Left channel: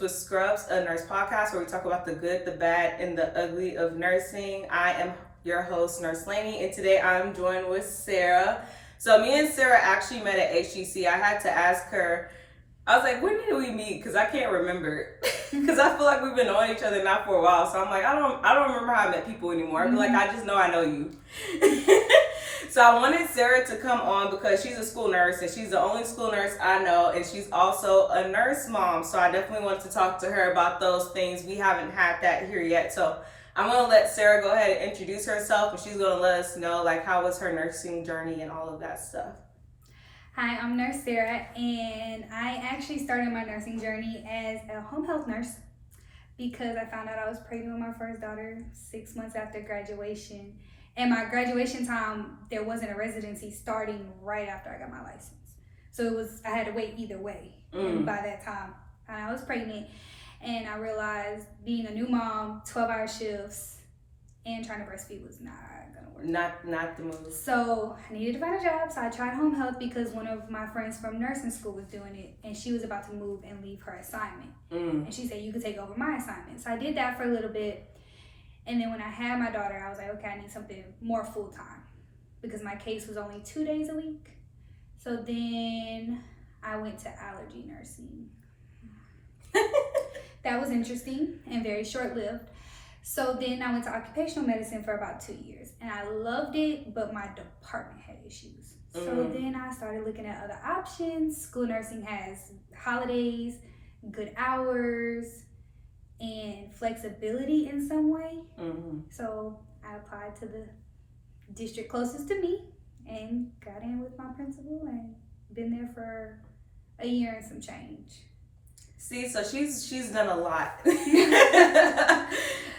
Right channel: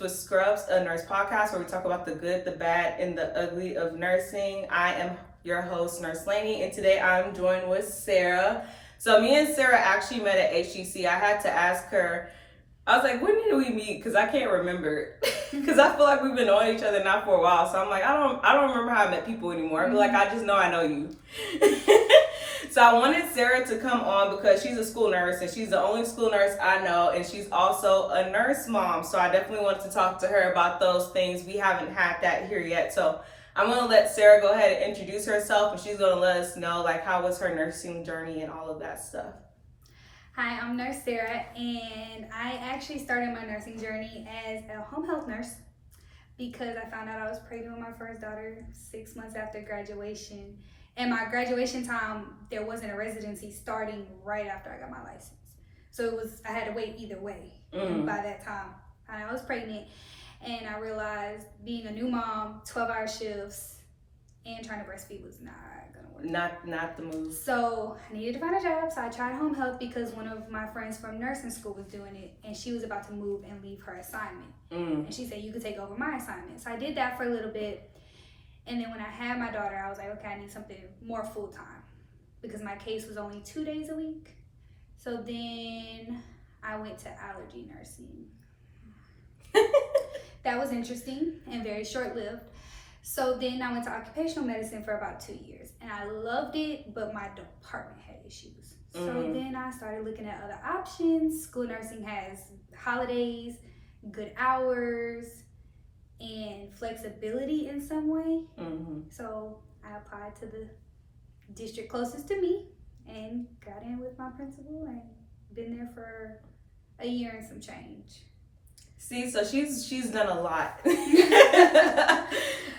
with Scrubs, a nurse podcast where we talk about the good, the bad, and the ugly of nursing. I am your host, Nurse Laney, and today I'm joined with Sarah. So me and Sarah actually met at HGC. I had to ask her, I was like, when did we meet? Because I can't remember. Because I feel like we've been knowing each other now for a while. So I'm like, I don't remember how I met people anymore. I'm like, I just know I know you. So I wanted Sarah to come on because she's a school nurse and she's the only school nurse I know, and she's also a nurse mom. So I definitely want to talk to her about those things. We haven't had that here yet. So I'm going to let Sarah go ahead and introduce herself, and she's going to let us know like how was her nursing journey and all of that stuff. Hi, I'm Nurse Sara, and I actually started my nursing journey as a home health nurse because I found out I was pregnant with my first daughter 6 months after graduation. And my graduation time, there wasn't a residency starting right after I got my license. So I had to wait either way. And by that time, I was pregnant, and I realized being a new mom, 12-hour shifts, and trying to breastfeed was not gonna work. Not the move. So I needed to find a job, so I tried home health because one of my friends from nursing school was doing it, and she was about to move and leave her assignment. And she said, you could take over my assignment. So I did that for a little bit. And then when I had my daughter, I was like, okay, I need something more full-time because my case was only 2 days a week. So then I went to allergy nursing. That was interesting and very short-lived. So then I went to occupational medicine for about 2 years, and I loved it, but my department had issues. So then I started looking at other options. School nursing has holidays, good hours, and flexibility in some way. So I applied to the district closest to me and got in with my principal and been there for a year and some change. See, so she's done a lot.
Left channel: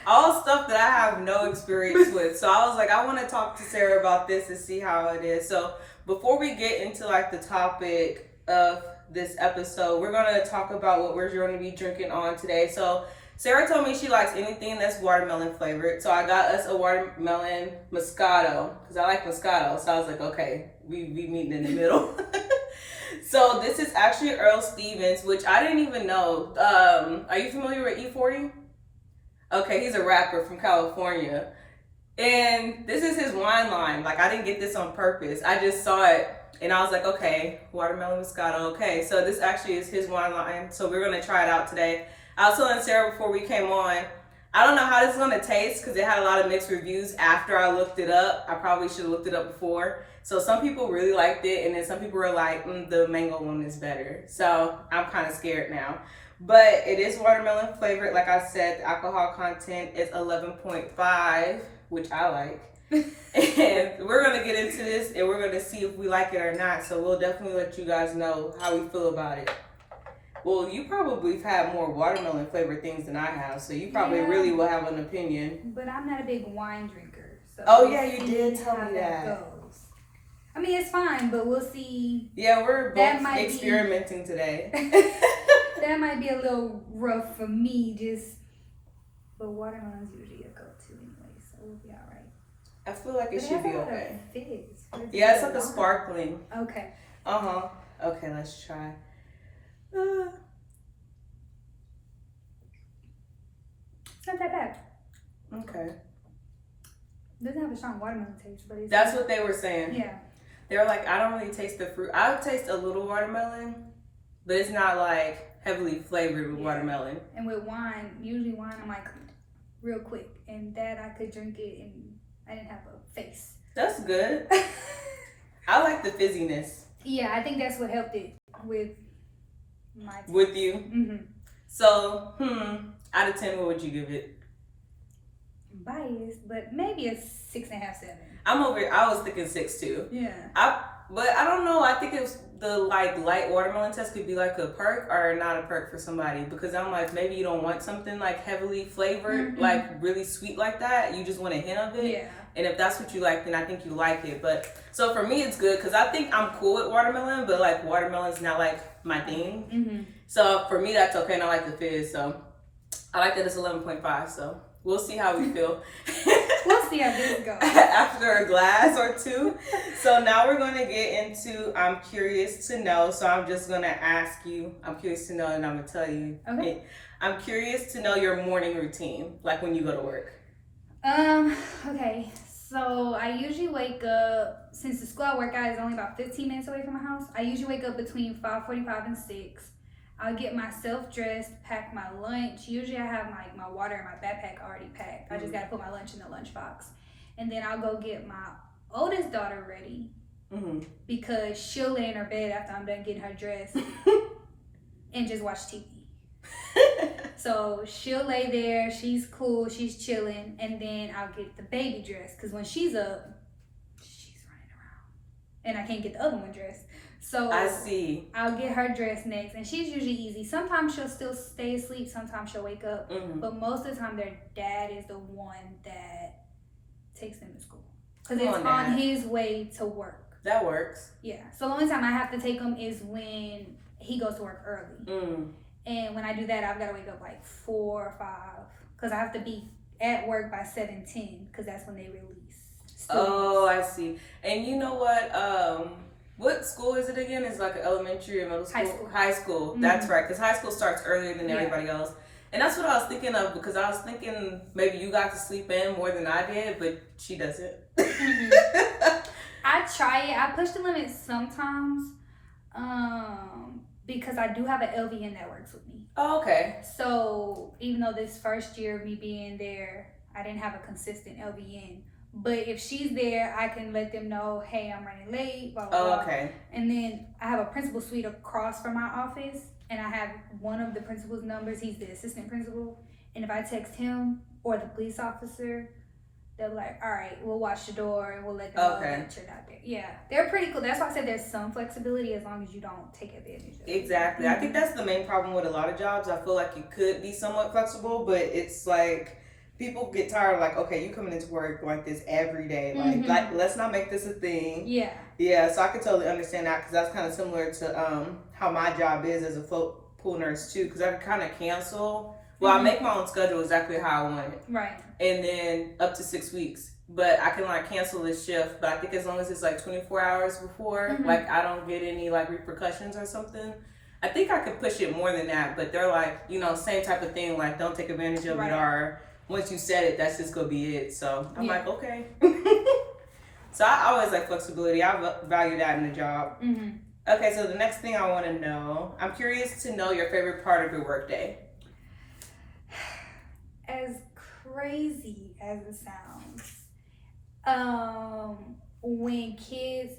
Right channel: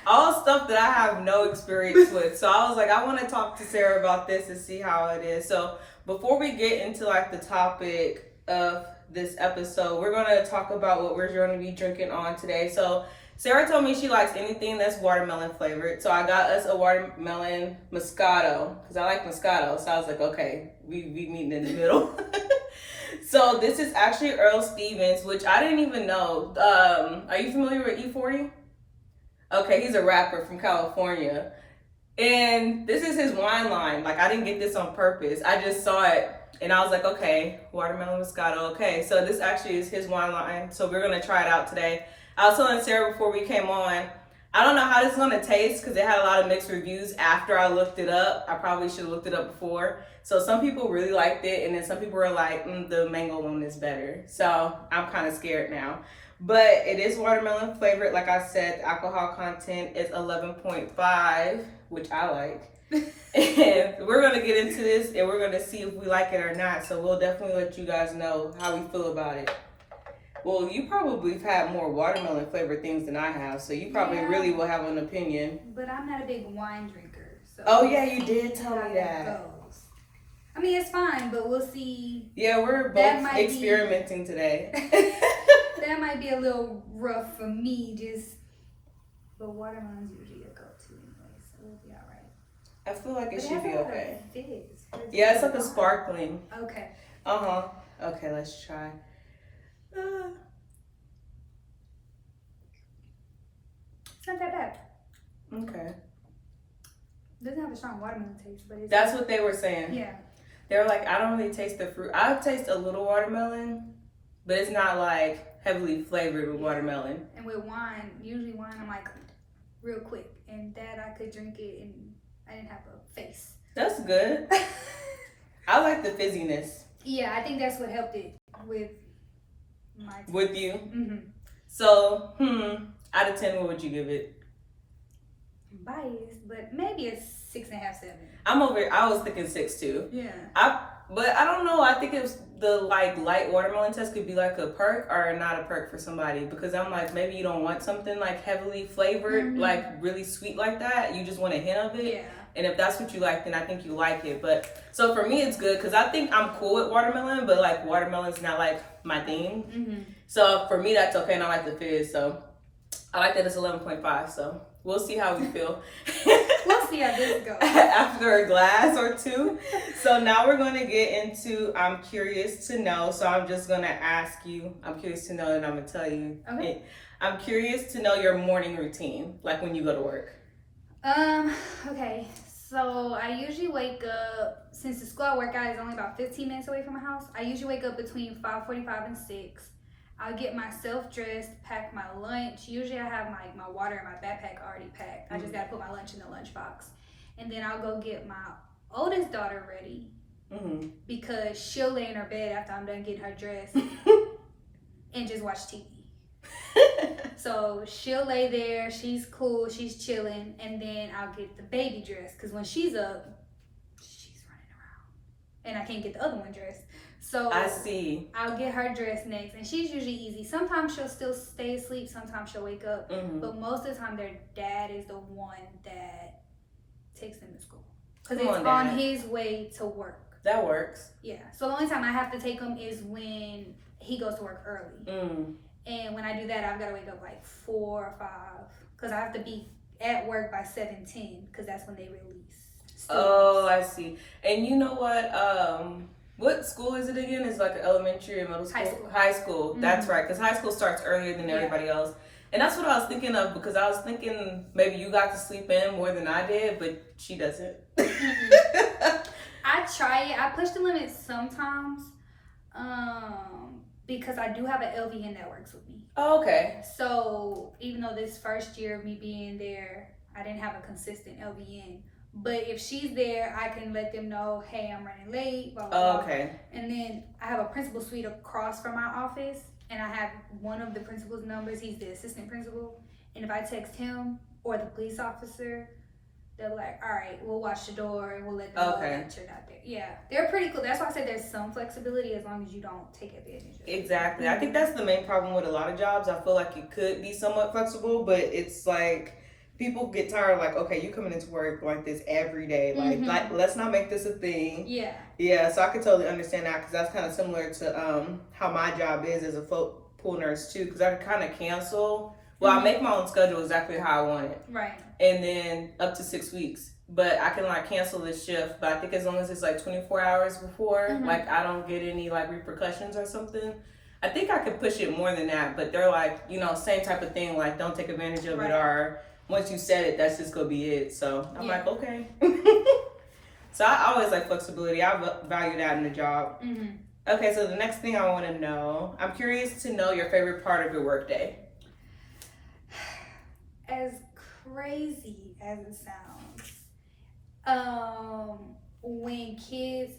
All stuff that I have no experience with. So I was like, I want to talk to Sarah about this and see how it is. So before we get into like the topic of this episode, we're going to talk about what we're going to be drinking on today. So Sarah told me she likes anything that's watermelon flavored. So I got us a watermelon Moscato because I like Moscato. So I was like, okay, we meeting in the middle. So this is actually Earl Stevens, which I didn't even know. Are you familiar with E40? Okay, he's a rapper from California. And this is his wine line. Like, I didn't get this on purpose. I just saw it, and I was like, okay, watermelon Moscato. Okay, so this actually is his wine line. So we're going to try it out today. I was telling Sarah before we came on, I don't know how this is going to taste because it had a lot of mixed reviews after I looked it up. I probably should have looked it up before. So some people really liked it, and then some people were like, the mango one is better. So I'm kind of scared now. But it is watermelon flavored. Like I said, the alcohol content is 11.5, which I like. And we're going to get into this, and we're going to see if we like it or not. So we'll definitely let you guys know how we feel about it. Well, you probably have had more watermelon flavored things than I have, so you probably really will have an opinion. But I'm not a big wine drinker. So oh, yeah, you did tell me that. Goes. I mean, it's fine, but we'll see. Yeah, we're both experimenting today. That might be a little rough for me, but watermelon's usually a go-to anyway, so we'll be all right. I feel like it should be okay. Fizz. Yeah, it's like a sparkling. Okay. Okay, let's try. It's not that bad. Okay. Doesn't have a strong watermelon taste, but it's... That's what they were saying. Yeah. They were like, I don't really taste the fruit. I taste a little watermelon, but it's not like heavily flavored with watermelon. And with wine, usually wine, I'm like real quick, and that I could drink it and I didn't have a face. That's good. I like the fizziness. Yeah, I think that's what helped it with my taste. With you? So, out of 10, what would you give it? Biased, but maybe a 6.5, 7. I was thinking 6 too. Yeah. But I don't know. I think it's the like light watermelon test could be like a perk or not a perk for somebody, because I'm like, maybe you don't want something like heavily flavored, like really sweet like that. You just want a hint of it. Yeah. And if that's what you like, then I think you like it. But so for me, it's good because I think I'm cool with watermelon, but like watermelon's not like my thing. So for me, that's okay, and I like the fizz. So I like that it's 11.5. So we'll see how we feel. We'll see how this goes. After a glass or two. So now we're going to get into I'm curious to know. So I'm just going to ask you. I'm curious to know, and I'm going to tell you. Okay. I'm curious to know your morning routine, like when you go to work. Okay. So I usually wake up, since the school I work at is only about 15 minutes away from my house, I usually wake up between 5:45 and 6. I'll get myself dressed, pack my lunch. Usually I have my water in my backpack already packed. I just gotta put my lunch in the lunchbox. And then I'll go get my oldest daughter ready because she'll lay in her bed after I'm done getting her dressed and just watch TV. So she'll lay there, she's cool, she's chilling, and then I'll get the baby dressed because when she's up, she's running around and I can't get the other one dressed. So I see. I'll get her dressed next, and she's usually easy. Sometimes she'll still stay asleep, sometimes she'll wake up, but most of the time their dad is the one that takes them to school because it's on his way to work. That works. Yeah. So the only time I have to take him is when he goes to work early. And when I do that, I've got to wake up like 4 or 5 because I have to be at work by 7:10 because that's when they release students. Oh, I see. And you know what school is it again? It's like an elementary or middle school? High school. That's right, because high school starts earlier than everybody else. And that's what I was thinking of because I was thinking maybe you got to sleep in more than I did, but she doesn't. I try it. I push the limits sometimes. Because I do have an LVN that works with me. Oh, okay. So even though this first year of me being there, I didn't have a consistent LVN. But if she's there, I can let them know, hey, I'm running late, blah, blah, blah. Okay. And then I have a principal suite across from my office, and I have one of the principal's numbers. He's the assistant principal. And if I text him or the police officer, they're like, all right, we'll watch the door and we'll let them know that you're not there. Yeah, they're pretty cool. That's why I said there's some flexibility as long as you don't take advantage of it. Exactly. I think that's the main problem with a lot of jobs. I feel like it could be somewhat flexible, but it's like people get tired of like, okay, you coming into work like this every day. Like let's not make this a thing. Yeah. Yeah, so I could totally understand that because that's kind of similar to how my job is as a float pool nurse too, because I can kind of cancel. Well, I make my own schedule exactly how I want it. Right. And then up to 6 weeks. But I can like cancel this shift. But I think as long as it's like 24 hours before, like I don't get any like repercussions or something. I think I could push it more than that. But they're like, same type of thing. Like don't take advantage of it, or once you said it, that's just gonna be it. So I'm like, okay. So I always like flexibility. I value that in the job. Okay, so the next thing I want to know, I'm curious to know your favorite part of your workday. As crazy as it sounds, when kids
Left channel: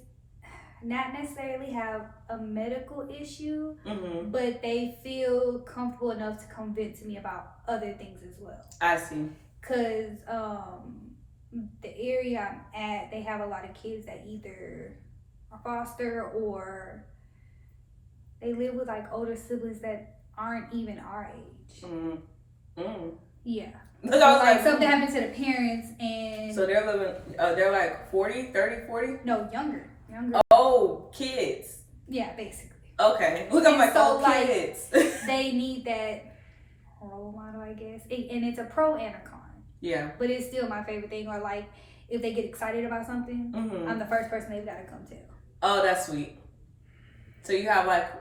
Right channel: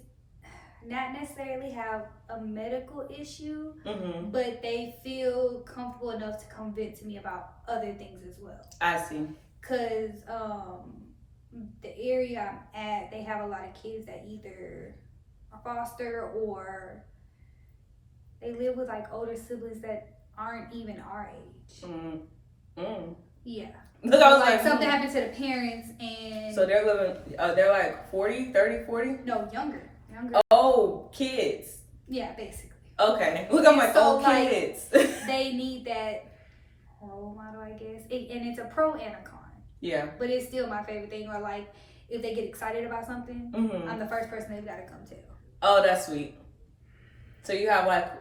not necessarily have a medical issue, but they feel comfortable enough to come vent to me about other things as well. I see. Because the area I'm at, they have a lot of kids that either are foster or they live with like older siblings that aren't even our age. Yeah. Look, so like something happened to the parents and... So they're living, they're like 40, 30, 40? No, younger. Oh, kids. Yeah, basically. Okay. Look, I'm like, so, kids. They need that role model, I guess. And it's a pro and a con. Yeah. But it's still my favorite thing. Or like, if they get excited about something, I'm the first person they've got to come tell. Oh, that's sweet. So you have like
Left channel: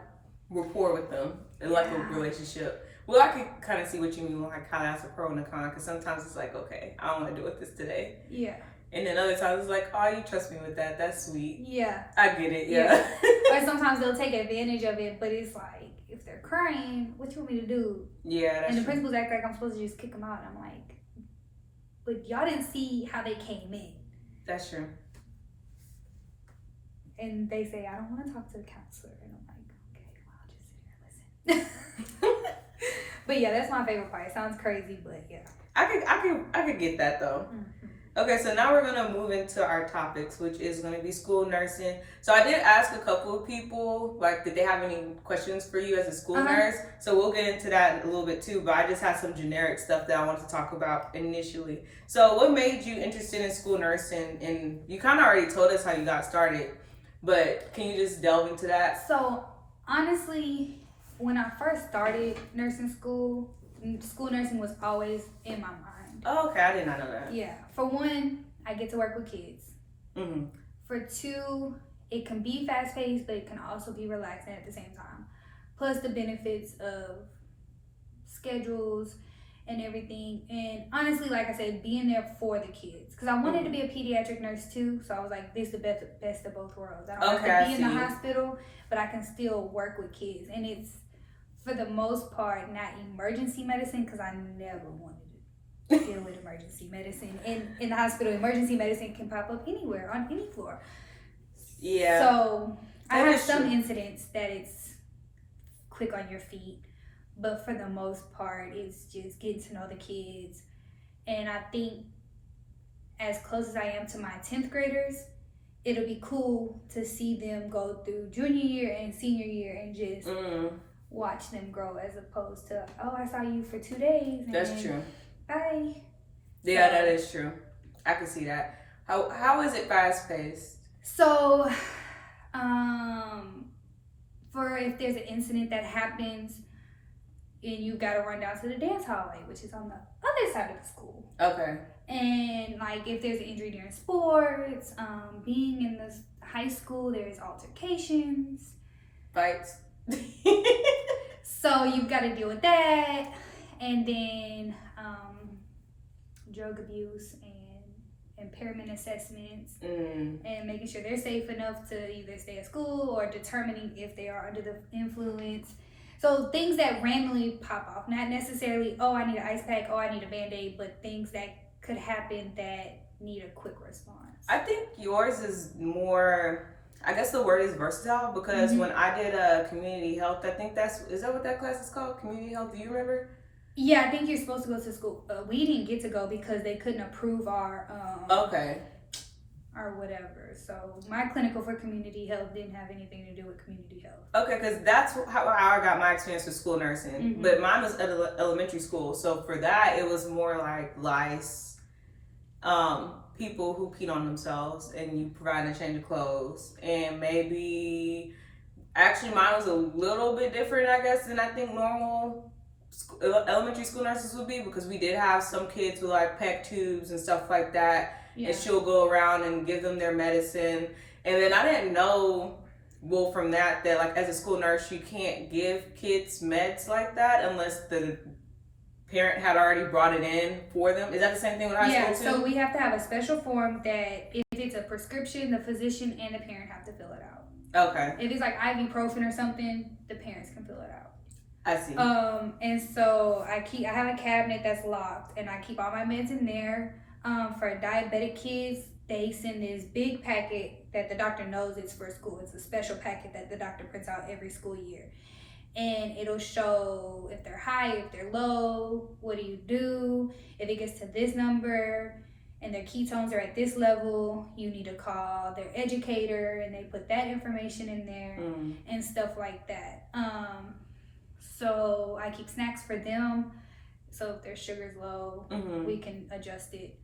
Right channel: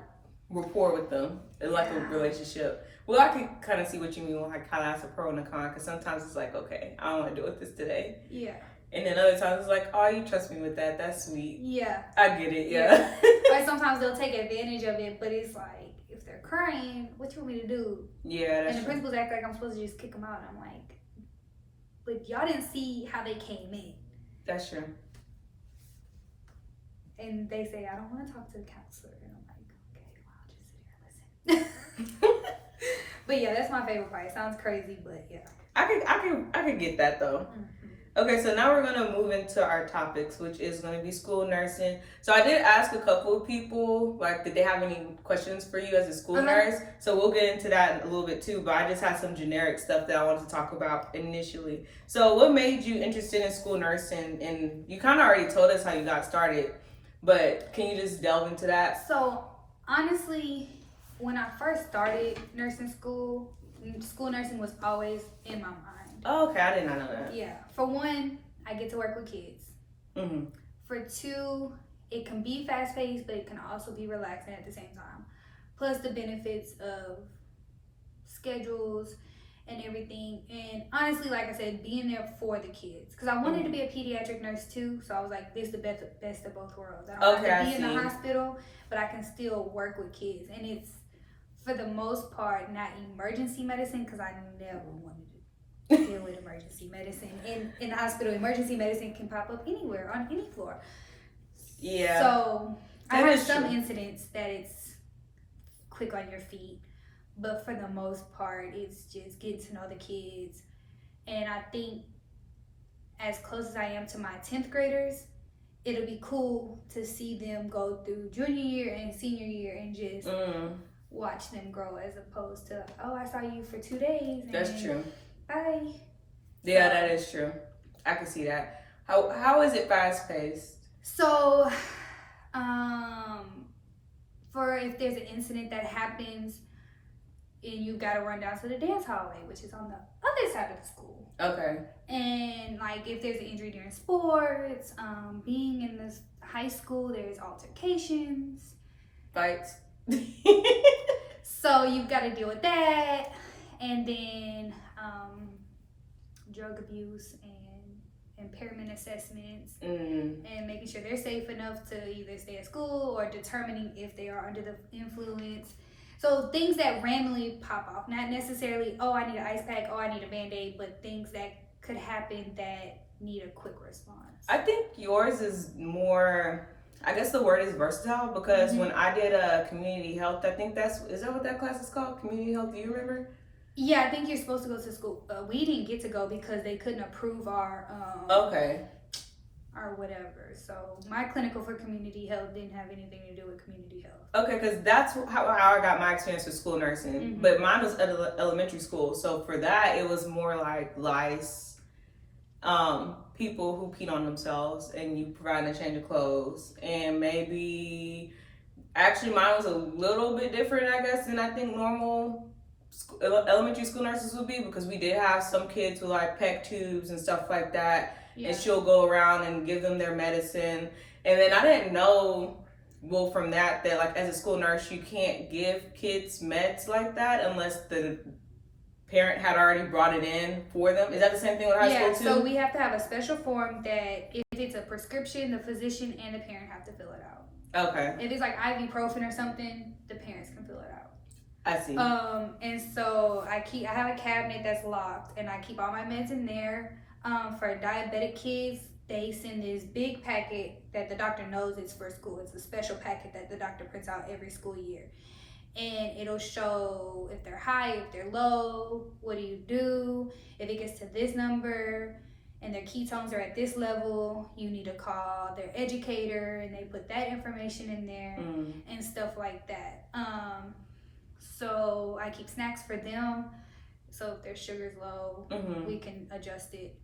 rapport with them, like a relationship. Well, I can kind of see what you mean when I kind of ask a pro and a con, because sometimes it's like, okay, I don't want to deal with this today. Yeah. And then other times it's like, oh, you trust me with that. That's sweet. Yeah. I get it. Yeah. Or sometimes they'll take advantage of it, but it's like, if they're crying, what you want me to do? Yeah. And the principals act like I'm supposed to just kick them out. And I'm like, but y'all didn't see how they came in. That's true. And they say, I don't want to talk to the counselor. And I'm like, okay, well, I'll just sit here and listen. But yeah, that's my favorite part. It sounds crazy, but yeah. I could get that though. Okay, so now we're gonna move into our topics, which is gonna be school nursing. So I did ask a couple of people, like, did they have any questions for you as a school nurse? So we'll get into that a little bit too, but I just had some generic stuff that I wanted to talk about initially. So what made you interested in school nursing? And you kind of already told us how you got started, but can you just delve into that? So honestly, when I first started nursing school nursing was always in my mind. Oh, okay, I did not know that. Yeah. For one, I get to work with kids. For two, it can be fast-paced, but it can also be relaxing at the same time. Plus the benefits of schedules and everything. And honestly, like I said, being there for the kids, because I wanted to be a pediatric nurse too. So I was like, this is the best of both worlds. I don't have to be in the hospital, but I can still work with kids. And it's, for the most part, not emergency medicine, because I never wanted to deal with emergency medicine. And in the hospital, emergency medicine can pop up anywhere, on any floor. Yeah. So I have some incidents that it's quick on your feet, but for the most part, it's just getting to know the kids. And I think as close as I am to my 10th graders, it'll be cool to see them go through junior year and senior year and just watch them grow, as opposed to, oh, I saw you for 2 days. And that's true. Bye. Yeah, that is true. I can see that. How is it fast paced? So, for if there's an incident that happens and you gotta run down to the dance hallway, which is on the other side of the school. Okay. And like if there's an injury during sports, being in this high school, there's altercations, fights. So you've got to deal with that, and then drug abuse and impairment assessments, and making sure they're safe enough to either stay at school or determining if they are under the influence. So things that randomly pop off, not necessarily, oh, I need an ice pack, oh, I need a Band-Aid, but things that could happen that need a quick response. I think yours is more, I guess the word is versatile, because when I did community health, I think is that what that class is called? Community health, do you remember? Yeah, I think you're supposed to go to school. We didn't get to go because they couldn't approve our or whatever. So my clinical for community health didn't have anything to do with community health. Okay, because that's how I got my experience with school nursing. But mine was at elementary school. So for that, it was more like lice, people who peed on themselves, and you provide a change of clothes. And maybe, actually mine was a little bit different, I guess, than I think normal elementary school nurses would be, because we did have some kids with like PEC tubes and stuff like that. Yeah. And she'll go around and give them their medicine. And then I didn't know, well, from that like as a school nurse, you can't give kids meds like that unless the parent had already brought it in for them. Is that the same thing with high school too? Yeah, so we have to have a special form that if it's a prescription, the physician and the parent have to fill it out. Okay. If it's like ibuprofen or something, the parents can fill it out. I see. And so I have a cabinet that's locked, and I keep all my meds in there. For diabetic kids, they send this big packet that the doctor knows it's for school. It's a special packet that the doctor prints out every school year. And it'll show if they're high, if they're low, what do you do? If it gets to this number and their ketones are at this level, you need to call their educator, and they put that information in there and stuff like that. So I keep snacks for them. So if their sugar's low, we can adjust it.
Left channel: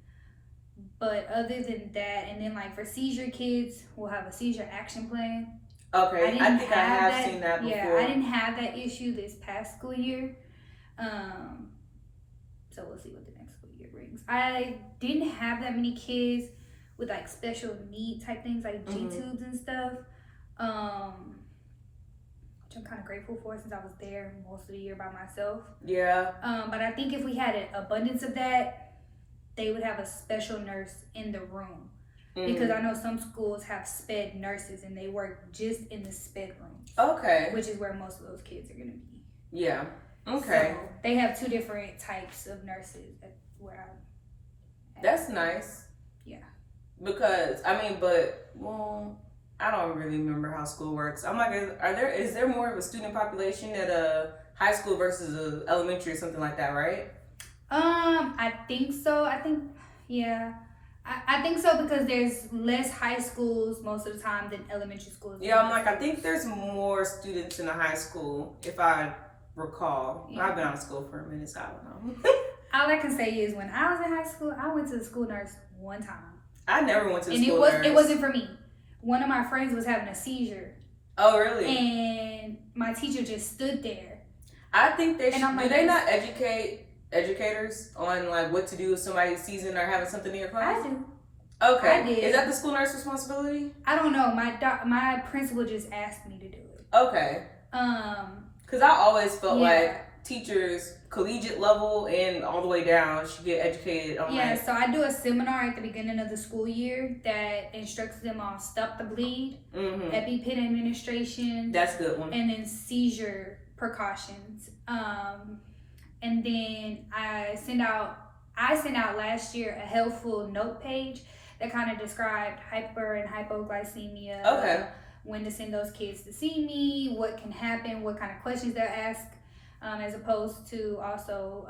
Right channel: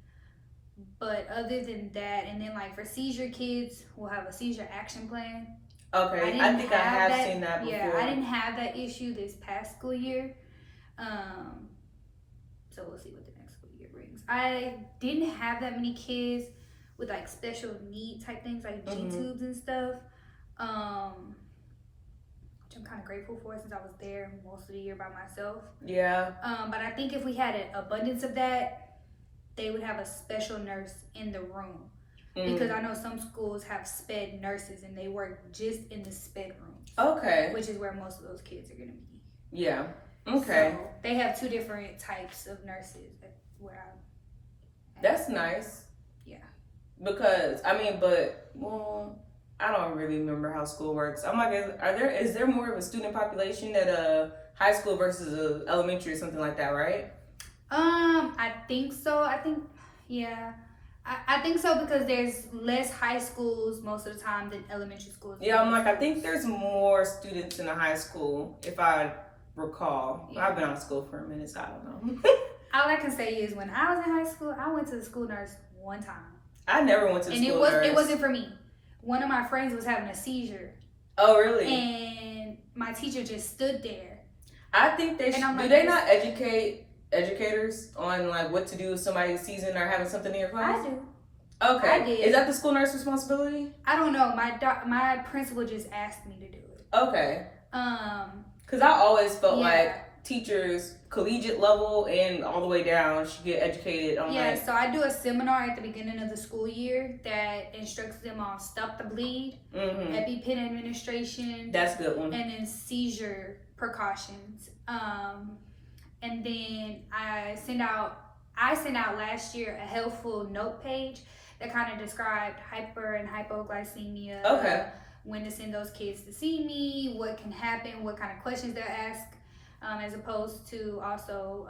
But other than that, and then like for seizure kids, we'll have a seizure action plan. Okay, I think I have seen that before. Yeah, I didn't have that issue this past school year. So we'll see what the next school year brings. I didn't have that many kids with like special need type things like G-tubes and stuff. Which I'm kind of grateful for, since I was there most of the year by myself. Yeah. But I think if we had an abundance of that, they would have a special nurse in the room. Because I know some schools have sped nurses and they work just in the sped room. Okay. Which is where most of those kids are going to be. Yeah. Okay. So they have 2 different types of nurses That's nice. Yeah. Because, I don't really remember how school works. I'm like, is there more of a student population at a high school versus a elementary or something like that, right? I think so. I think so, because there's less high schools most of the time than elementary schools. Yeah, I'm like, I think there's more students in a high school, if I recall. Yeah. I've been out of school for a minute, so I don't know. All I can say is when I was in high school, I went to the school nurse one time. I never went to the school nurse. And it wasn't for me. One of my friends was having a seizure. Oh, really? And my teacher just stood there. I think they should. Do they not educate educators on like what to do if somebody's seizing or having something in your class? I do. Okay. I did. Is that the school nurse responsibility? I don't know. My principal just asked me to do it. Okay. Because I always felt like teachers collegiate level and all the way down should get educated on Yeah, so I do a seminar at the beginning of the school year that instructs them on stop the bleed, EpiPen administration. That's a good one. And then seizure precautions. And then I sent out last year a helpful note page that kind of described hyper and hypoglycemia. Okay. When to send those kids to see me, what can happen, what kind of questions they'll ask, as opposed to also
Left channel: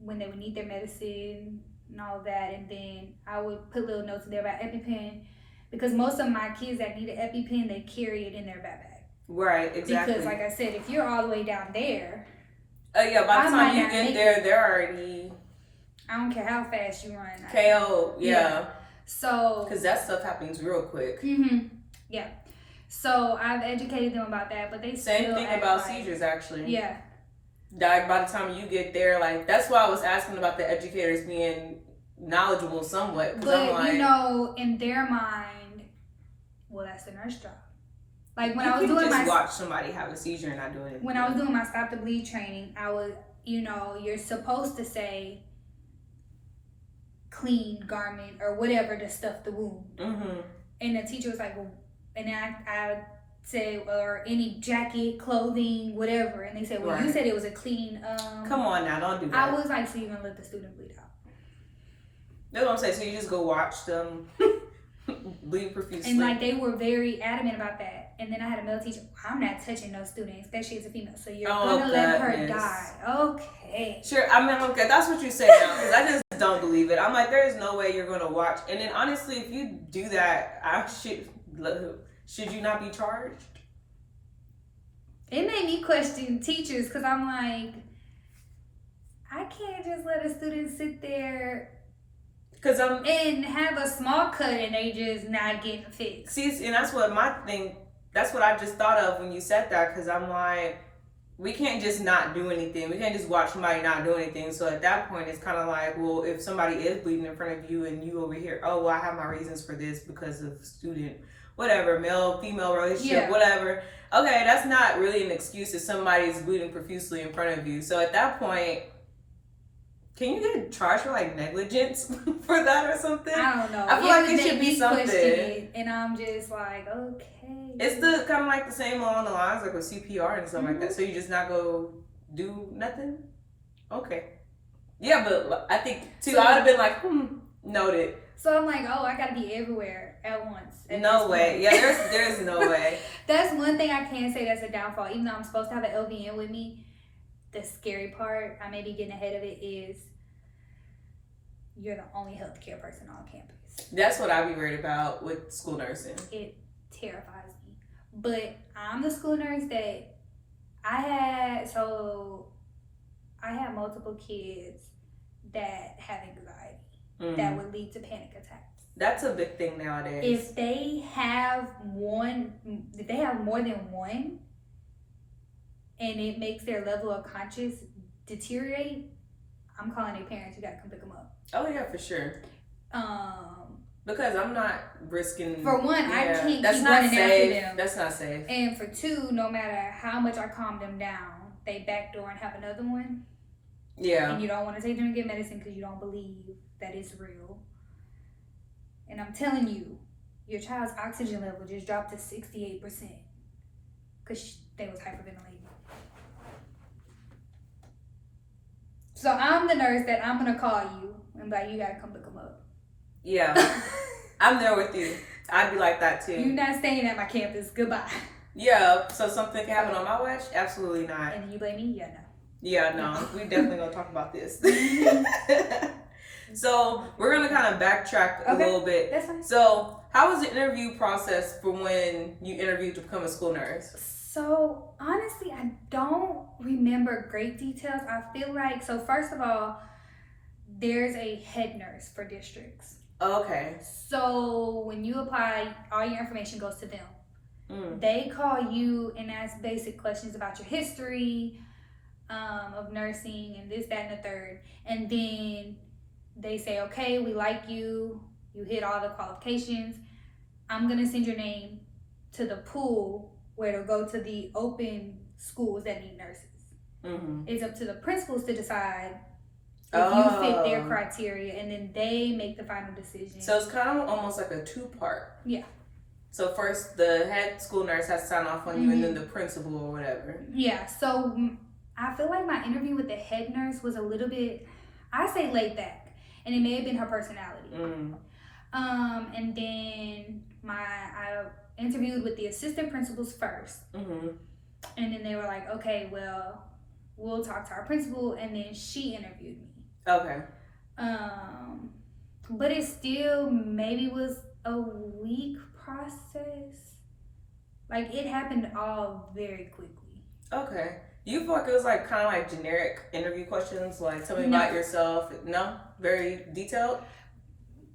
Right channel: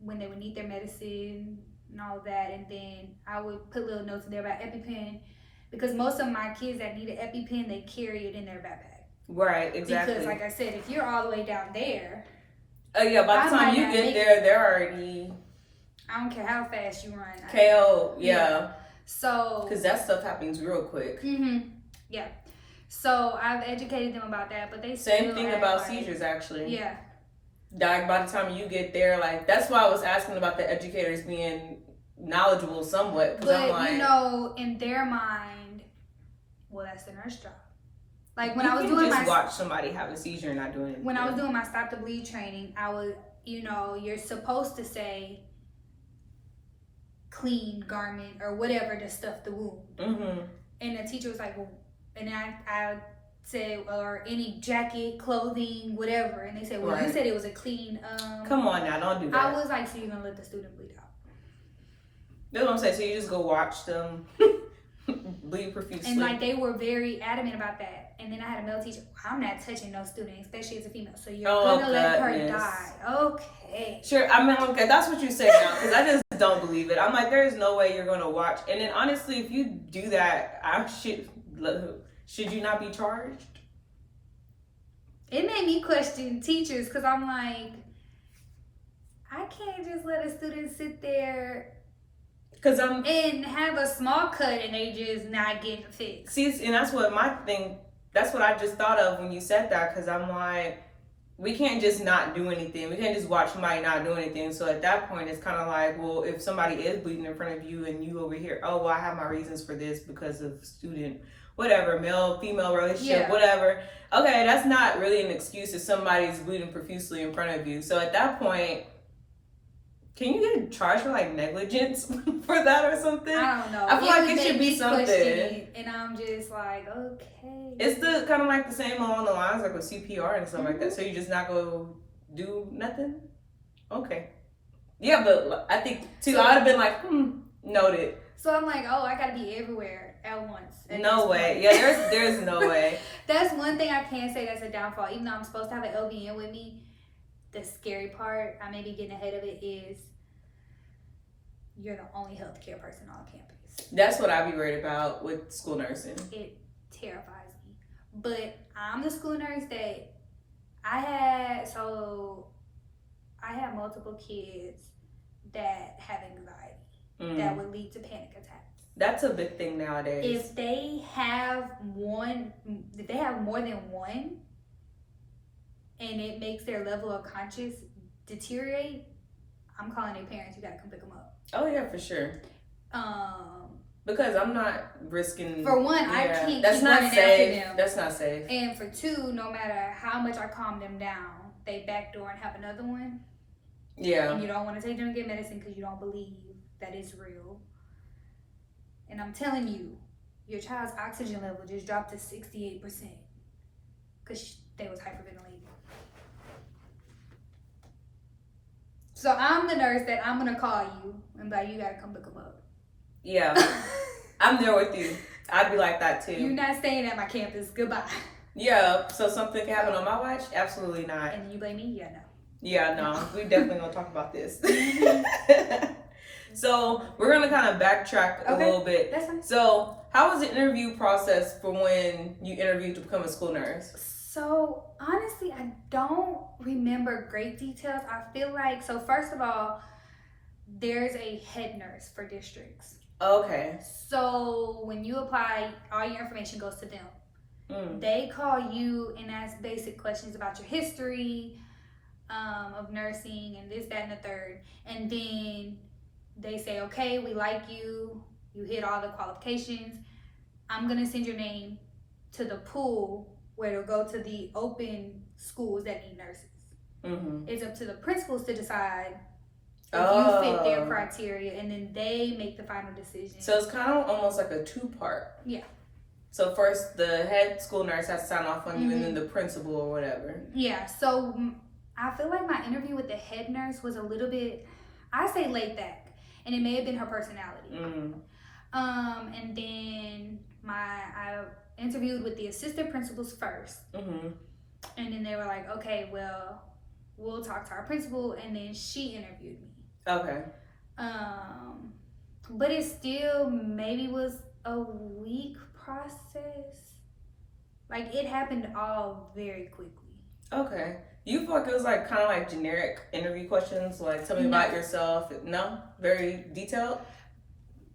when they would need their medicine and all of that. And then I would put little notes in there about EpiPen, because most of my kids that need an EpiPen, they carry it in their backpack. Right, exactly. Because like I said, if you're all the way down there, by the time you get there, they're already... I don't care how fast you run. KO, yeah. So... Because that stuff happens real quick. Yeah. So I've educated them about that, but they Same thing about seizures, actually. Yeah. Like, by the time you get there, like, that's why I was asking about the educators being knowledgeable somewhat. But, I'm like, in their mind, well, that's the nurse job. Like, when I was doing my... watch somebody have a seizure and not doing it. When I was doing my stop the bleed training, I was, you're supposed to say clean garment or whatever to stuff the wound. And the teacher was like, well, and I said, or any jacket, clothing, whatever. And they said, well, you said it was a clean... Come on now, don't do that. I was like, so you're going to let the student bleed out. That's what I'm saying. So you just go watch them bleed profusely. And like, they were very adamant about that. And then I had a male teacher, I'm not touching no student, especially as a female. So you're going to let her die. Okay. Sure. I mean, okay, that's what you say now, because I just don't believe it. I'm like, there is no way you're going to watch. And then honestly, if you do that, should you not be charged? It made me question teachers, because I'm like, I can't just let a student sit there and have a small cut and they just not getting fixed. See, and that's what I just thought of when you said that, because I'm like, we can't just not do anything. We can't just watch somebody not do anything. So at that point, it's kind of like, well, if somebody is bleeding in front of you and you over here, oh, well, I have my reasons for this because of student, whatever, male, female relationship, whatever. Okay, that's not really an excuse if somebody is bleeding profusely in front of you. So at that point, can you get charged for like negligence for that or something? I don't know. I feel like it should be something. And I'm just like, okay. It's the kind of like the same along the lines like with CPR and stuff like that. So you just not go do nothing? Okay. Yeah, but I think too, I would have been like, noted. So I'm like, oh, I gotta be everywhere at once. No way. Yeah, there's no way. That's one thing I can say that's a downfall. Even though I'm supposed to have an LVN with me, the scary part, I may be getting ahead of it, is you're the only healthcare person on campus. That's what I'd be worried about with school nursing. It terrifies me. But I'm the school nurse that I had multiple kids that have anxiety that would lead to panic attacks. That's a big thing nowadays. If they have more than one, and it makes their level of conscious deteriorate, I'm calling their parents. You gotta come pick them up. Oh yeah, for sure. Because I'm not risking. For one, I can't. That's keep not running safe. After them. That's not safe. And for two, no matter how much I calm them down, they backdoor and have another one. Yeah. And you don't want to take them to get medicine because you don't believe that it's real. And I'm telling you, your child's oxygen level just dropped to 68% because they was hyperventilating. So I'm the nurse that I'm gonna call you and be like, you gotta come pick them up. Yeah, I'm there with you. I'd be like that too. You're not staying at my campus. Goodbye. Yeah. So something can happen on my watch? Absolutely not. And you blame me? Yeah, no. Yeah, no. We definitely gonna talk about this. So we're gonna kind of backtrack a little bit. That's fine. So how was the interview process for when you interviewed to become a school nurse? So honestly, I don't remember great details. I feel like, so first of all, there's a head nurse for districts. Okay. So when you apply, all your information goes to them. They call you and ask basic questions about your history of nursing and this, that, and the third. And then they say, okay, we like you. You hit all the qualifications. I'm going to send your name to the pool where it'll go to the open schools that need nurses. It's up to the principals to decide if you fit their criteria, and then they make the final decision. So it's kind of almost like a 2-part. Yeah. So first, the head school nurse has to sign off on you, and then the principal or whatever. Yeah. So I feel like my interview with the head nurse was a little bit, I say, laid back, and it may have been her personality. And then I interviewed with the assistant principals first, and then they were like, okay, well, we'll talk to our principal, and then she interviewed me. Okay. But it still maybe was a week process. Like, it happened all very quickly. Okay. You feel like it was like kind of like generic interview questions, like tell me about yourself? No? Very detailed?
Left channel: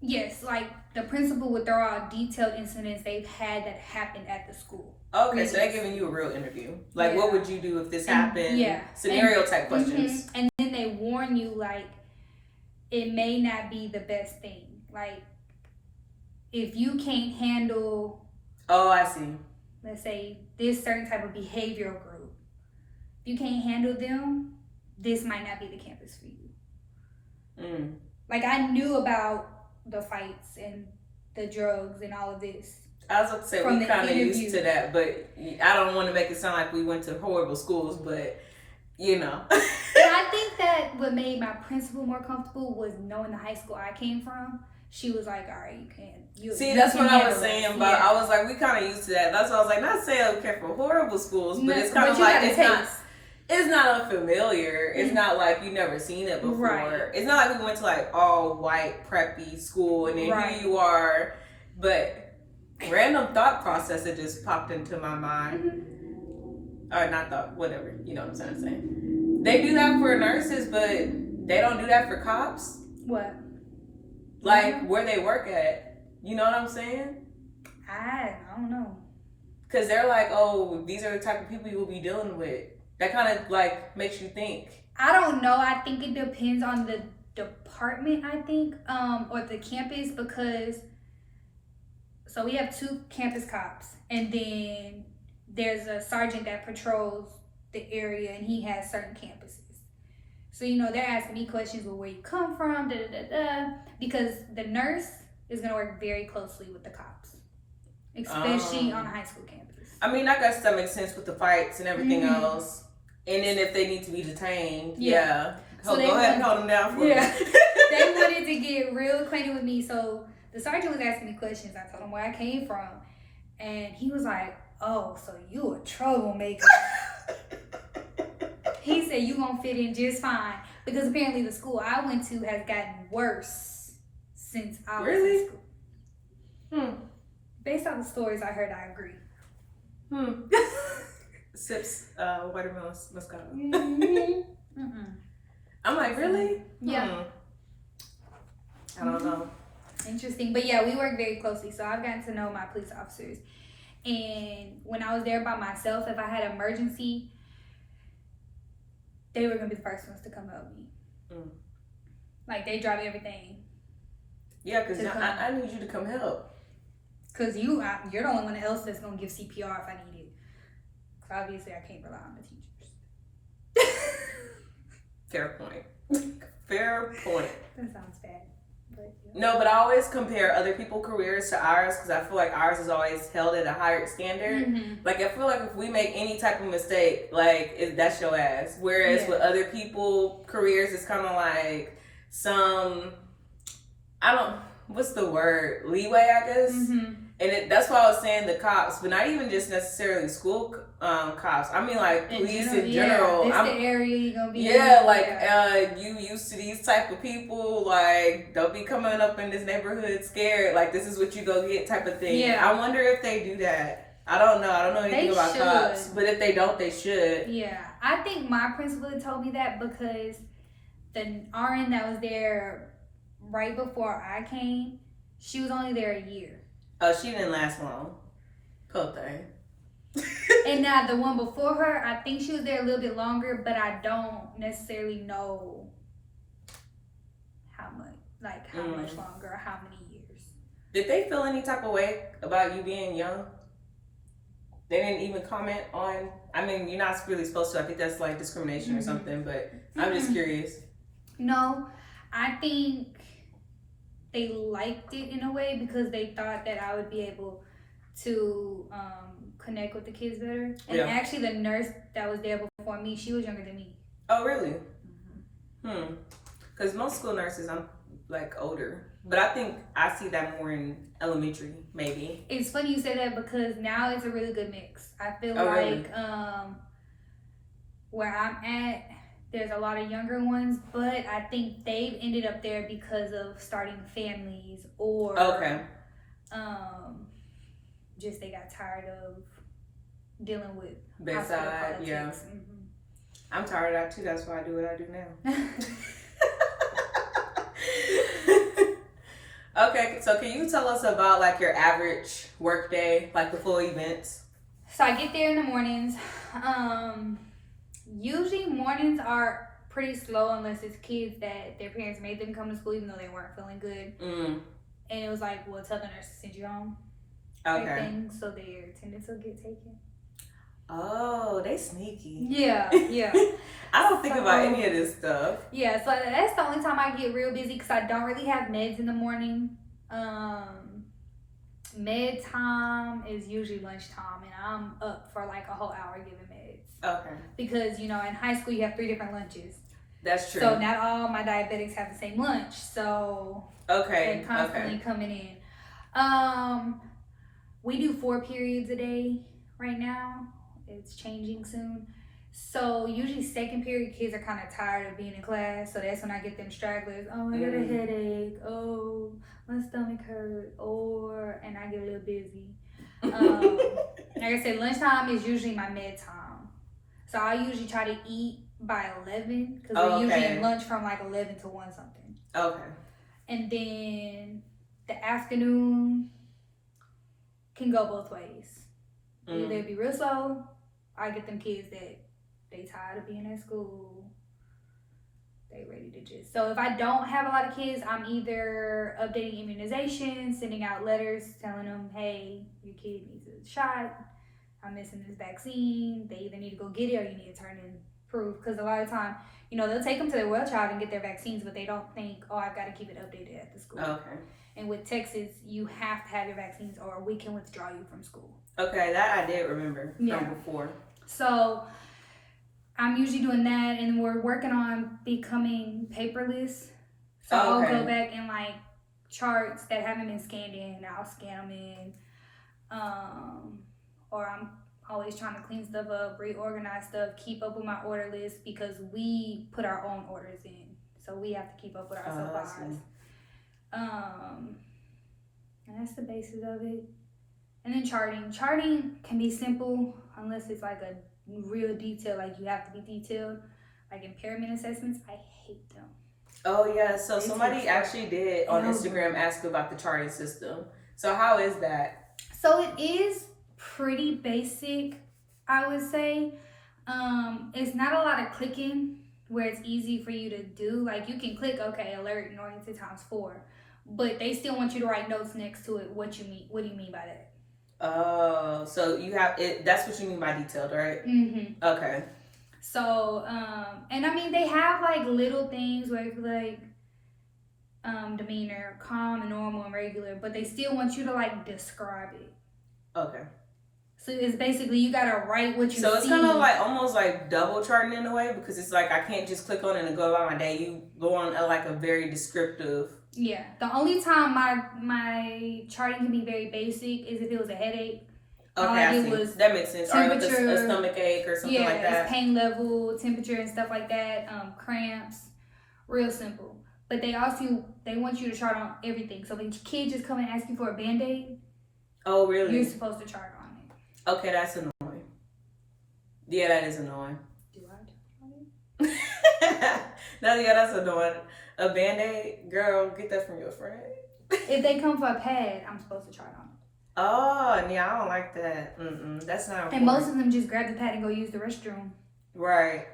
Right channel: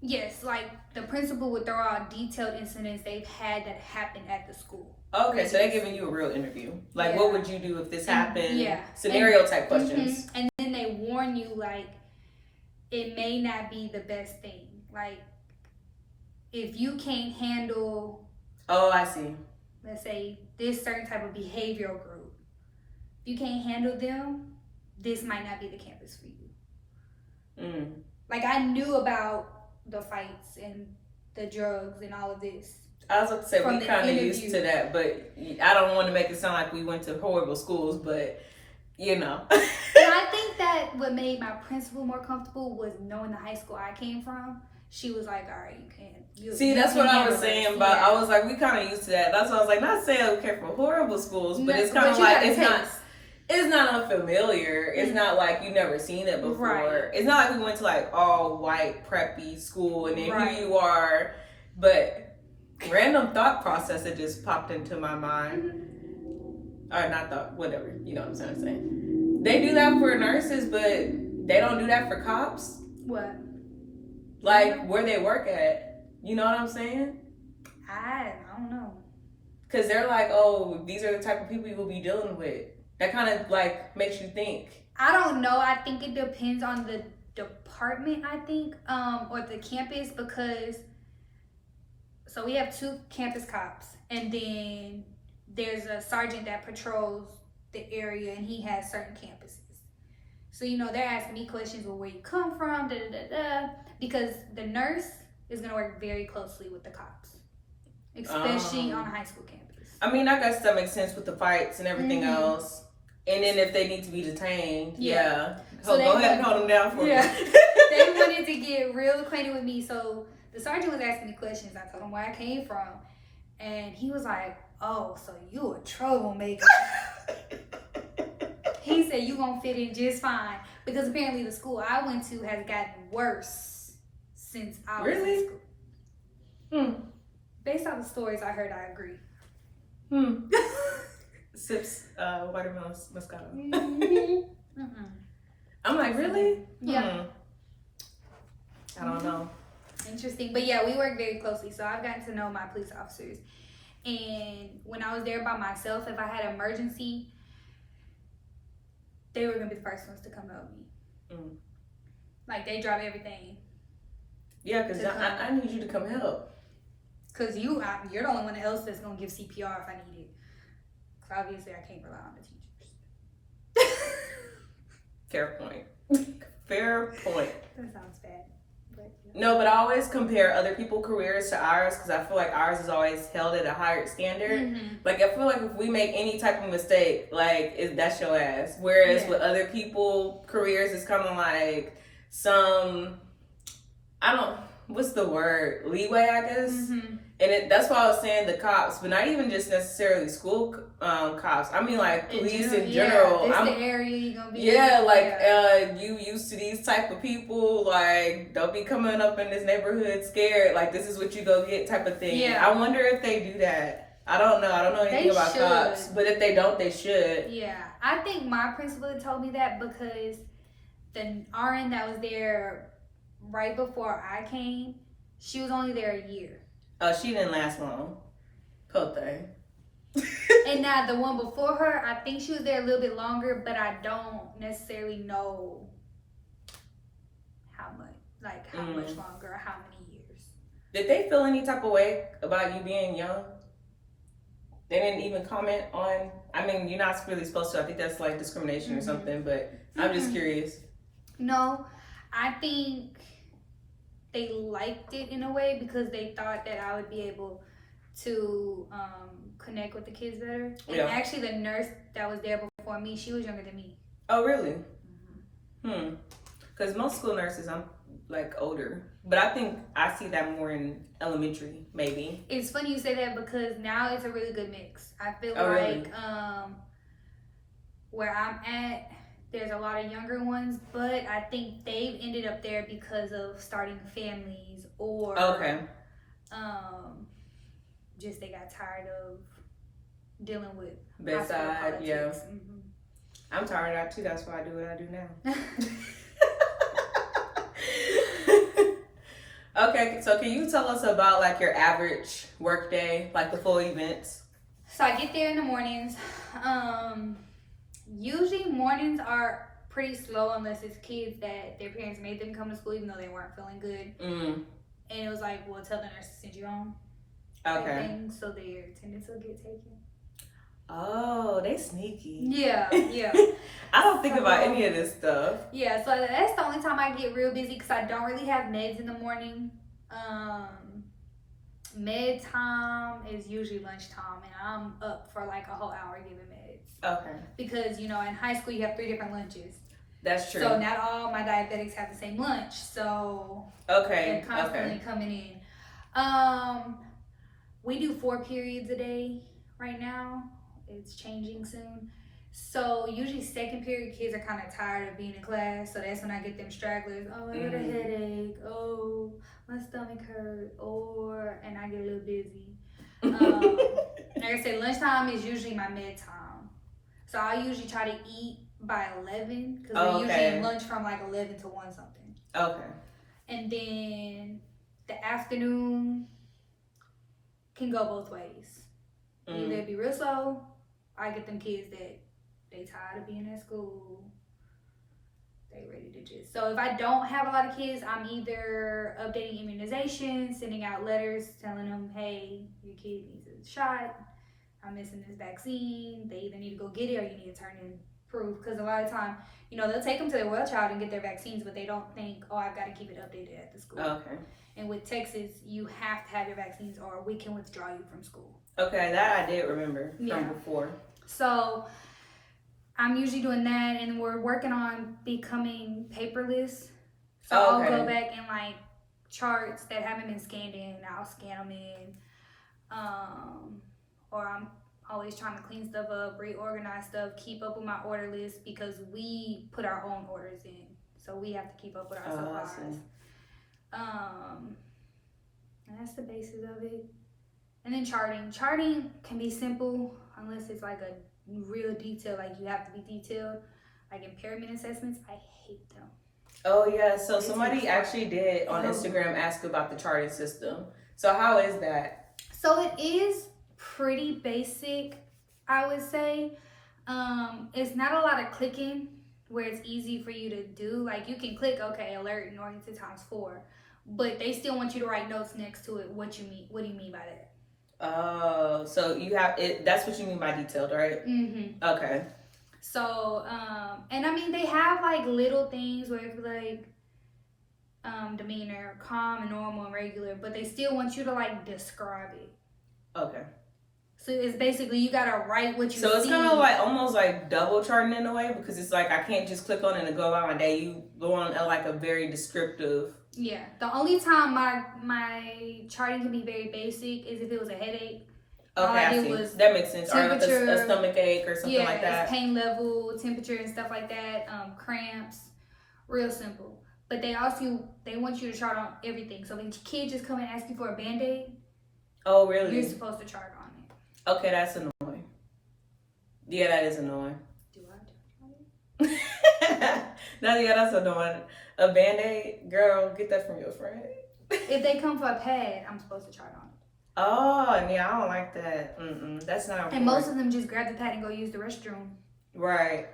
Yes, like the principal would throw out detailed incidents they've had that happened at the school. Okay, so they're giving you a real interview. Like, what would you do if this happened? Yeah. Scenario type questions. And then they warn you, like, it may not be the best thing. Like, if you can't handle... Oh, I see. Let's say this certain type of behavioral group. If you can't handle them, this might not be the campus for you. Like, I knew about the fights and the drugs and all of this. I was about to say, we kind of used to that, but I don't want to make it sound like we went to horrible schools, but, you know. And I think that what made my principal more comfortable was knowing the high school I came from. She was like, all right, you can. See, that's what I was saying about, I was like, we kind of used to that. That's what I was like, not saying we came from horrible schools, but it's kind of like, it's not unfamiliar. It's not like you never seen it before. Right. It's not like we went to like all white preppy school and then here you are. But random thought process that just popped into my mind. Or not thought, whatever. You know what I'm trying to say. They do that for nurses, but they don't do that for cops. What? Like where they work at. You know what I'm saying? I don't know. Because they're like, oh, these are the type of people you'll be dealing with. That kind of like makes you think. I don't know. I think it depends on the department, I think, or the campus, because so we have 2 campus cops, and then there's a sergeant that patrols the area, and he has certain campuses. So, you know, they're asking me questions, well, where you come from, because the nurse is going to work very closely with the cops, especially on a high school campus. I mean, I guess that makes sense with the fights and everything else. And then if they need to be detained, So go ahead and hold them down for me. They wanted to get real acquainted with me. So the sergeant was asking me questions. I told him where I came from. And he was like, oh, so you a troublemaker. He said, you gonna fit in just fine. Because apparently the school I went to has gotten worse since I was in school. Based on the stories I heard, I agree. Sips watermelon Moscato. I'm like, really? Yeah. I don't know. Interesting. But yeah, we work very closely. So I've gotten to know my police officers. And when I was there by myself, if I had an emergency, they were going to be the first ones to come help me. Like, they drop everything. Yeah, because I need you to come help. Because you're the only one else that's going to give CPR if I need it. Because obviously I can't rely on the teachers. Fair point. Fair point. That sounds bad. But, No, but I always compare other people's careers to ours because I feel like ours is always held at a higher standard. Like, I feel like if we make any type of mistake, like, that's your ass. Whereas with other people's careers, it's kind of like what's the word? Leeway, I guess. And that's why I was saying the cops, but not even just necessarily school cops. I mean, like, police in general. This the area you're going to be you used to these type of people, like, don't be coming up in this neighborhood scared, like, this is what you go get type of thing. Yeah. I wonder if they do that. I don't know anything about cops, but if they don't, they should. Yeah, I think my principal told me that because the RN that was there right before I came, she was only there a year. Oh, she didn't last long. Poor thing. And now the one before her, I think she was there a little bit longer, but I don't necessarily know how much longer or how many years. Did they feel any type of way about you being young? They didn't even comment on. I mean, you're not really supposed to. I think that's like discrimination or something. But I'm just curious. No, I think they liked it in a way because they thought that I would be able to connect with the kids better. And actually, the nurse that was there before me, she was younger than me. Oh, really? Because most school nurses, I'm like older. But I think I see that more in elementary, maybe. It's funny you say that because now it's a really good mix. I feel like where I'm at, there's a lot of younger ones, but I think they've ended up there because of starting families or just they got tired of dealing with bedside politics. Yeah. I'm tired of that too. That's why I do what I do now. Okay, so can you tell us about like your average work day, like the full events? So I get there in the mornings. Usually mornings are pretty slow unless it's kids that their parents made them come to school even though they weren't feeling good. And it was like, well, tell the nurse to send you home. Okay. So their attendance will get taken. Oh, they sneaky. Yeah. I don't think about any of this stuff. Yeah, so that's the only time I get real busy because I don't really have meds in the morning. Med time is usually lunchtime, and I'm up for like a whole hour giving meds. Okay. Because, you know, in high school you have 3 different lunches. That's true. So not all my diabetics have the same lunch. So they're constantly coming in. We do 4 periods a day right now. It's changing soon. So usually second period kids are kind of tired of being in class. So that's when I get them stragglers. Oh, I got a headache. Oh, my stomach hurt. And I get a little busy. Like I said, lunchtime is usually my med time. So I usually try to eat by 11 because we're usually in lunch from like 11 to 1 something. Okay. And then the afternoon can go both ways. Either it be real slow, I get them kids that they tired of being at school. They ready to just. So if I don't have a lot of kids, I'm either updating immunizations, sending out letters telling them, hey, your kid needs a shot. I'm missing this vaccine. They either need to go get it or you need to turn in proof. Because a lot of time, you know, they'll take them to their well child and get their vaccines, but they don't think, oh, I've got to keep it updated at the school. Okay. And with Texas, you have to have your vaccines or we can withdraw you from school. Okay, that I did remember from before. So I'm usually doing that, and we're working on becoming paperless. So I'll go back and like charts that haven't been scanned in, I'll scan them in. Or I'm always trying to clean stuff up, reorganize stuff, keep up with my order list because we put our own orders in. So we have to keep up with our supplies. And that's the basis of it. And then charting. Charting can be simple unless it's like a real detail, like you have to be detailed. Like impairment assessments, I hate them. Oh yeah, so somebody actually did on Instagram ask about the charting system. So how is that? So it is pretty basic, I would say. It's not a lot of clicking where it's easy for you to do. Like you can click, okay, alert and oriented ×4. But they still want you to write notes next to it. What do you mean by that? Oh, so you have it. That's what you mean by detailed, right? Mm-hmm. Okay. So, and I mean, they have like little things where it's like demeanor, calm and normal and regular, but they still want you to like describe it. Okay. So it's basically you gotta write what you see. So it's kind of like almost like double charting in a way because it's like I can't just click on it and go about my day. You go on like a very descriptive. Yeah. The only time my charting can be very basic is if it was a headache. Okay, all I did was that makes sense. Temperature, or a stomach ache or something like that. Yeah, it's pain level, temperature and stuff like that. Cramps, real simple. But they want you to chart on everything. So the kid just come and ask you for a Band-Aid. Oh, really? You're supposed to chart on it. Okay, that's annoying. Yeah, that is annoying. Do I chart on it? That's annoying. A Band-Aid? Girl, get that from your friend. If they come for a pad, I'm supposed to chart on it. Oh, yeah, I don't like that. That's not important. And most of them just grab the pad and go use the restroom. Right.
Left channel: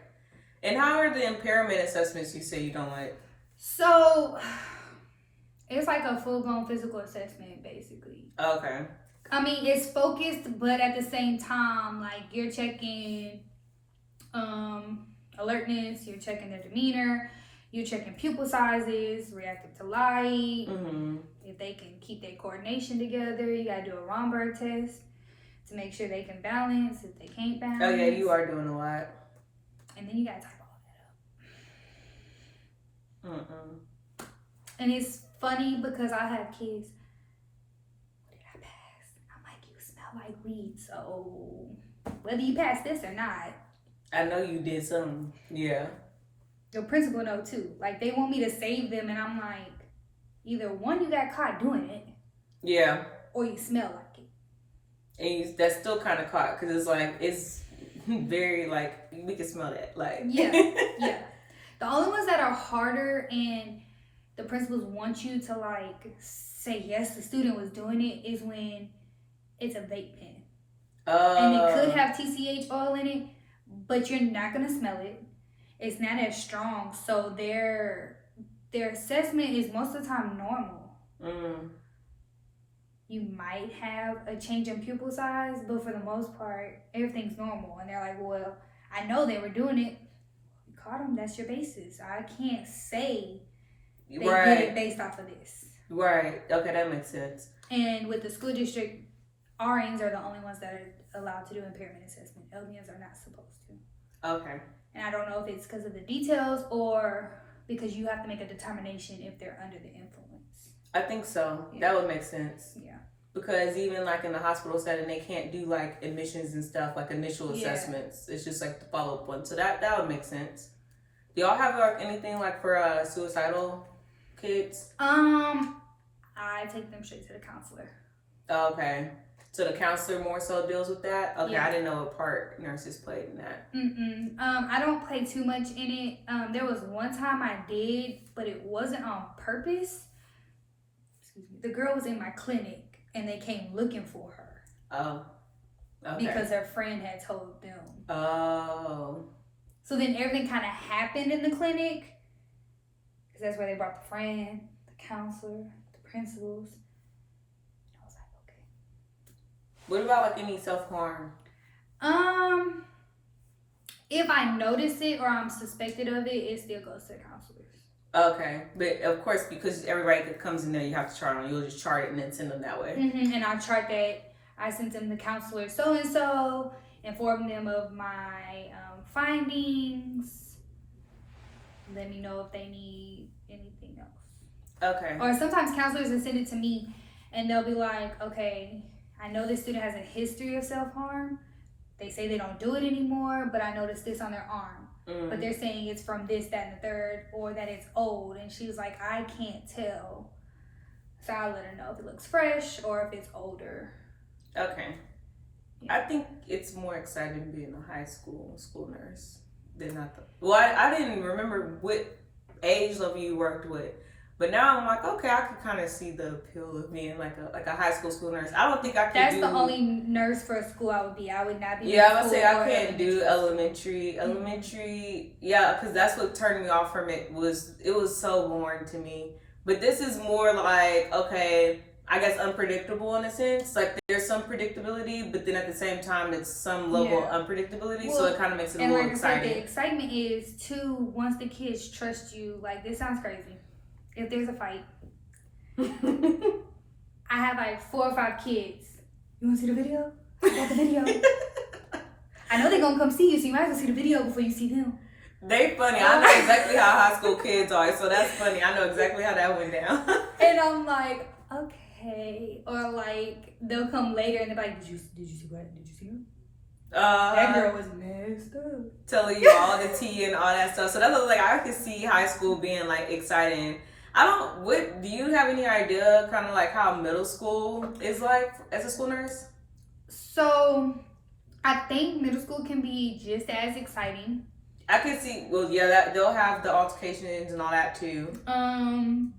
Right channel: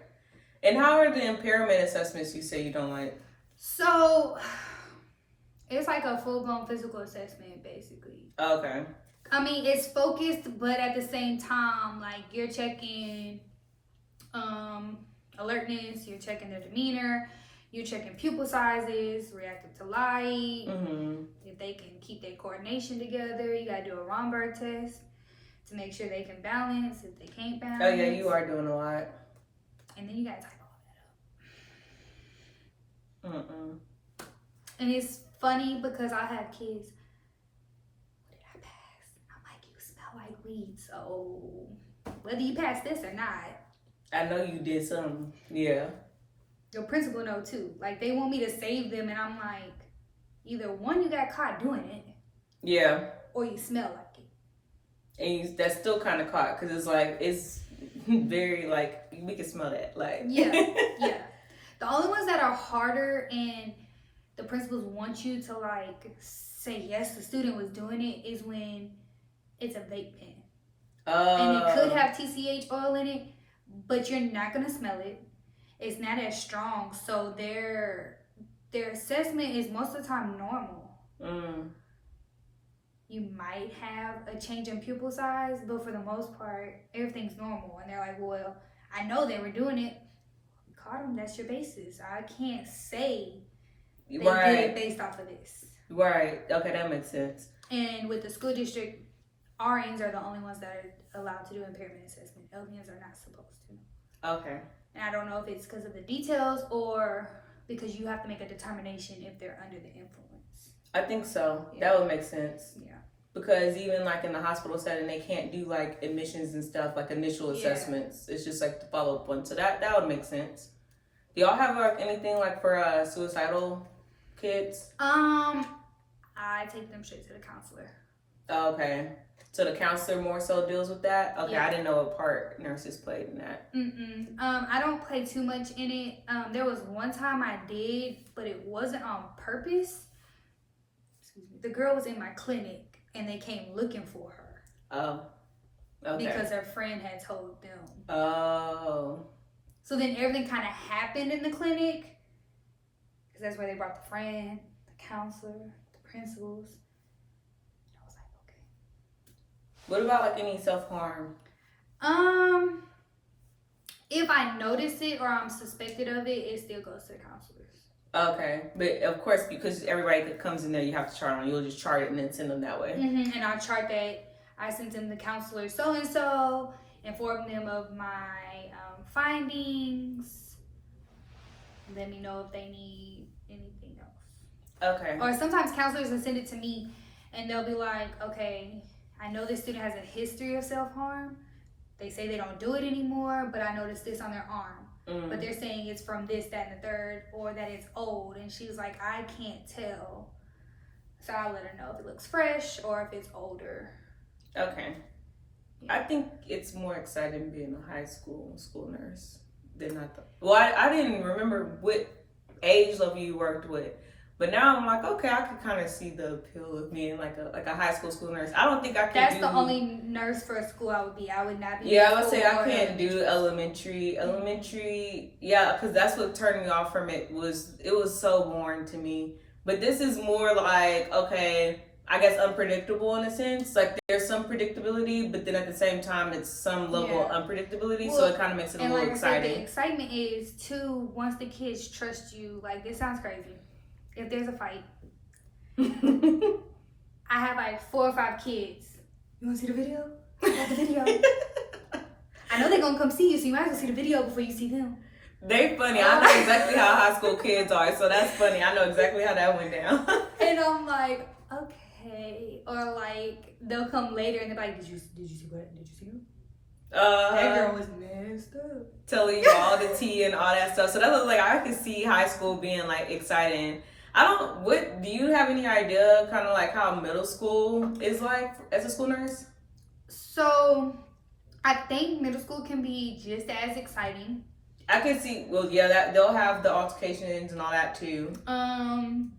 And how are the impairment assessments you say you don't like? So, it's like a full-blown physical assessment, basically. Okay. I mean, it's focused, but at the same time, like you're checking alertness, you're checking their demeanor, you're checking pupil sizes, reactive to light, if they can keep their coordination together. You gotta do a Romberg test to make sure they can balance. If they can't balance, oh yeah, you are doing a lot. And then you gotta type all that up. And it's funny because I have kids. What did I pass? I'm like, you smell like weed. So whether you pass this or not, I know you did something. Yeah. Your principal know too. Like they want me to save them, and I'm like, either one, you got caught doing it. Yeah. Or you smell like it. And that's still kind of caught because it's like it's very like we can smell that. Like yeah. The only ones that are harder and the principals want you to like say yes, the student was doing it is when it's a vape pen. And it could have TCH oil in it, but you're not gonna smell it. It's not as strong, so their assessment is most of the time normal. You might have a change in pupil size, but for the most part, everything's normal. And they're like, well, I know they were doing it. You caught them, that's your basis. I can't say they did it based off of this. Right. Okay, that makes sense. And with the school district, RNs are the only ones that are allowed to do impairment assessment. LVNs are not supposed to. Okay. And I don't know if it's because of the details or because you have to make a determination if they're under the influence. I think so. Yeah. That would make sense. Yeah. Because even like in the hospital setting, they can't do like admissions and stuff, like initial assessments. It's just like the follow-up one. So that would make sense. Do y'all have like anything like for suicidal kids? I take them straight to the counselor. Okay. So the counselor more so deals with that? Okay, yeah. I didn't know what part nurses played in that. I don't play too much in it. There was one time I did, but it wasn't on purpose. Excuse me. The girl was in my clinic, and they came looking for her. Oh, okay. Because her friend had told them. Oh. So then everything kind of happened in the clinic, because that's where they brought the friend, the counselor, the principals. What about like any self-harm? If I notice it or I'm suspected of it, it still goes to the counselors. Okay, but of course, because everybody that comes in there, you have to chart on. You'll just chart it and then send them that way. And I chart that. I sent them the counselor so-and-so, inform them of my findings. Let me know if they need anything else. Okay. Or sometimes counselors will send it to me, and they'll be like, okay, I know this student has a history of self-harm. They say they don't do it anymore, but I noticed this on their arm. But they're saying it's from this, that, and the third, or that it's old. And she's like, I can't tell. So I'll let her know if it looks fresh or if it's older. Okay. Yeah. I think it's more exciting being a high school nurse than I thought. Well, I didn't remember what age level you worked with. But now I'm like, okay, I could kind of see the appeal of being like a high school nurse. I don't think I could. That's the only nurse for a school I would be. I would not be. Yeah, I would say I can't do elementary. Yeah, because that's what turned me off from it. It was so boring to me. But this is more like, okay, I guess unpredictable in a sense. Like there's some predictability, but then at the same time, it's some level of unpredictability. Well, so it kind of makes it a little exciting. The excitement is too, once the kids trust you. Like this sounds crazy. If there's a fight, I have like 4 or 5 kids. You want to see the video? I got the video. I know they're going to come see you, so you might as well see the video before you see them. They funny. I know exactly how high school kids are, so that's funny. I know exactly how that went down. And I'm like, okay. Or like, they'll come later and they're like, did you see what? Did you see him? That girl was messed up. Telling you all the tea and all that stuff. So that's like, I could see high school being like exciting. Do you have any idea kind of like how middle school is like as a school nurse? So I think middle school can be just as exciting. I can see, well, yeah, that they'll have the altercations and all that too.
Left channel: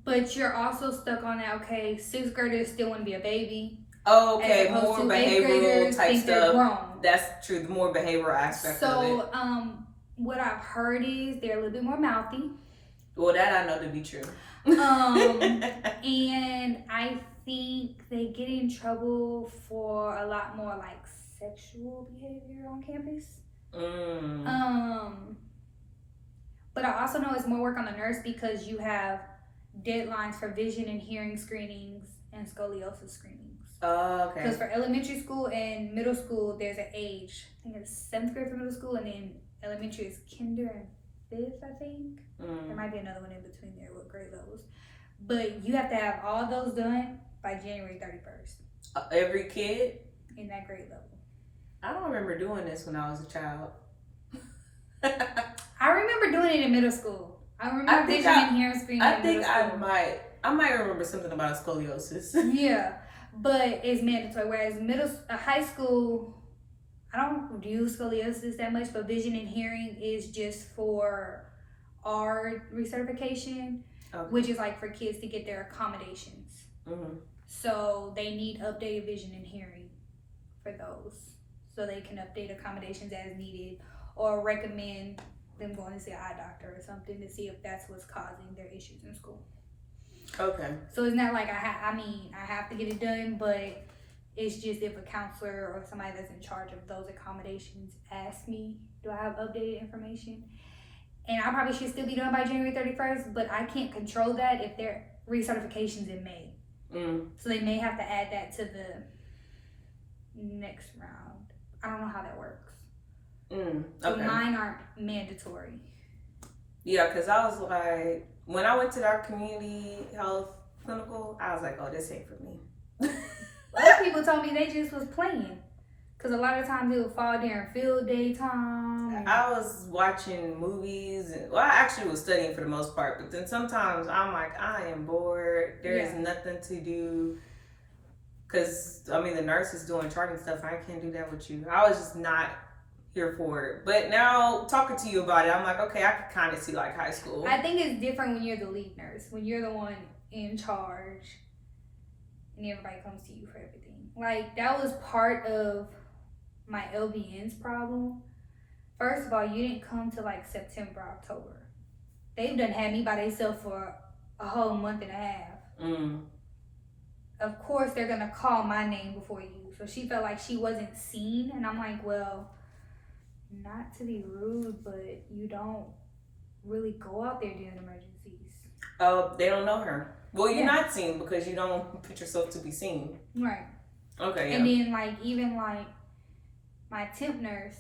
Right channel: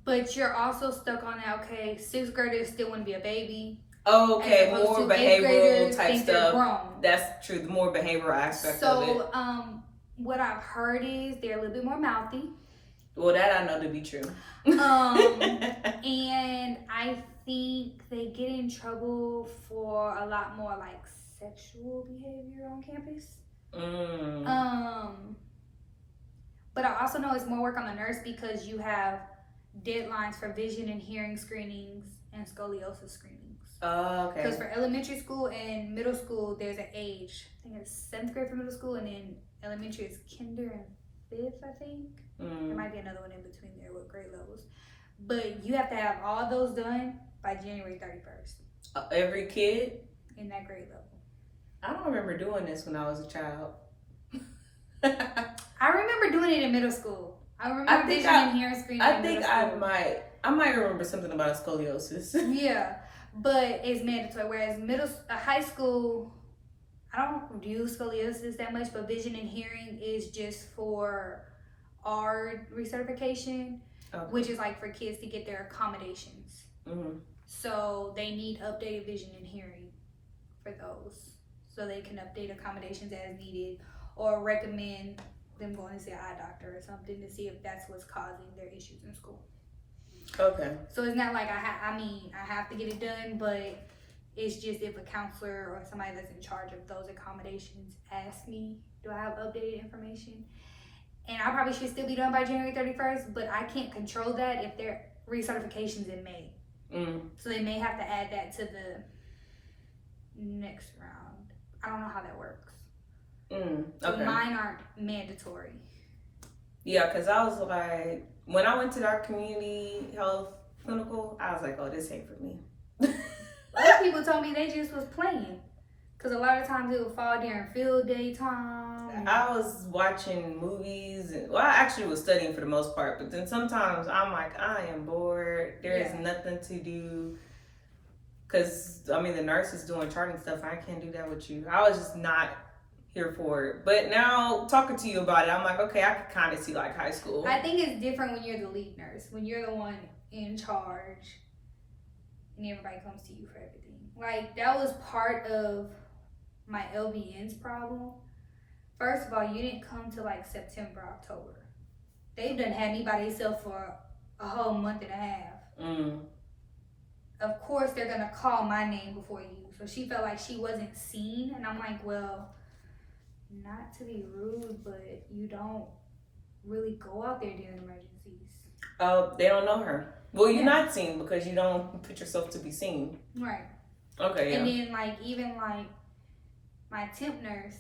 But you're also stuck on that, okay, 6th graders still want to be a baby. Oh, okay, more behavioral type stuff. That's true, the more behavioral aspect of it. So, what I've heard is they're a little bit more mouthy. Well, that I know to be true. And I think they get in trouble for a lot more like sexual behavior on campus. But I also know it's more work on the nurse because you have deadlines for vision and hearing screenings and scoliosis screenings. Oh, okay. Because for elementary school and middle school, there's an age. I think it's 7th grade for middle school, and then elementary is kinder and 5th, I think. There might be another one in between there with grade levels. But you have to have all those done by January 31st. Every kid? In that grade level. I don't remember doing this when I was a child. I remember doing it in middle school. I remember vision and hearing screening. I think I might remember something about scoliosis. Yeah, but it's mandatory. Whereas high school, I don't do scoliosis that much, but vision and hearing is just for our recertification, which is like for kids to get their accommodations. So they need updated vision and hearing for those, so they can update accommodations as needed, or recommend them going to see an eye doctor or something to see if that's what's causing their issues in school. Okay. So it's not like I have to get it done, but it's just if a counselor or somebody that's in charge of those accommodations asks me, do I have updated information? And I probably should still be done by January 31st, but I can't control that if their recertification's in May. So they may have to add that to the next round. I don't know how that works. So mine aren't mandatory. Yeah, because I was like, when I went to that community health clinical, I was like, oh, this ain't for me. Other people told me they just was playing. Because a lot of times it would fall during field day time. I was watching movies. I actually was studying for the most part. But then sometimes I'm like, I am bored. There is nothing to do. Because, the nurse is doing charting stuff. I can't do that with you. I was just not here for it. But now, talking to you about it, I'm like, okay, I can kind of see like high school. I think it's different when you're the lead nurse. When you're the one in charge. And everybody comes to you for everything. Like, that was part of my LVN's problem. First of all, you didn't come to like September, October. They've done had me by themselves for a whole month and a half. Of course, they're gonna call my name before you. So she felt like she wasn't seen, and I'm like, well, not to be rude, but you don't really go out there during emergencies. Oh, they don't know her. Well, you're not seen because you don't put yourself to be seen. Right. Okay. And then even my temp nurse,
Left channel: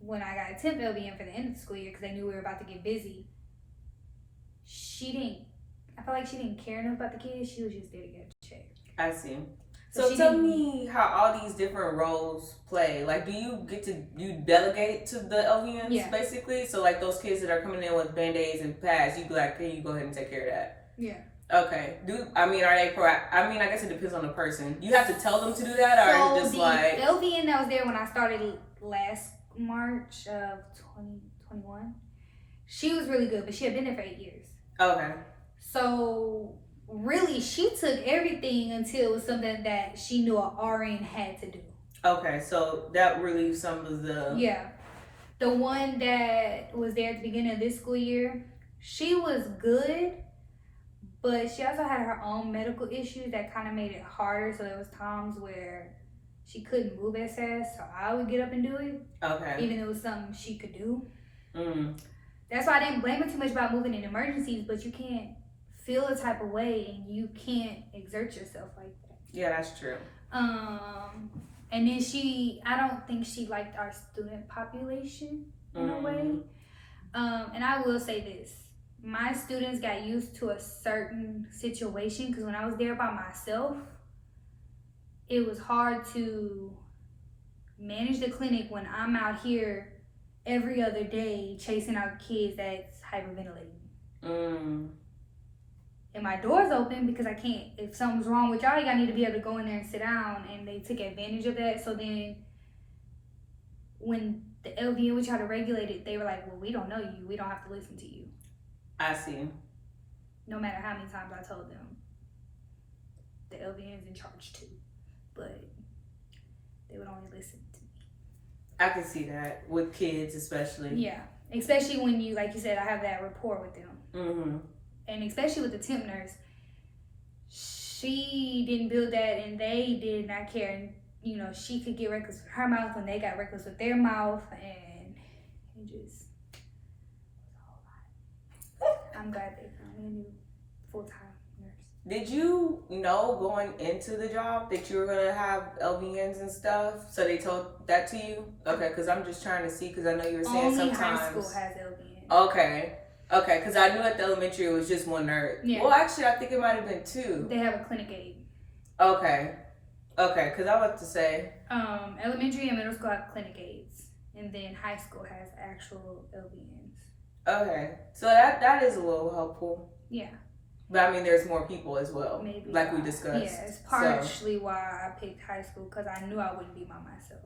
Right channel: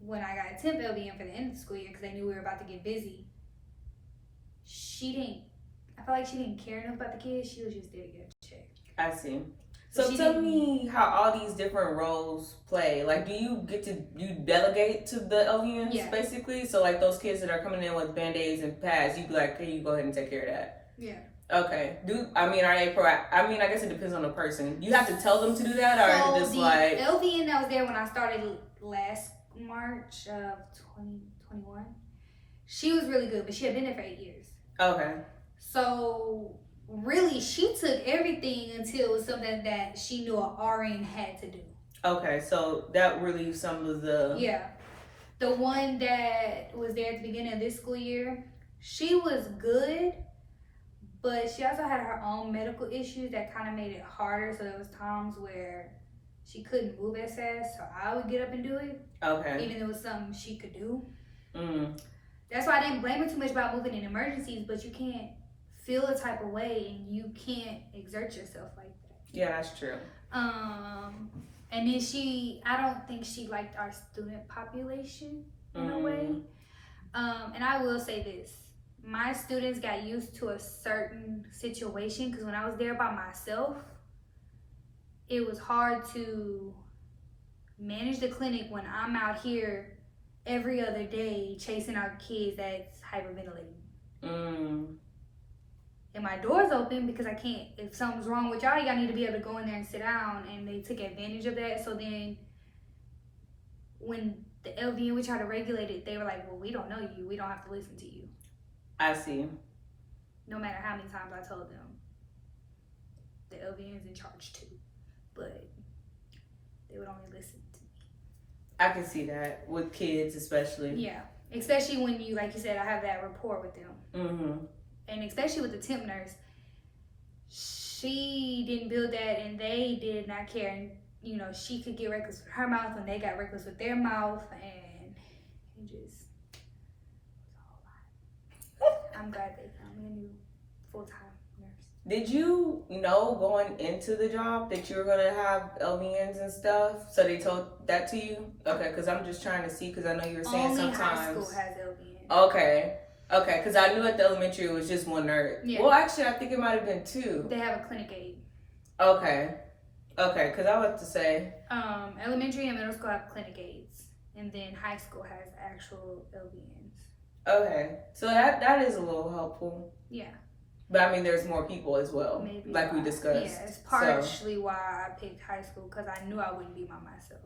when I got a temp LVN for the end of the school year, because they knew we were about to get busy, I felt like she didn't care enough about the kids. She was just there to get a check. I see. So tell me how all these different roles play. Like, do you delegate to the LVNs basically? So like those kids that are coming in with Band-Aids and pads, you like, hey, you go ahead and take care of that. Yeah. Okay. Are they proactive? I guess it depends on the person. You have to tell them to do that, or are you just like... the LVN that was there when I started last March of 2021, she was really good, but she had been there for 8 years. Okay. So, really, she took everything until it was something that she knew an RN had to do. Okay, so that relieves some of the... Yeah. The one that was there at the beginning of this school year, she was good, but she also had her own medical issues that kind of made it harder. So there was times where she couldn't move as fast, so I would get up and do it. Okay. Even though it was something she could do. That's why I didn't blame her too much about moving in emergencies, but you can't feel a type of way and you can't exert yourself like that. Yeah, that's true. And then I don't think she liked our student population in a way. And I will say this. My students got used to a certain situation because when I was there by myself, it was hard to manage the clinic when I'm out here every other day chasing out kids that's hyperventilating. And my door's open because I can't, if something's wrong with y'all, y'all need to be able to go in there and sit down, and they took advantage of that. So then when the LVN would try to regulate it, they were like, well, we don't know you, we don't have to listen to you. I see. No matter how many times I told them the LVN's in charge too, but they would only listen to me. I can see that with kids, especially. Yeah, especially when you, like you said, I have that rapport with them. And especially with the temp nurse, she didn't build that and they did not care. And, you know, she could get reckless with her mouth and they got reckless with their mouth, and it just was a whole lot. I'm glad they found me a new full-time nurse. Did you know going into the job that you were going to have LVNs and stuff? So they told that to you? Okay, because I'm just trying to see, because I know you were saying Only sometimes. high school has LVN. Okay, because I knew at the elementary it was just one nurse. Yeah. Well, actually, I think it might have been two. They have a clinic aide. Okay, because I was about to say. Elementary and middle school have clinic aides, and then high school has actual LVNs. Okay, so that is a little helpful. Yeah. But I mean, there's more people as well, Maybe like why. we discussed. Yeah, it's partially why I picked high school, because I knew I wouldn't be by myself.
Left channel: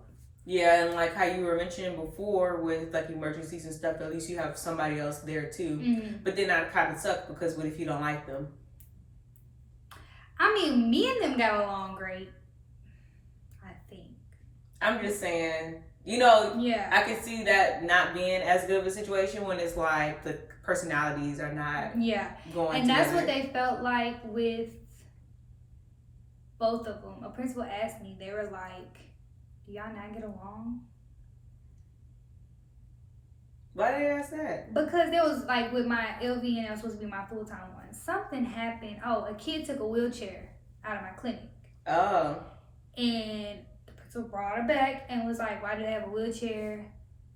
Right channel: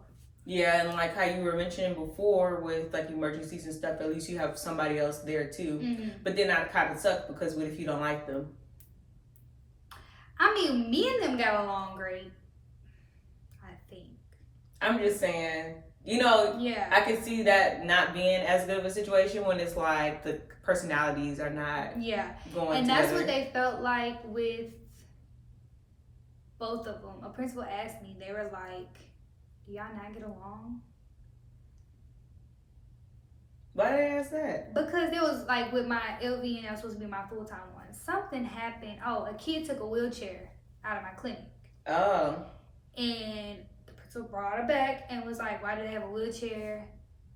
Yeah, and like how you were mentioning before with like emergencies and stuff, at least you have somebody else there too. Mm-hmm. But then that kind of sucks, because what if you don't like them? I mean, me and them got along great, I think. I'm just saying, you know, Yeah. I can see that not being as good of a situation when it's like the personalities are not going And that's together. what they felt like with both of them. A principal asked me, they were like, do y'all not get along? Why did they ask that? Because there was like with my LVN, that was supposed to be my full-time one. Something happened. Oh, a kid took a wheelchair out of my clinic. Oh. And the principal brought her back and was like, why do they have a wheelchair?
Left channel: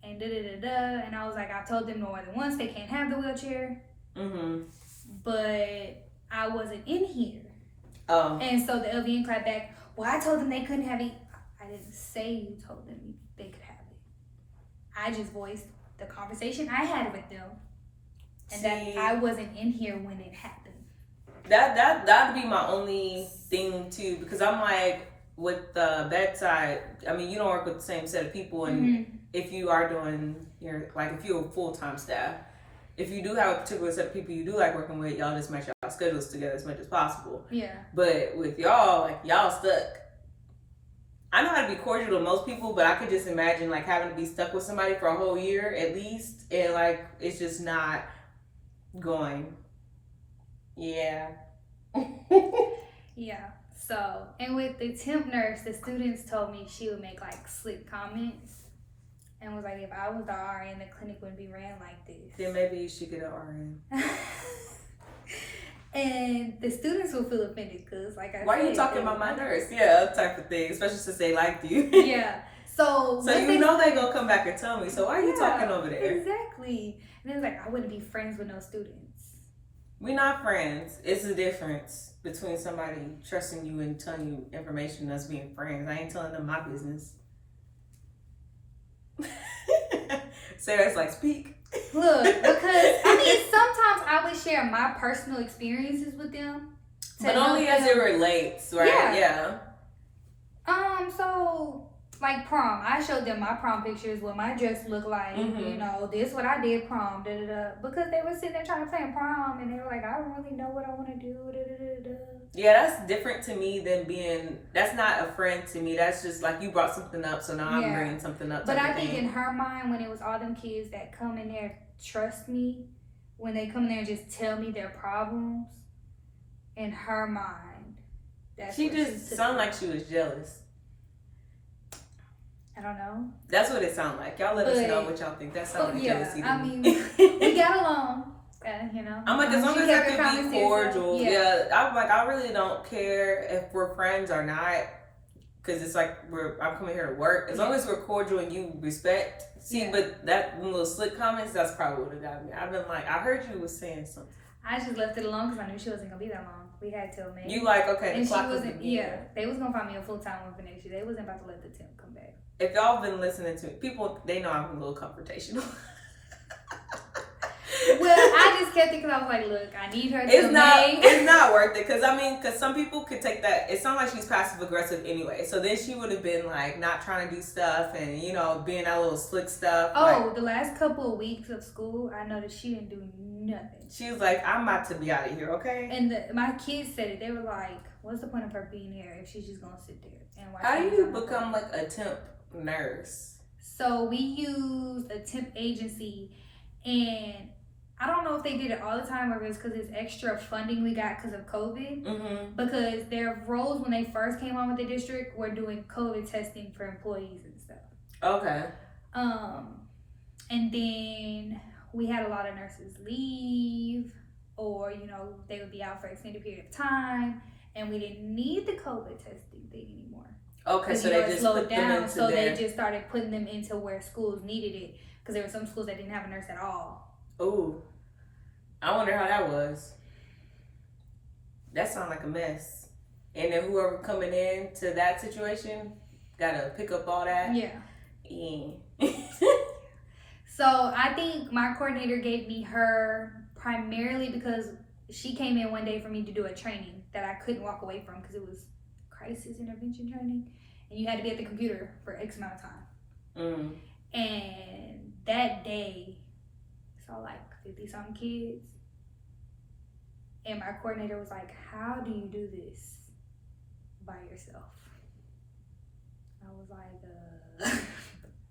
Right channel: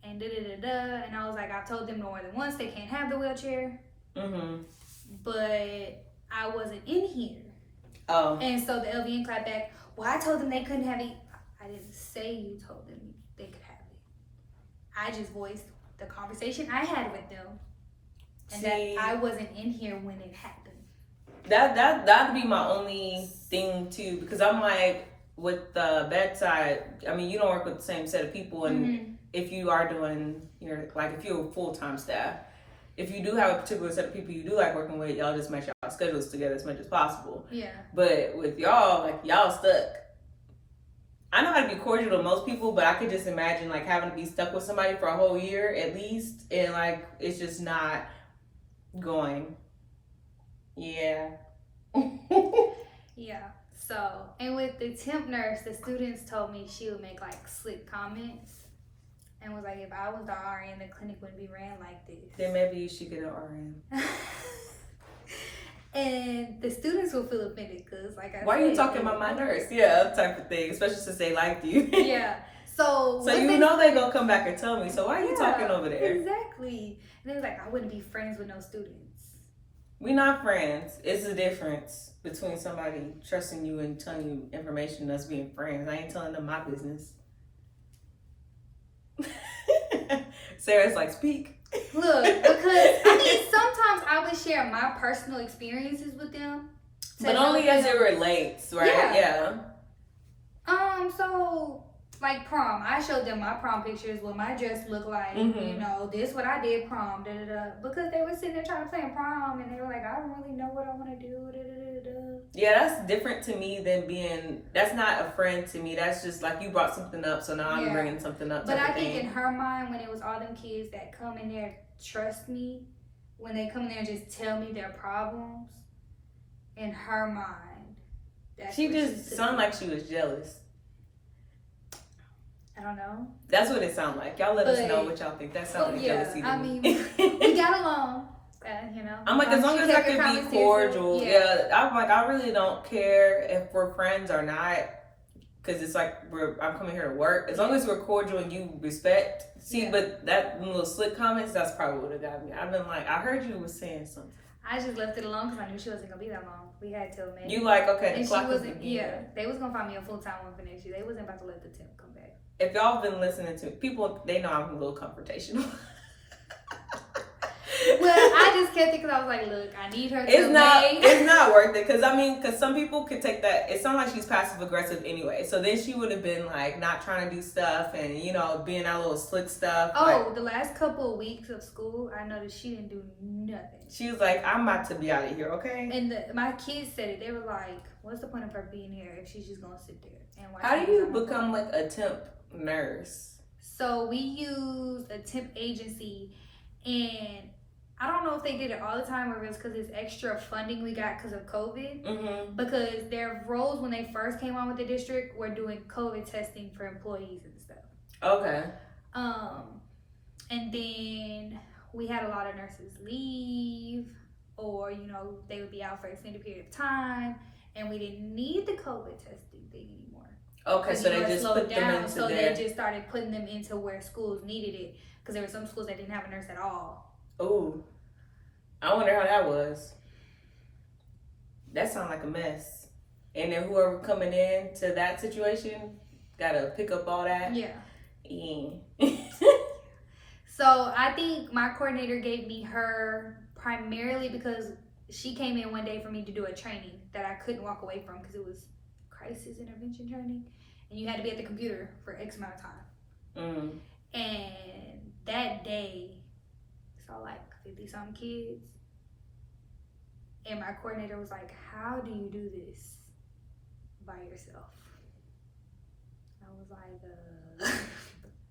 And da-da-da-da. And I was like, I told them more than once they can't have the wheelchair. Mm-hmm. But I wasn't in here. Oh. And so the LVN cried back, well, I told them they couldn't have it. I didn't say you told them they could have it. I just voiced the conversation I had with them. And that I wasn't in here when it happened. That'd be my only thing too, because I'm like, with the bedside, I mean, you don't work with the same set of people, and if you are doing if you're a full-time staff, if you do have a particular set of people you do like working with, y'all just make y'all schedules together as much as possible. Yeah. But with y'all, like, y'all stuck. I know how to be cordial to most people, but I could just imagine like having to be stuck with somebody for a whole year at least, and like it's just not going. Yeah. Yeah. So, and with the temp nurse, the students told me she would make like slick comments and was like, if I was the RN, the clinic wouldn't be ran like this. Then maybe you should get an RN. And the students will feel offended because, like I said, why are you talking about my nurse? Yeah, that type of thing, especially since they liked you. Yeah. So you know they gonna come back and tell me. So why are you talking over there? Exactly. And then it's like, I wouldn't be friends with no students. We're not friends. It's the difference between somebody trusting you and telling you information and us being friends. I ain't telling them my business. Sarah's like, speak. Look, because I mean, sometimes I would share my personal experiences with them. But only as it relates, right? Yeah. So like prom, I showed them my prom pictures, what my dress looked like. You know, this what I did prom, da da da. Because they were sitting there trying to plan prom, and they were like, I don't really know what I want to do, da da da da. Yeah, that's different to me than being. That's not a friend to me. That's just like you brought something up, so now I'm bringing something up. But I think in her mind, when it was all them kids that come in there, trust me, when they come in there and just tell me their problems, in her mind, that's she just sounded like she was jealous. I don't know. That's what it sounded like. Y'all let us know what y'all think. That sounded like jealousy to me. I mean, we got along. You know. I'm like, as long as I can be cordial. Yeah. I'm like, I really don't care if we're friends or not, because it's like I'm coming here to work. As long as we're cordial and you respect. See, but that little slick comments, that's probably what it got me. I've been like, I heard you was saying something. I just left it alone because I knew she wasn't gonna be that long. We had till May. You like, okay, and the clock is they was gonna find me a full-time one for next year. They wasn't about to let the temp come back. If y'all been listening to people, they know I'm a little confrontational. Well, I just kept it because I was like, look, I need her till May. It's not worth it, because some people could take that. It sounds like she's passive aggressive anyway. So then she would have been like not trying to do stuff and being that little slick stuff. Oh, the last couple of weeks of school, I noticed she didn't do nothing. She was like, I'm about to be out of here, okay? And my kids said it. They were like, what's the point of her being here if she's just gonna sit there and watch? How do you become like a temp nurse? So we used a temp agency, and I don't know if they did it all the time or if it's because it's extra funding we got because of COVID. Mm-hmm. Because their roles when they first came on with the district were doing COVID testing for employees and stuff. Okay. And then we had a lot of nurses leave, or they would be out for an extended period of time, and we didn't need the COVID testing thing anymore. Okay, so they just slowed put them down. into So there. they just started putting them into where schools needed it, because there were some schools that didn't have a nurse at all. Ooh, I wonder how that was. That sounds like a mess. And then whoever coming in to that situation gotta pick up all that. Yeah. So I think my coordinator gave me her primarily because she came in one day for me to do a training that I couldn't walk away from because it was crisis intervention training, and you had to be at the computer for X amount of time. And that day, saw like 50-something kids, and my coordinator was like, "How do you do this by yourself?" I was like,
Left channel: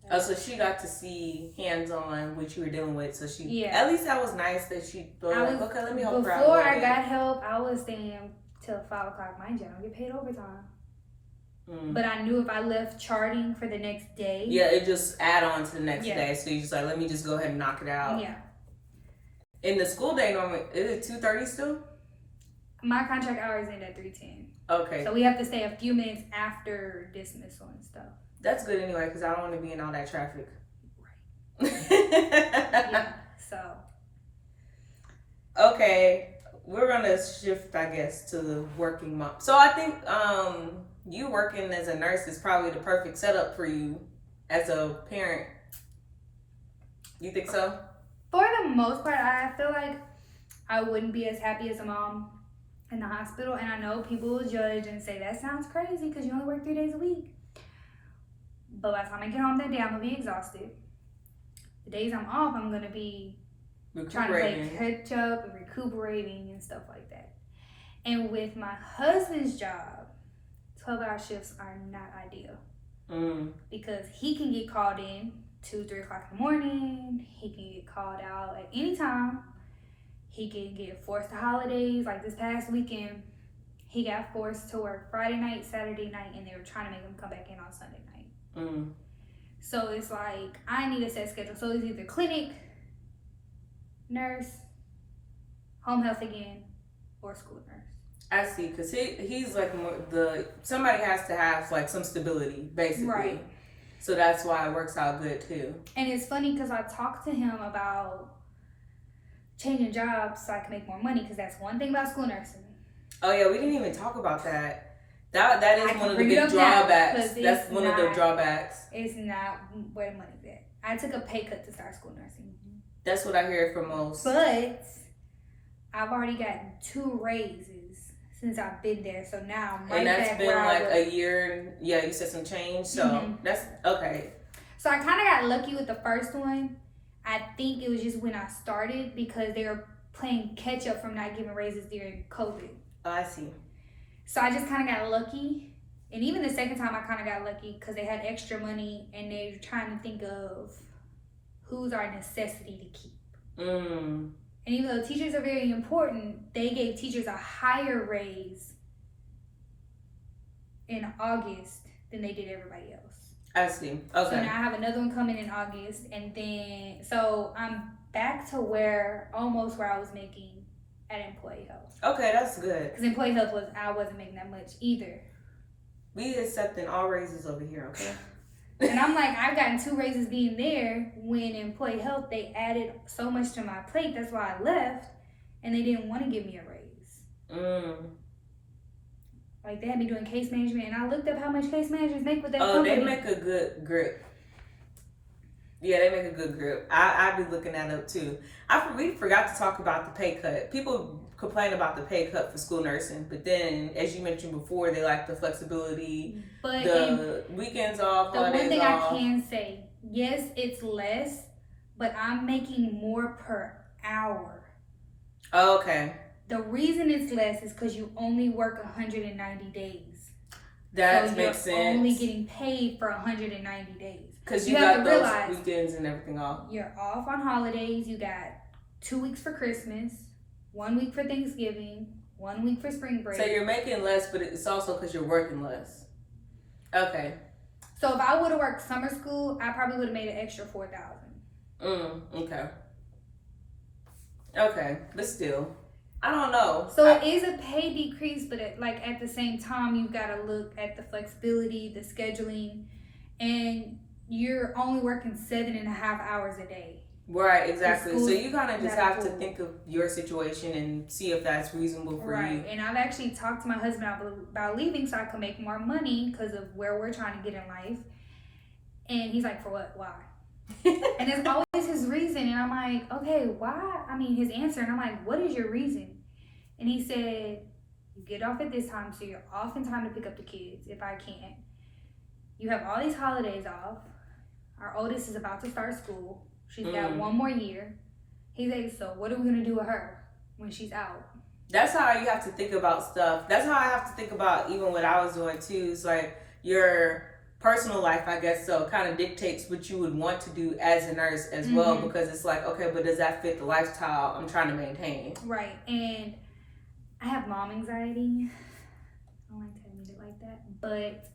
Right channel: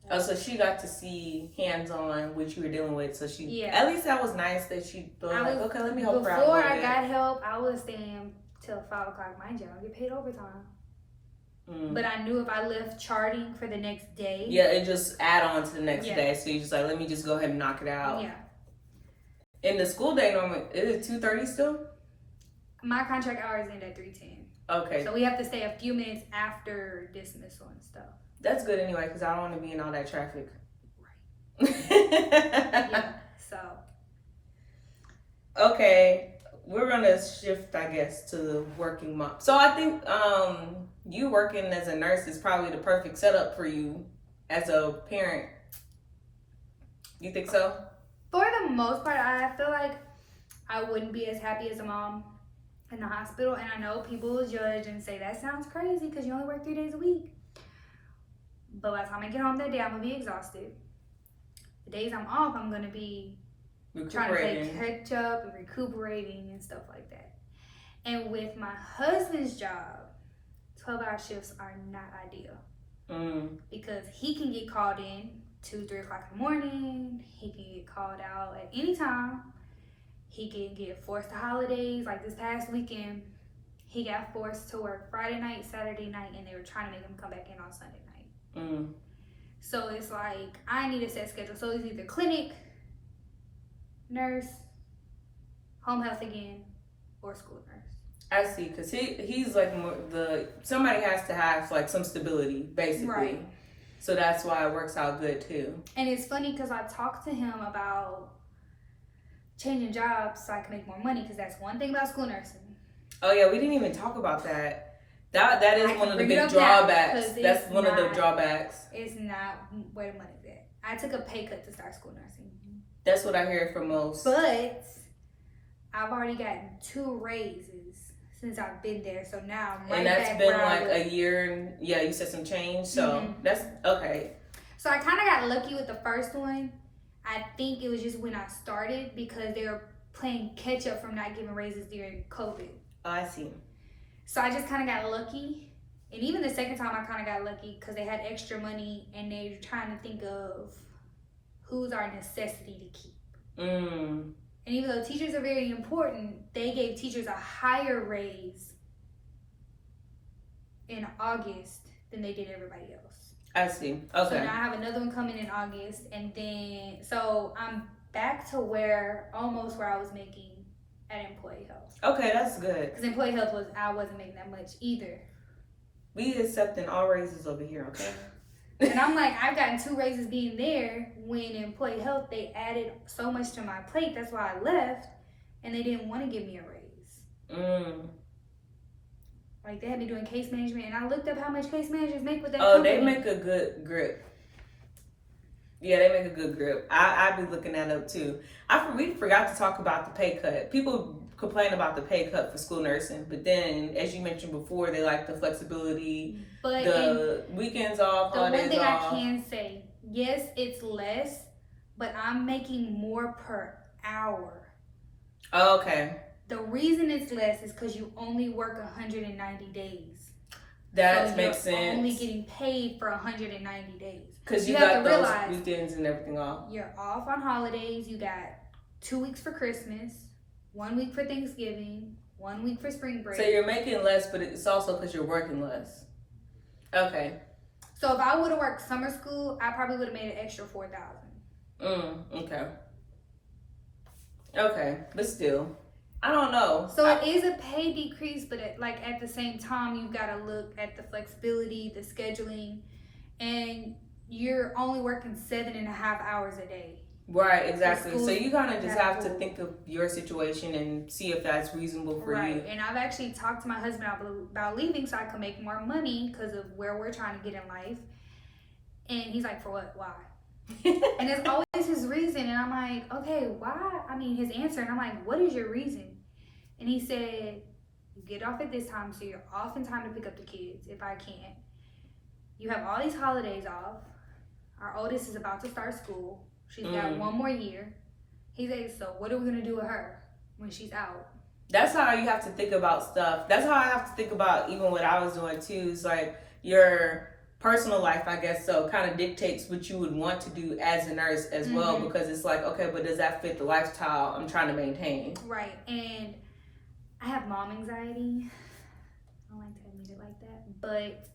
Oh, so she got to see hands-on what you were dealing with. So she, at least that was nice that she thought, okay, let me help her out. Before I got help, I was staying till 5 o'clock. Mind you, I don't get paid overtime. But I knew if I left charting for the next day. Yeah, it just add on to the next day. So you're just like, let me just go ahead and knock it out. Yeah. In the school day, normally, is it 2:30 still? My contract hours end at 3:10. Okay. So we have to stay a few minutes after dismissal and stuff. That's good anyway, because I don't want to be in all that traffic. Right. Yeah, so. Okay, we're going to shift, I guess, to the working mom. So I think you working as a nurse is probably the perfect setup for you as a parent. You think so? For the most part, I feel like I wouldn't be as happy as a mom in the hospital. And I know people will judge and say, that sounds crazy because you only work 3 days a week. But by the time I get home that day, I'm going to be exhausted. The days I'm off, I'm going to be trying to play catch up and recuperating and stuff like that. And with my husband's job, 12-hour shifts are not ideal. Because he can get called in 2-3 o'clock in the morning. He can get called out at any time. He can get forced to holidays. Like this past weekend, he got forced to work Friday night, Saturday night, and they were trying to make him come back in on Sunday night. So it's like, I need a set schedule. So it's either clinic, nurse, home health again, or school nurse. I see, because he's like somebody has to have like some stability, basically. Right. So that's why it works out good too. And it's funny because I talked to him about changing jobs so I can make more money, because that's one thing about school nursing. Oh yeah, we didn't even talk about that. That is one of the big drawbacks. That's one of the drawbacks. It's not where the money's at. I took a pay cut to start school nursing. That's what I hear from most. But I've already gotten 2 raises since I've been there. So now I'm right back. And that's been like a year, and you said some change. So that's okay. So I kind of got lucky with the first one. I think it was just when I started because they were playing catch up from not giving raises during COVID. Oh, I see. So I just kind of got lucky. And even the second time I kind of got lucky because they had extra money and they were trying to think of who's our necessity to keep. And even though teachers are very important, they gave teachers a higher raise in August than they did everybody else. I see. Okay. So now I have another one coming in August, and then so I'm back to almost where I was making at employee health. Okay, that's good. Because employee health I wasn't making that much either. We accepting all raises over here, okay? And I'm like, I've gotten 2 raises being there. When employee health, they added so much to my plate. That's why I left, and they didn't want to give me a raise. Like they had me doing case management, and I looked up how much case managers make with that company. They make a good grip. Yeah, they make a good grip. I be looking that up too. We forgot to talk about the pay cut. People complain about the pay cut for school nursing, but then, as you mentioned before, they like the flexibility, but the weekends off, holidays off. The one thing I can say, yes, it's less, but I'm making more per hour. Oh, okay. The reason it's less is because you only work 190 days. That makes sense. You're only getting paid for 190 days. Because you got those weekends and everything off. You're off on holidays. You got 2 weeks for Christmas, 1 week for Thanksgiving, 1 week for spring break. So you're making less, but it's also because you're working less. Okay. So if I would have worked summer school, I probably would have made an extra $4,000. Okay. Okay, but still, I don't know. So it is a pay decrease, but at the same time, you've got to look at the flexibility, the scheduling, and you're only working 7.5 hours a day. Right, exactly. So you kind of just have to think of your situation and see if that's reasonable for you. Right, and I've actually talked to my husband about leaving so I could make more money because of where we're trying to get in life. And he's like, for what? Why? And there's always his reason. And I'm like, okay, why? I mean, his answer. And I'm like, what is your reason? And he said, you get off at this time so you're off in time to pick up the kids if I can. You have all these holidays off. Our oldest is about to start school. She's got 1 more year. He said, so what are we going to do with her when she's out? That's how you have to think about stuff. That's how I have to think about even what I was doing too. It's like your personal life, I guess, so kind of dictates what you would want to do as a nurse as well, because it's like, okay, but does that fit the lifestyle I'm trying to maintain? Right. And I have mom anxiety. I don't like to admit it like that. But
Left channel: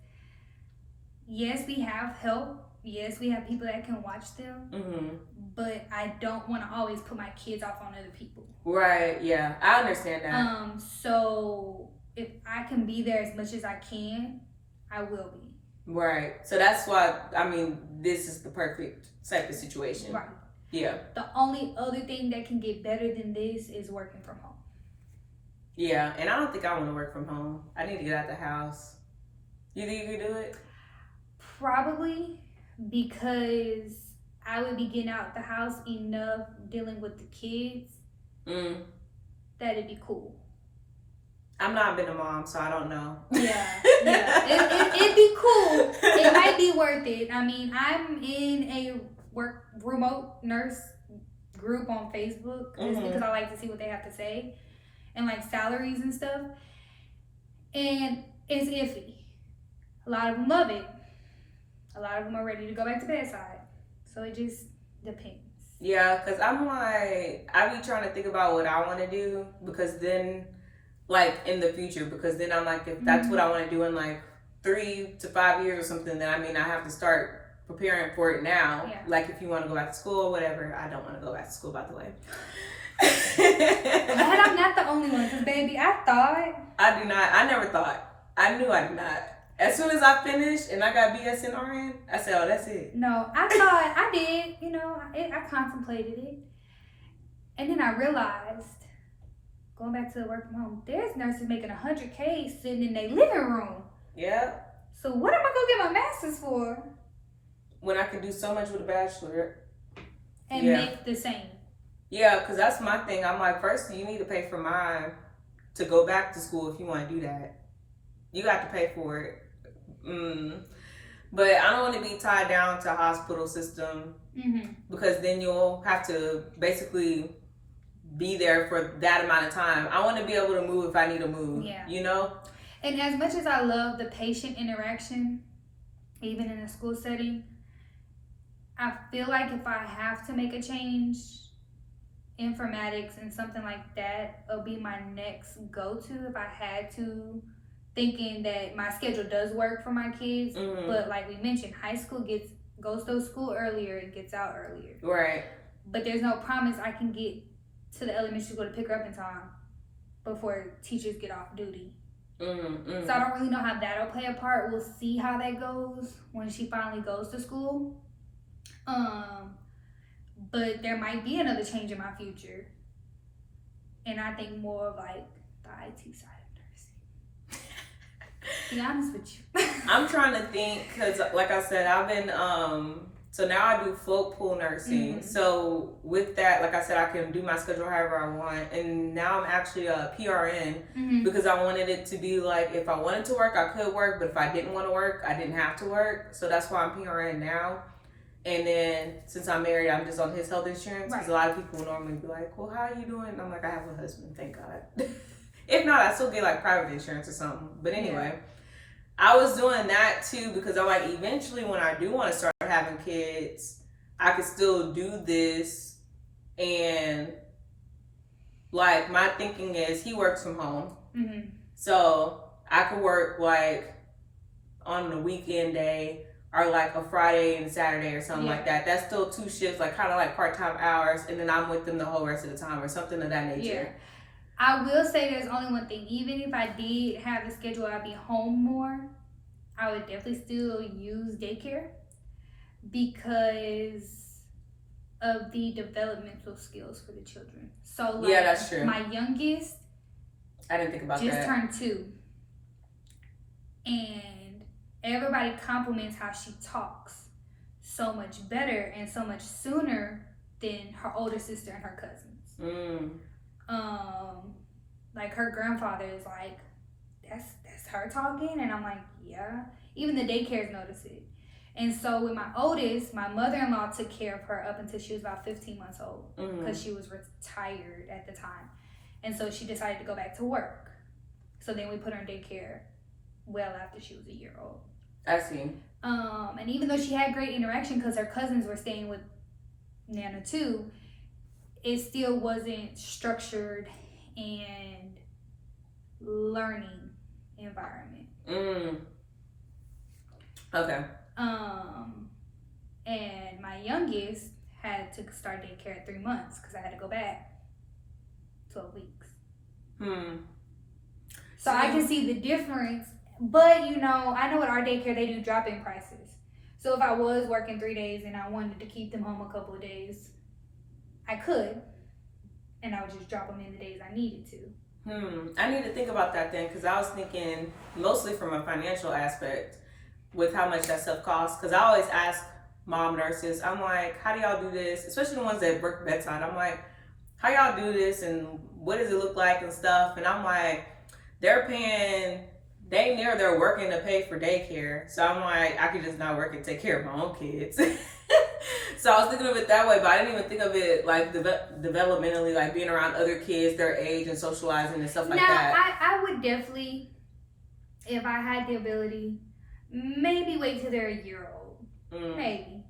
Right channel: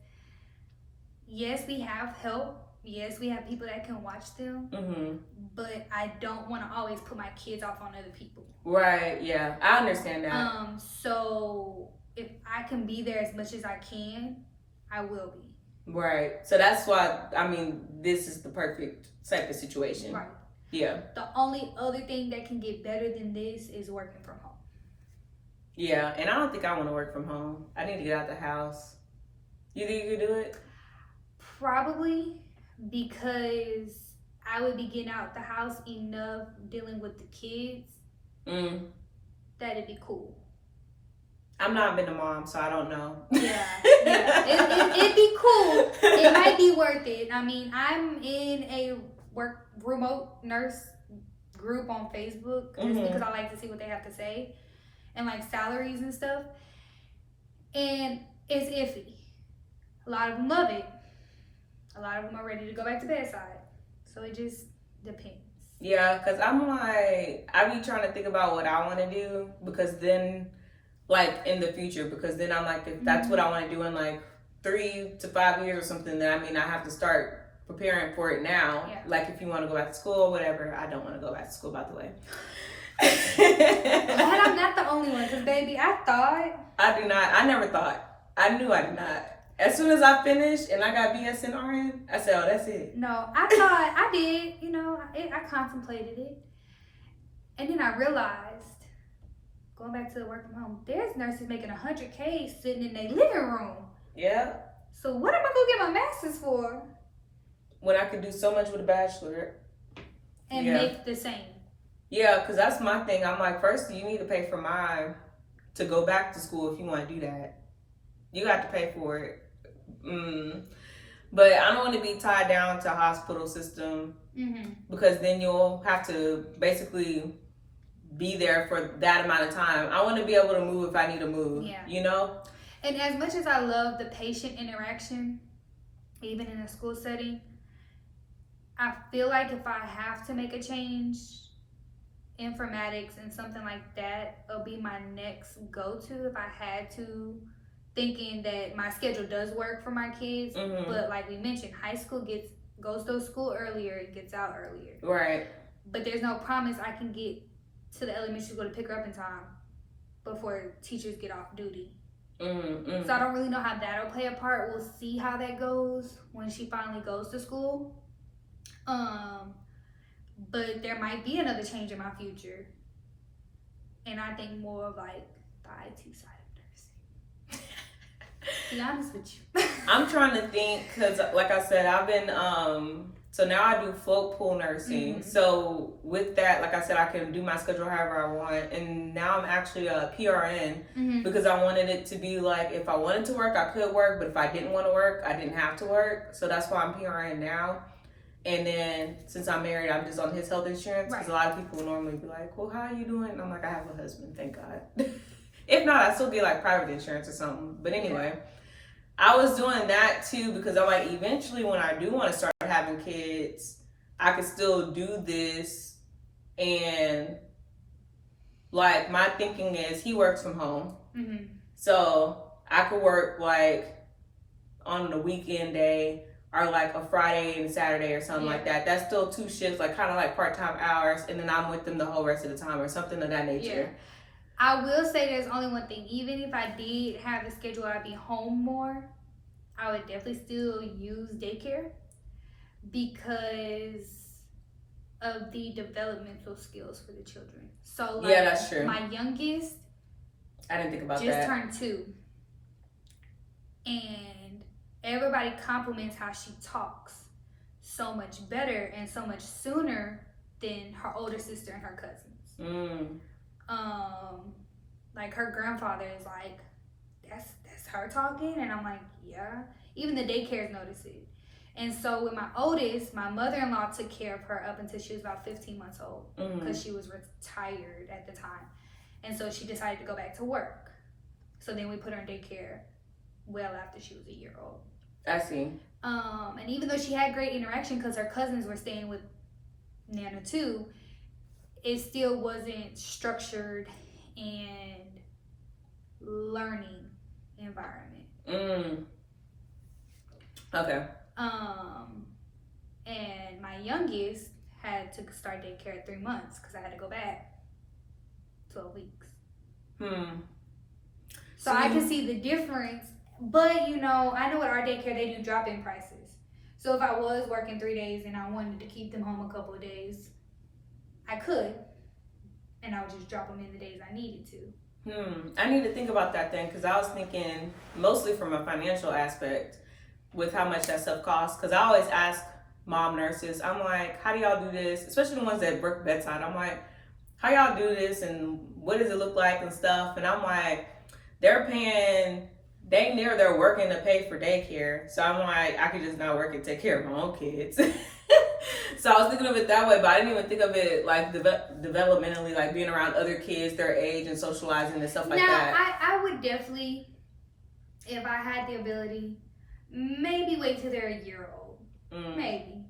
yes, we have help. Yes, we have people that can watch them. But I don't want to always put my kids off on other people. Right. Yeah, I understand that. So if I can be there as much as I can, I will be. Right. So that's why, I mean, this is the perfect type of situation. Right. Yeah. The only other thing that can get better than this is working from home. Yeah, and I don't think I want to work from home. I need to get out the house. You think you could do it? Probably, because I would be getting out the house enough dealing with the kids that it'd be cool. I'm not been a mom, so I don't know. Yeah. It'd be cool. It might be worth it. I mean, I'm in a remote nurse group on Facebook just because I like to see what they have to say and like salaries and stuff. And it's iffy. A lot of them love it. A lot of them are ready to go back to bedside. So it just depends. Yeah, because I'm like, I be trying to think about what I want to do, because then, like, in the future, because then I'm like, if that's what I want to do in like 3 to 5 years or something, then I mean, I have to start preparing for it now. Yeah. Like, if you want to go back to school or whatever. I don't want to go back to school, by the way. Glad I'm not the only one, because baby, I thought. I do not. I never thought. I knew I did not. As soon as I finished and I got BS and RN, I said, oh, that's it. No, I thought I did. You know, I contemplated it. And then I realized, going back to the work from home, there's nurses making $100K sitting in their living room. Yeah. So what am I going to get my master's for? When I can do so much with a bachelor. And make the same. Yeah, because that's my thing. I'm like, first, you need to pay for mine to go back to school if you want to do that. You got to pay for it. But I don't want to be tied down to a hospital system, because then you'll have to basically be there for that amount of time. I want to be able to move if I need to move, you know? And as much as I love the patient interaction, even in a school setting, I feel like if I have to make a change, informatics and something like that will be my next go-to if I had to, thinking that my schedule does work for my kids. But like we mentioned, high school goes to school earlier, it gets out earlier. Right. But there's no promise I can get to the elementary school to pick her up in time before teachers get off duty. So I don't really know how that'll play a part. We'll see how that goes when she finally goes to school. But there might be another change in my future. And I think more of like the IT side of nursing. To be honest with you. I'm trying to think, because like I said, I've been, so now I do float pool nursing. So with that, like I said, I can do my schedule however I want. And now I'm actually a PRN because I wanted it to be like, if I wanted to work, I could work. But if I didn't want to work, I didn't have to work. So that's why I'm PRN now. And then since I'm married, I'm just on his health insurance. Because a lot of people normally be like, well, how are you doing? And I'm like, I have a husband, thank God. If not, I still get like private insurance or something. But anyway, I was doing that too because I'm like, eventually when I do want to start having kids, I could still do this and like my thinking is he works from home. Mm-hmm. So I could work like on the weekend day or like a Friday and Saturday or something like that. That's still 2 shifts, like kind of like part-time hours, and then I'm with them the whole rest of the time or something of that nature. Yeah. I will say there's only one thing. Even if I did have the schedule, I'd be home more, I would definitely still use daycare because of the developmental skills for the children. So like, yeah, that's true. My youngest, I didn't think about just that. turned 2, and everybody compliments how she talks so much better and so much sooner than her older sister and her cousins. Like her grandfather is like, that's her talking, and I'm like, yeah. Even the daycares notice it. And so with my oldest, my mother-in-law took care of her up until she was about 15 months old because she was retired at the time. And so she decided to go back to work. So then we put her in daycare well after she was a year old. I see. And even though she had great interaction because her cousins were staying with Nana too, it still wasn't structured and learning environment. Okay. And my youngest had to start daycare at 3 months because I had to go back 12 weeks. So I can see the difference, but you know, I know at our daycare they do drop-in prices. So if I was working 3 days and I wanted to keep them home a couple of days, I could, and I would just drop them in the days I needed to. I need to think about that then, because I was thinking mostly from a financial aspect with how much that stuff costs. Because I always ask mom nurses, I'm like, how do y'all do this? Especially the ones that work bedside. I'm like, how y'all do this and what does it look like and stuff? And I'm like, they're paying, they're working to pay for daycare. So I'm like, I could just not work and take care of my own kids. So I was thinking of it that way, but I didn't even think of it like developmentally, like being around other kids their age and socializing and stuff like that. Now, I would definitely, if I had the ability, maybe wait till they're a year old. Maybe.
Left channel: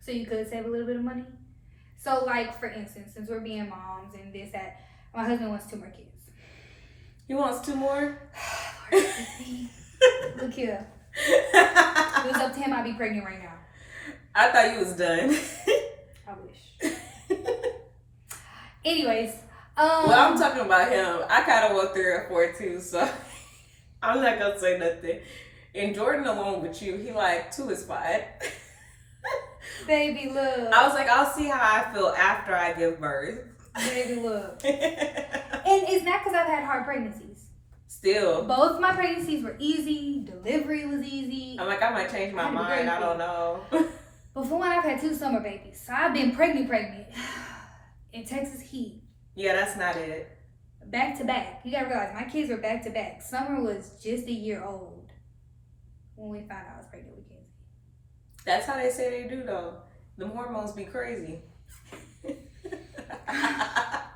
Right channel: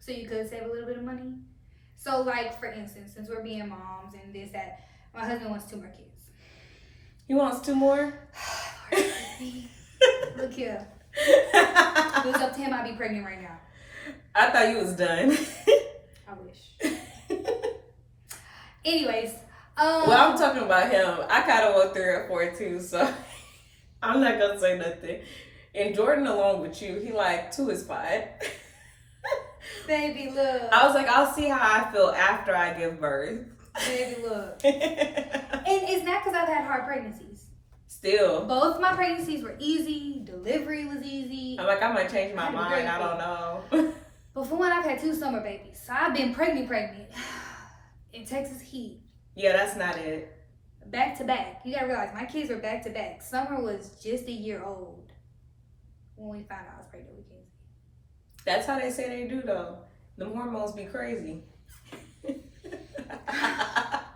So you could save a little bit of money. So like, for instance, since we're being moms and this, that, my husband wants 2 more kids. He wants 2 more? Look here. If it was up to him, I'd be pregnant right now. I thought you was done. I wish. Anyways. Well, I'm talking about him. I kind of want 3 or 4 too, so I'm not going to say nothing. And Jordan along with you, he like 2 is fine. Baby, look. I was like, I'll see how I feel after I give birth. Baby, look. And it's not because I've had hard pregnancies. Still. Both my pregnancies were easy. Delivery was easy. I'm like, I might change my mind. I don't know. But for one, I've had 2 summer babies. So I've been pregnant. In Texas heat. Yeah, that's not it. Back to back. You gotta realize, my kids were back to back. Summer was just a year old when we found out I was pregnant with Kenzie. That's how they say they do, though. The hormones be crazy.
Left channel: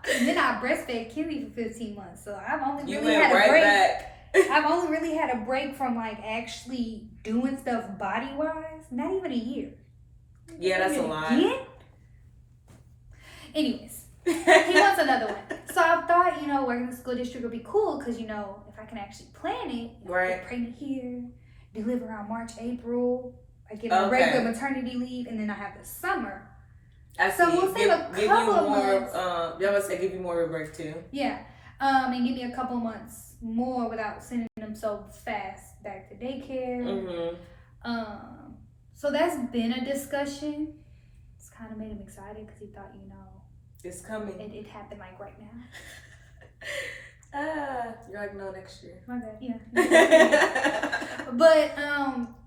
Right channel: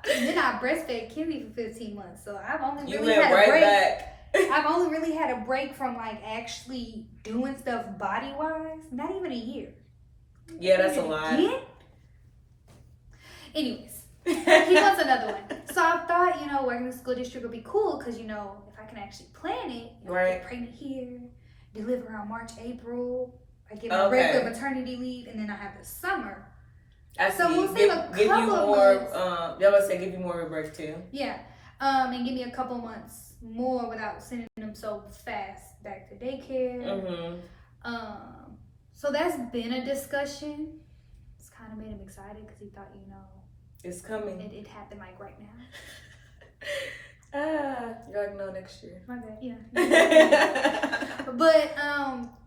And then I breastfed Kenzie for 15 months, so I've only You really went had a right break. back. I've only really had a break from like actually doing stuff body wise. Not even a year. Yeah, that's a lot. Again? Anyways, he wants another one. So I thought, you know, working in the school district would be cool because, you know, if I can actually plan it, Right. get pregnant here, deliver around March, April, I get my regular maternity leave, and then I have the summer. So we'll save a couple of months. Y'all must say give you more of a break too. Yeah. And give me a couple months more without sending them so fast back to daycare. So that's been a discussion. It's kind of made him excited because he thought, you know, it's coming. It happened like right now. You're like, no, next year. My bad, yeah. But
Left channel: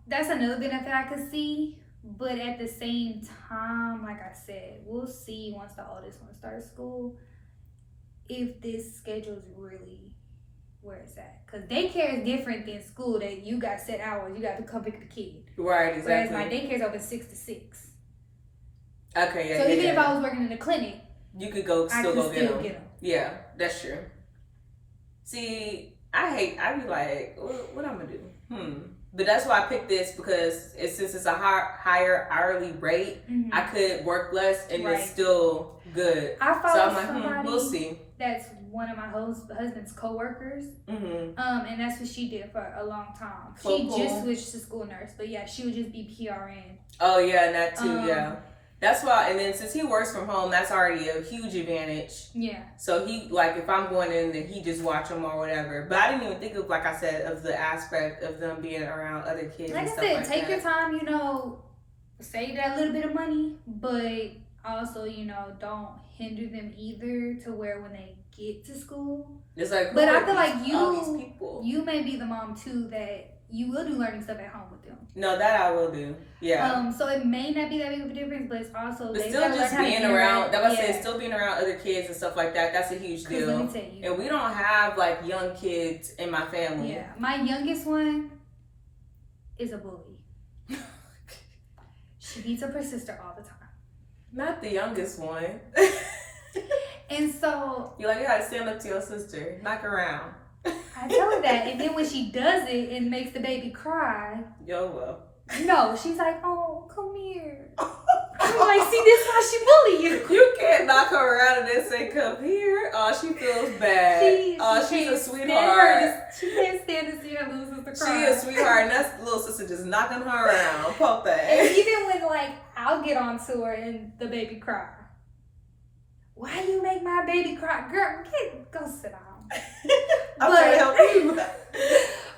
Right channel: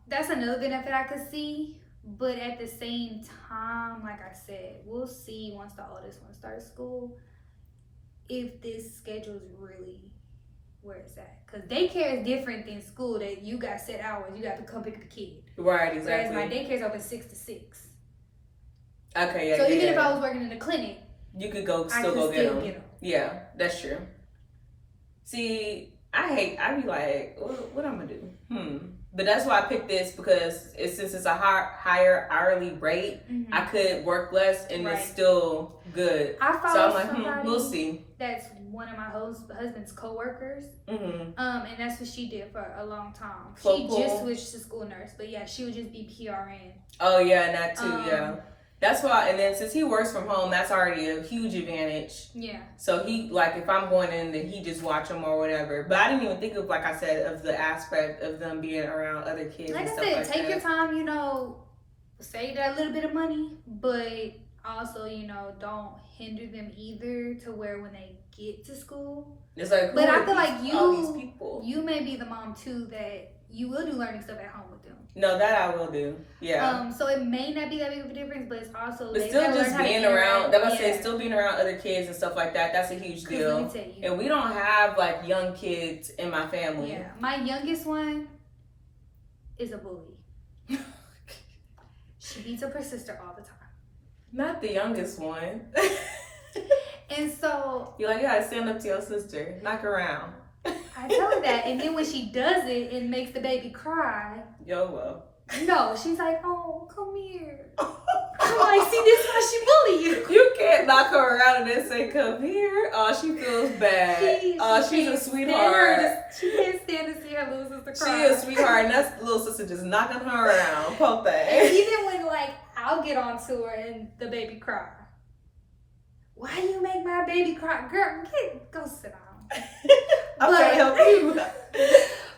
that's another benefit I could see. But at the same time, like I said, we'll see once the oldest one starts school if this schedule is really where it's at. Because daycare is different than school, that you got set hours. You got to come pick up the kid. Right, exactly. Whereas my daycare is open 6 to 6. Okay, yeah. So even yeah. if I was working in a clinic, you could still go get them. Yeah, that's true. See, I be like, what I'm gonna do? But that's why I picked this, because since it's a higher hourly rate, I could work less and it's still good. I So follow I'm like, somebody we'll see. that's one of my husband's co-workers. And that's what she did for a long time. She just switched to school nurse, but yeah, she would just be PRN. Oh yeah, and that too, yeah. That's why, and then since he works from home, that's already a huge advantage. Yeah. So he, like, if I'm going in, then he just watch them or whatever. But I didn't even think of, like I said, of the aspect of them being around other kids. Like I said, take your time, you know, save that little bit of money, but also, you know, don't hinder them either to where when they get to school. It's like, but I feel like you may be the mom too that you will do learning stuff at home with them. No, that I will do. Yeah. So it may not be that big of a difference, but it's also it's still just being around. That was saying, still being around other kids and stuff like that. That's a huge deal. Let me tell you, and we don't have like young kids in my family. Yeah, my youngest one is a bully. She beats up her sister all the time. Not the youngest one. And so you gotta stand up to your sister. Knock her around. I tell her that, and then when she does it, it makes the baby cry. Well. No, she's like, "Oh, come here." I'm like, "See, this is why she bully you." You can't knock her around and then say, "Come here." Oh, she feels bad. She's a sweetheart. She can't stand to see her little sister cry. She is a sweetheart, and that's the little sister just knocking her around. Poor thing. And even when I'll get onto her and the baby cry. Why you make my baby cry, girl? Go sit down. I'm trying to help you.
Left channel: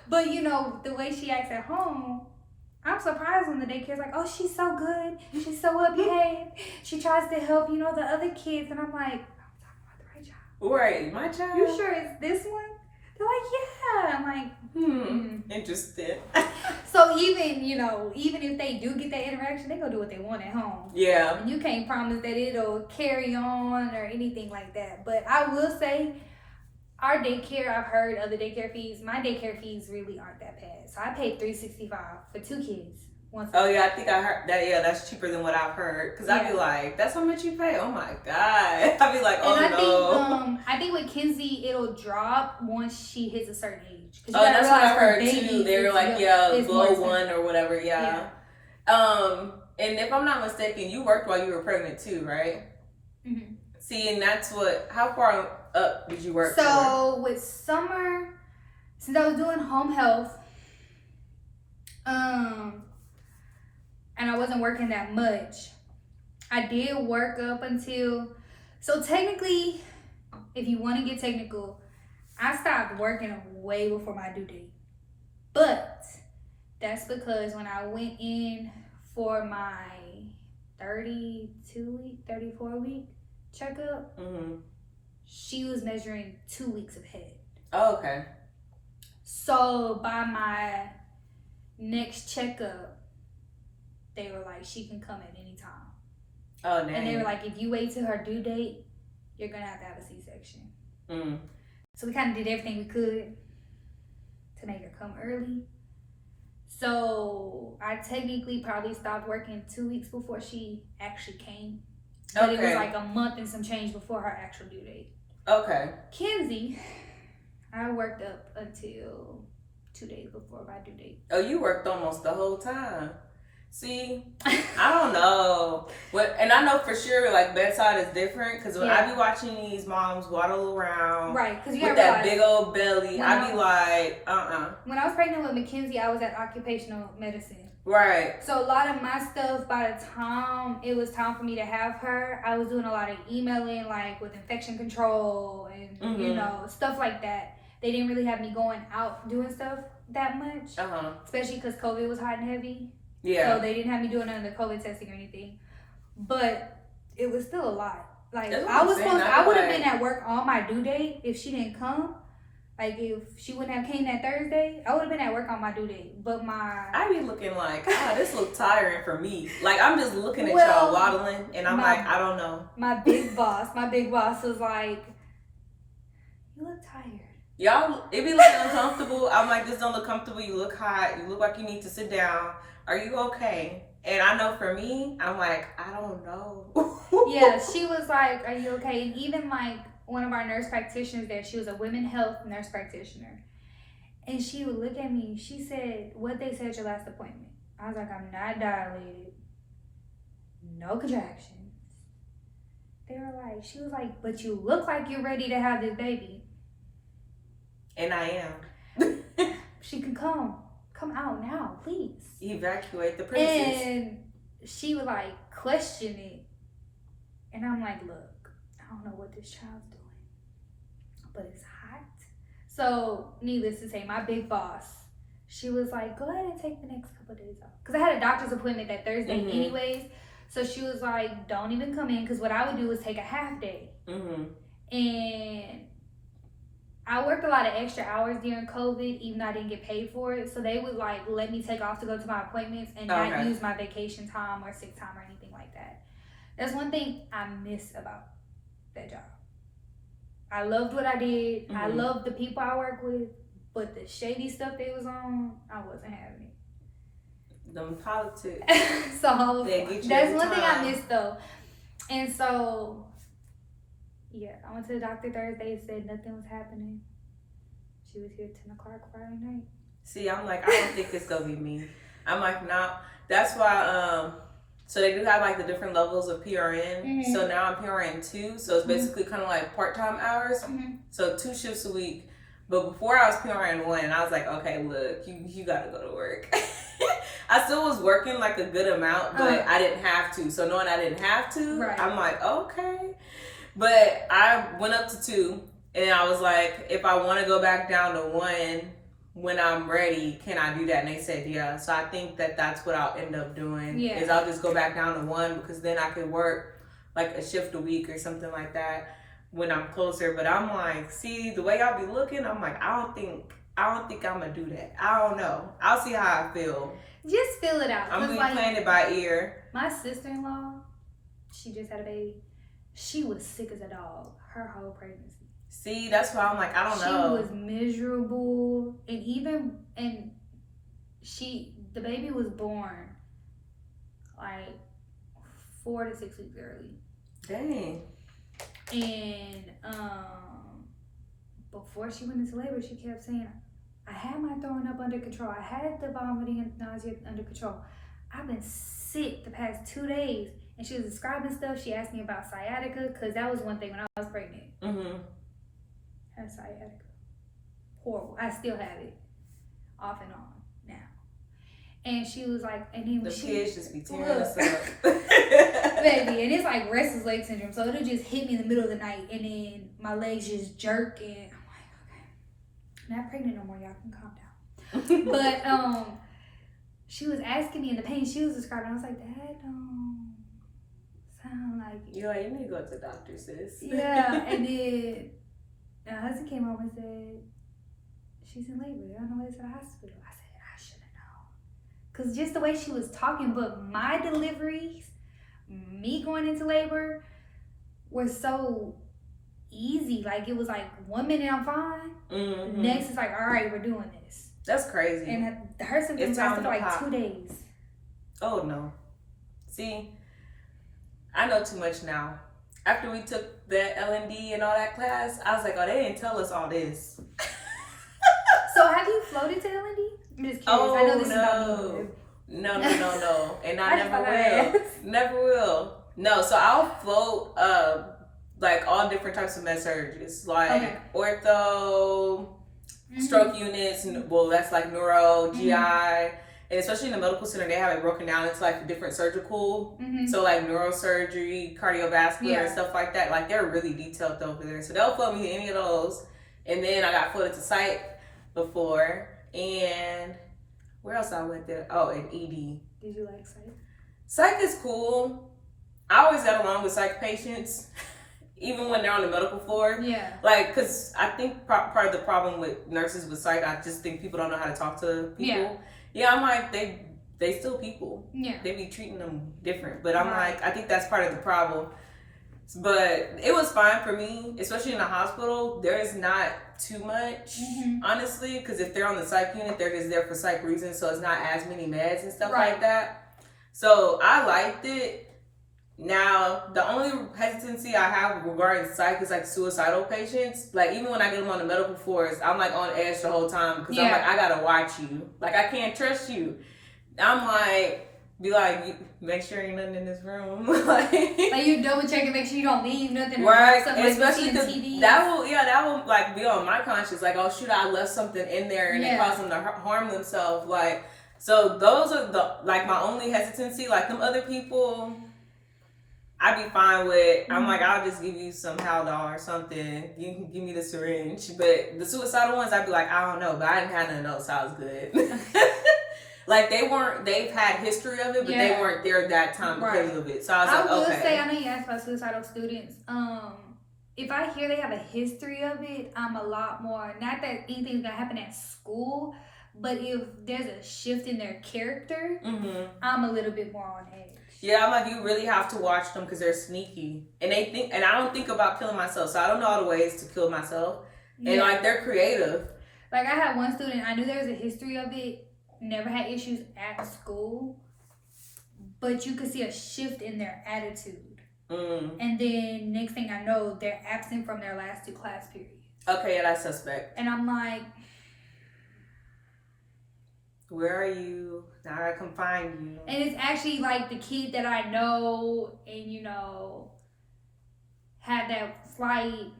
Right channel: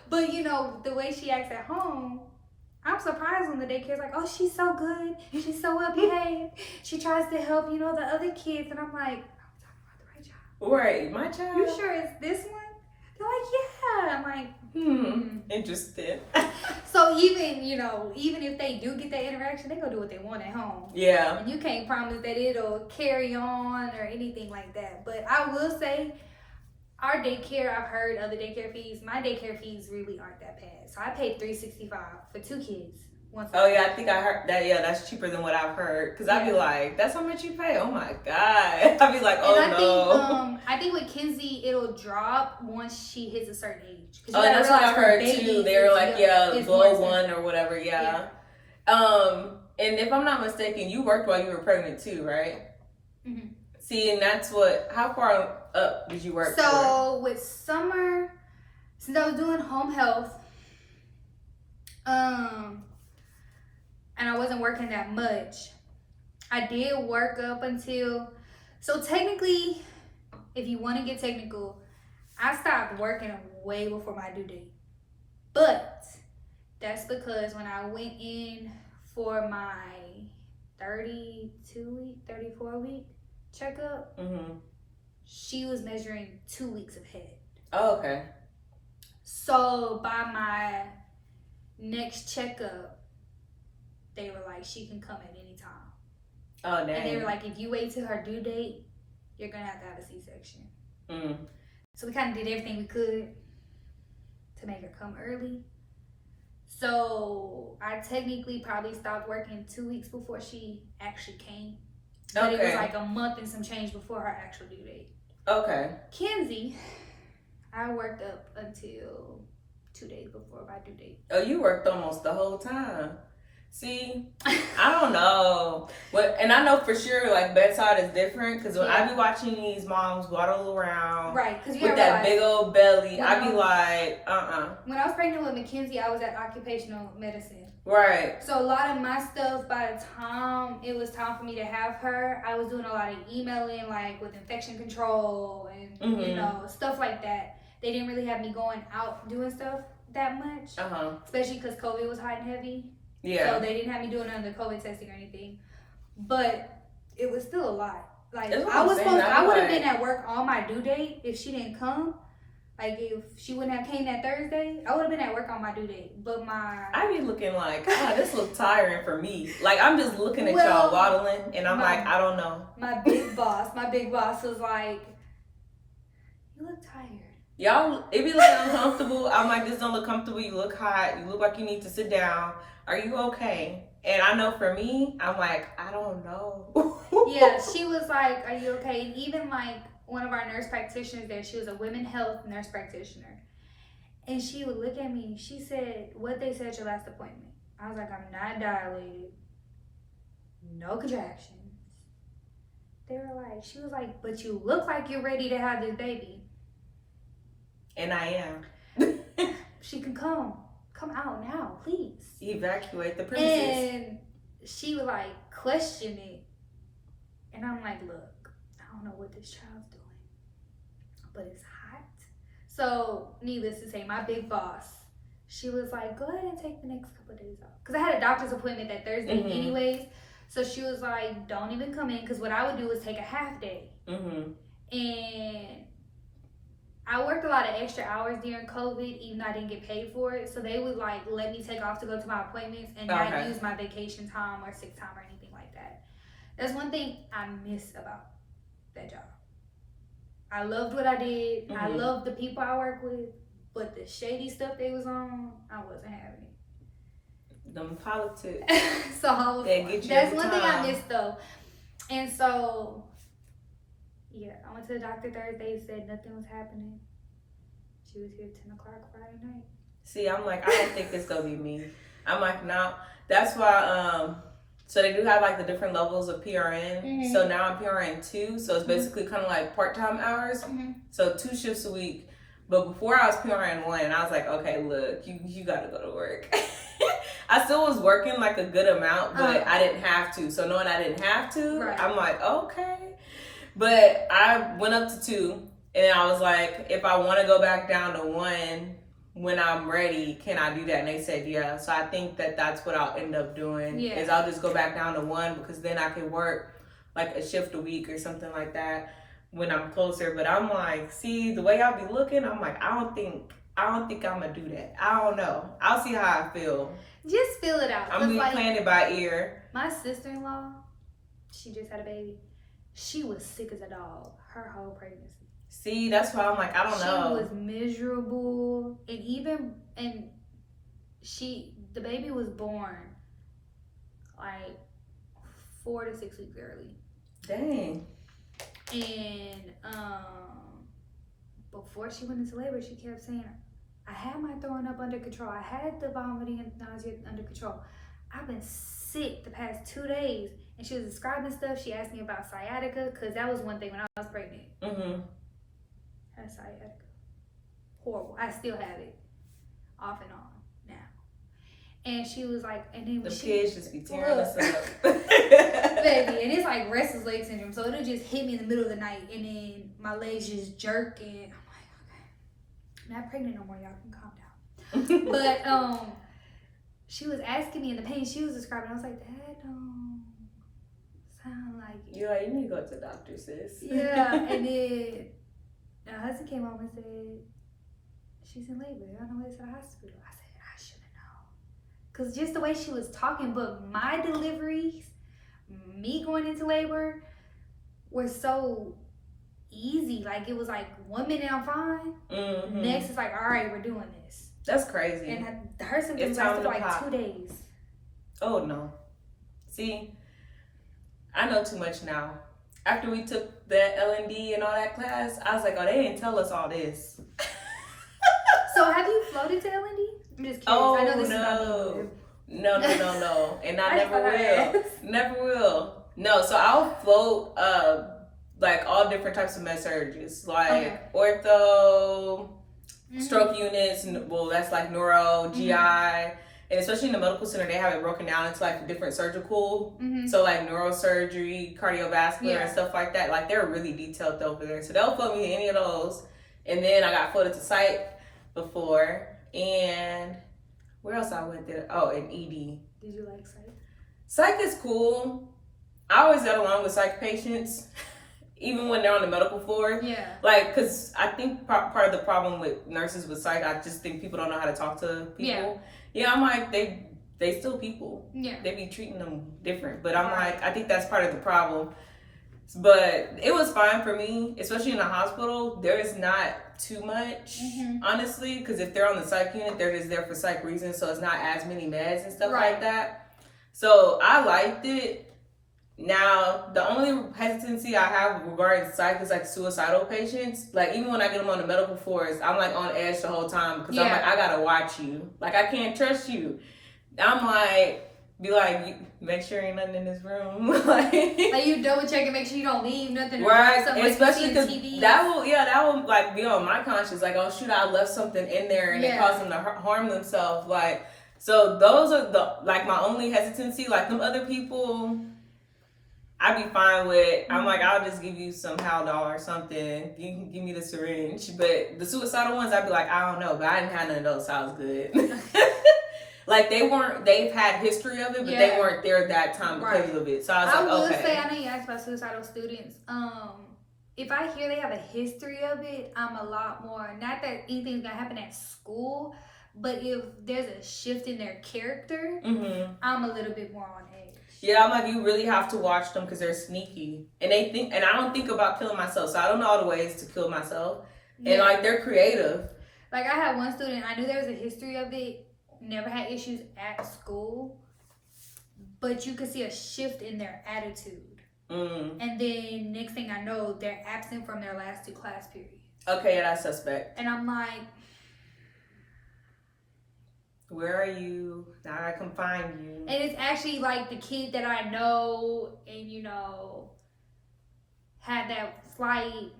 But you know, the way she acts at home, I'm surprised when the daycare's like, "Oh, she's so good. She's so well behaved. She tries to help, you know, the other kids." And I'm like, "I'm talking about the right child." Right, my child. You sure it's this one? They're like, "Yeah." I'm like, Interesting. So even if they do get that interaction, they gonna do what they want at home. Yeah. And you can't promise that it'll carry on or anything like that. But I will say, our daycare, I've heard other daycare fees. My daycare fees really aren't that bad. So I paid $365 for 2 kids. Oh yeah, I think I heard that. Yeah, that's cheaper than what I've heard. Cause I'd be like, "That's how much you pay?" Oh my god. I'd be like, "Oh no." I think with Kenzie, it'll drop once she hits a certain age. That's what I've heard too. They're like, below 1 or whatever. Yeah. And if I'm not mistaken, you worked while you were pregnant too, right? Mm-hmm. See, and that's how far up did you work? So with summer, since I was doing home health, and I wasn't working that much, I did work up until, so technically, if you want to get technical, I stopped working way before my due date. But that's because when I went in for my 34-week checkup, she was measuring 2 weeks ahead. Oh, okay. So by my next checkup, they were like, she can come at any time. Oh, dang. And they were like, if you wait till her due date, you're going to have a C-section. So we kind of did everything we could to make her come early. So I technically probably stopped working 2 weeks before she actually came. But it was like a month and some change before her actual due date. Okay. Kenzie, I worked up until 2 days before my due date. Oh, you worked almost the whole time. See, I don't know. And I know for sure, like, bedside is different. Because when I be watching these moms waddle around. Right. Cause you with that big old belly, I be like, When I was pregnant with Mackenzie, I was at occupational medicine. Right. So a lot of my stuff, by the time it was time for me to have her, I was doing a lot of emailing, like, with infection control and, you know, stuff like that. They didn't really have me going out doing stuff that much. Especially because COVID was hot and heavy. Yeah. So they didn't have me doing none of the COVID testing or anything. But it was still a lot. Like, I would have been at work on my due date if she didn't come. Like, if she wouldn't have came that Thursday, I would have been at work on my due date. But I'd be looking like, this looks tiring for me. Like, I'm just looking at y'all waddling, and I'm like, I don't know. My big boss was like, you look tired. Y'all, it be looking uncomfortable. I'm like, this don't look comfortable. You look hot. You look like you need to sit down. Are you okay? And I know for me, I'm like, I don't know. Yeah, she was like, are you okay? And even like one of our nurse practitioners there, she was a women's health nurse practitioner. And she would look at me. She said, what they said at your last appointment? I was like, I'm not dilated. No contractions. They were like, she was like, but you look like you're ready to have this baby. And I am. She can come out now, please. Evacuate the princess. And she would like question it. And I'm like, look, I don't know what this child's doing, but it's hot. So needless to say, my big boss, she was like, go ahead and take the next couple of days off. Because I had a doctor's appointment that Thursday anyways. So she was like, don't even come in. Because what I would do was take a half day. And I worked a lot of extra hours during COVID, even though I didn't get paid for it. So they would like let me take off to go to my appointments and not use my vacation time or sick time or anything like that. That's one thing I miss about that job. I loved what I did. I loved the people I work with. But the shady stuff they was on, I wasn't having it. Them politics. So that's one thing I missed though. And so, yeah, I went to the doctor Thursday, said nothing was happening. She was here 10 o'clock Friday night. See, I'm like, I don't think it's gonna be me. I'm like, nah. That's why, so they do have like the different levels of PRN. So now I'm PRN 2, so it's basically kind of like part-time hours. So 2 shifts a week. But before I was PRN 1, I was like, okay, look, you gotta go to work. I still was working like a good amount, but I didn't have to. So knowing I didn't have to, I'm like, okay. But I went up to 2, and I was like, if I want to go back down to 1 when I'm ready, can I do that? And they said, yeah. So I think that's what I'll end up doing, is I'll just go back down to 1, because then I can work like a shift a week or something like that when I'm closer. But I'm like, see, the way y'all be looking, I'm like, I don't think I'm gonna do that. I don't know. I'll see how I feel. Just feel it out. I'm like, playing it by ear. My sister-in-law, she just had a baby. She was sick as a dog her whole pregnancy. See, that's why I'm like, I don't know. She was miserable, and the baby was born like 4 to 6 weeks early. Dang. And before she went into labor, she kept saying, I had my throwing up under control. I had the vomiting and nausea under control. I've been sick the past 2 days. And she was describing stuff. She asked me about sciatica, because that was one thing when I was pregnant. I had sciatica. Horrible. I still have it. Off and on now. And she was like, and then when the kids just be tearing us up. Baby, and it's like restless leg syndrome. So it'll just hit me in the middle of the night, and then my legs just jerk, and I'm like, okay, I'm not pregnant no more. Y'all can calm down. But she was asking me in the pain she was describing. I was like, that don't sound like it. Yeah, you need to go to the doctor, sis. Yeah, and then my husband came over and said, she's in labor. They're on the way to the hospital. I said, I should have known. Because just the way she was talking, but my deliveries, me going into labor, were so easy. Like, it was like 1 minute I'm fine. Next it's like, all right, we're doing this. That's crazy. And her symptoms lasted for like 2 days. Oh no. See, I know too much now. After we took the L&D and all that class, I was like, oh, they didn't tell us all this. So have you floated to L&D? I'm just curious. Oh, I know this no. is not No. And I never will. Never will. No, so I'll float like all different types of med surges, like ortho, stroke units, well, that's like neuro, GI, and especially in the medical center, they have it broken down into like different surgical, so like neurosurgery, cardiovascular, and stuff like that. Like, they're really detailed over there. So they'll float me to any of those. And then I got floated to psych before, and where else I went there? Oh, and ED. Did you like psych? Psych is cool. I always got along with psych patients, even when they're on the medical floor. Yeah. Like, because I think part of the problem with nurses with psych, I just think people don't know how to talk to people. Yeah, I'm like, they still people. Yeah. They be treating them different. But I'm like, I think that's part of the problem. But it was fine for me, especially in the hospital. There is not too much, honestly, because if they're on the psych unit, they're just there for psych reasons, so it's not as many meds and stuff like that. So I liked it. Now, the only hesitancy I have regarding psych is like suicidal patients. Like, even when I get them on the medical force, I'm like on edge the whole time because I'm like, I gotta watch you. Like, I can't trust you. I'm like, be like, make sure ain't nothing in this room. like you double check and make sure you don't leave nothing. Right, especially because that will like be on my conscience. Like, oh shoot, I left something in there and it caused them to harm themselves. Like, so those are the like my only hesitancy. Like them other people, I'd be fine with. I'm like, I'll just give you some Haldol or something. You can give me the syringe. But the suicidal ones, I'd be like, I don't know, but I didn't have none of those, so I was good. Like they've had history of it, but they weren't there that time because of it. So I was like, will say, I know you asked about suicidal students. If I hear they have a history of it, I'm a lot more, not that anything's gonna happen at school, but if there's a shift in their character, I'm a little bit more on edge. Yeah, I'm like, you really have to watch them because they're sneaky. And and I don't think about killing myself, so I don't know all the ways to kill myself. And like, they're creative. Like, I had one student, I knew there was a history of it, never had issues at school, but you could see a shift in their attitude. And then next thing I know, they're absent from their last 2 class periods. Okay, yeah, that's suspect. And I'm like, where are you? Now I can find you. And it's actually like the kid that I know and, you know, had that slight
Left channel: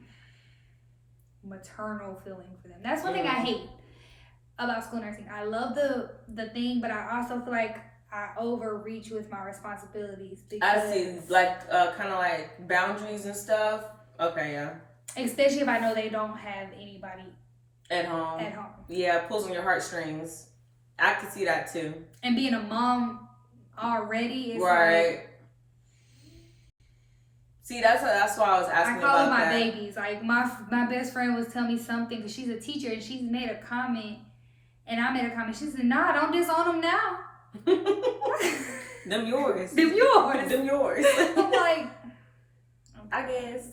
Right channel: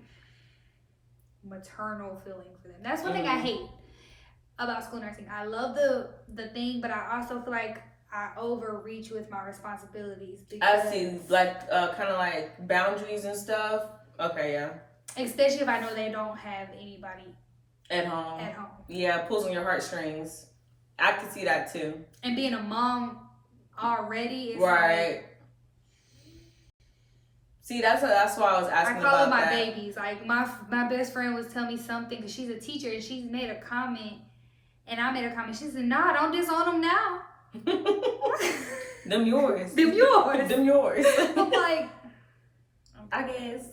maternal feeling for them. That's one thing I hate about school nursing. I love the thing, but I also feel like I overreach with my responsibilities. I see, like kind of like boundaries and stuff. Okay, yeah. Especially if I know they don't have anybody at home. Yeah, pulls on your heartstrings. I can see that too. And being a mom already is right. See, that's why I was asking about that. I call them my babies. Like my best friend was telling me something because she's a teacher and she's made a comment. And I made a comment. She said, "Nah, don't disown them now." Them yours. Them yours. Them yours. I'm like, I guess.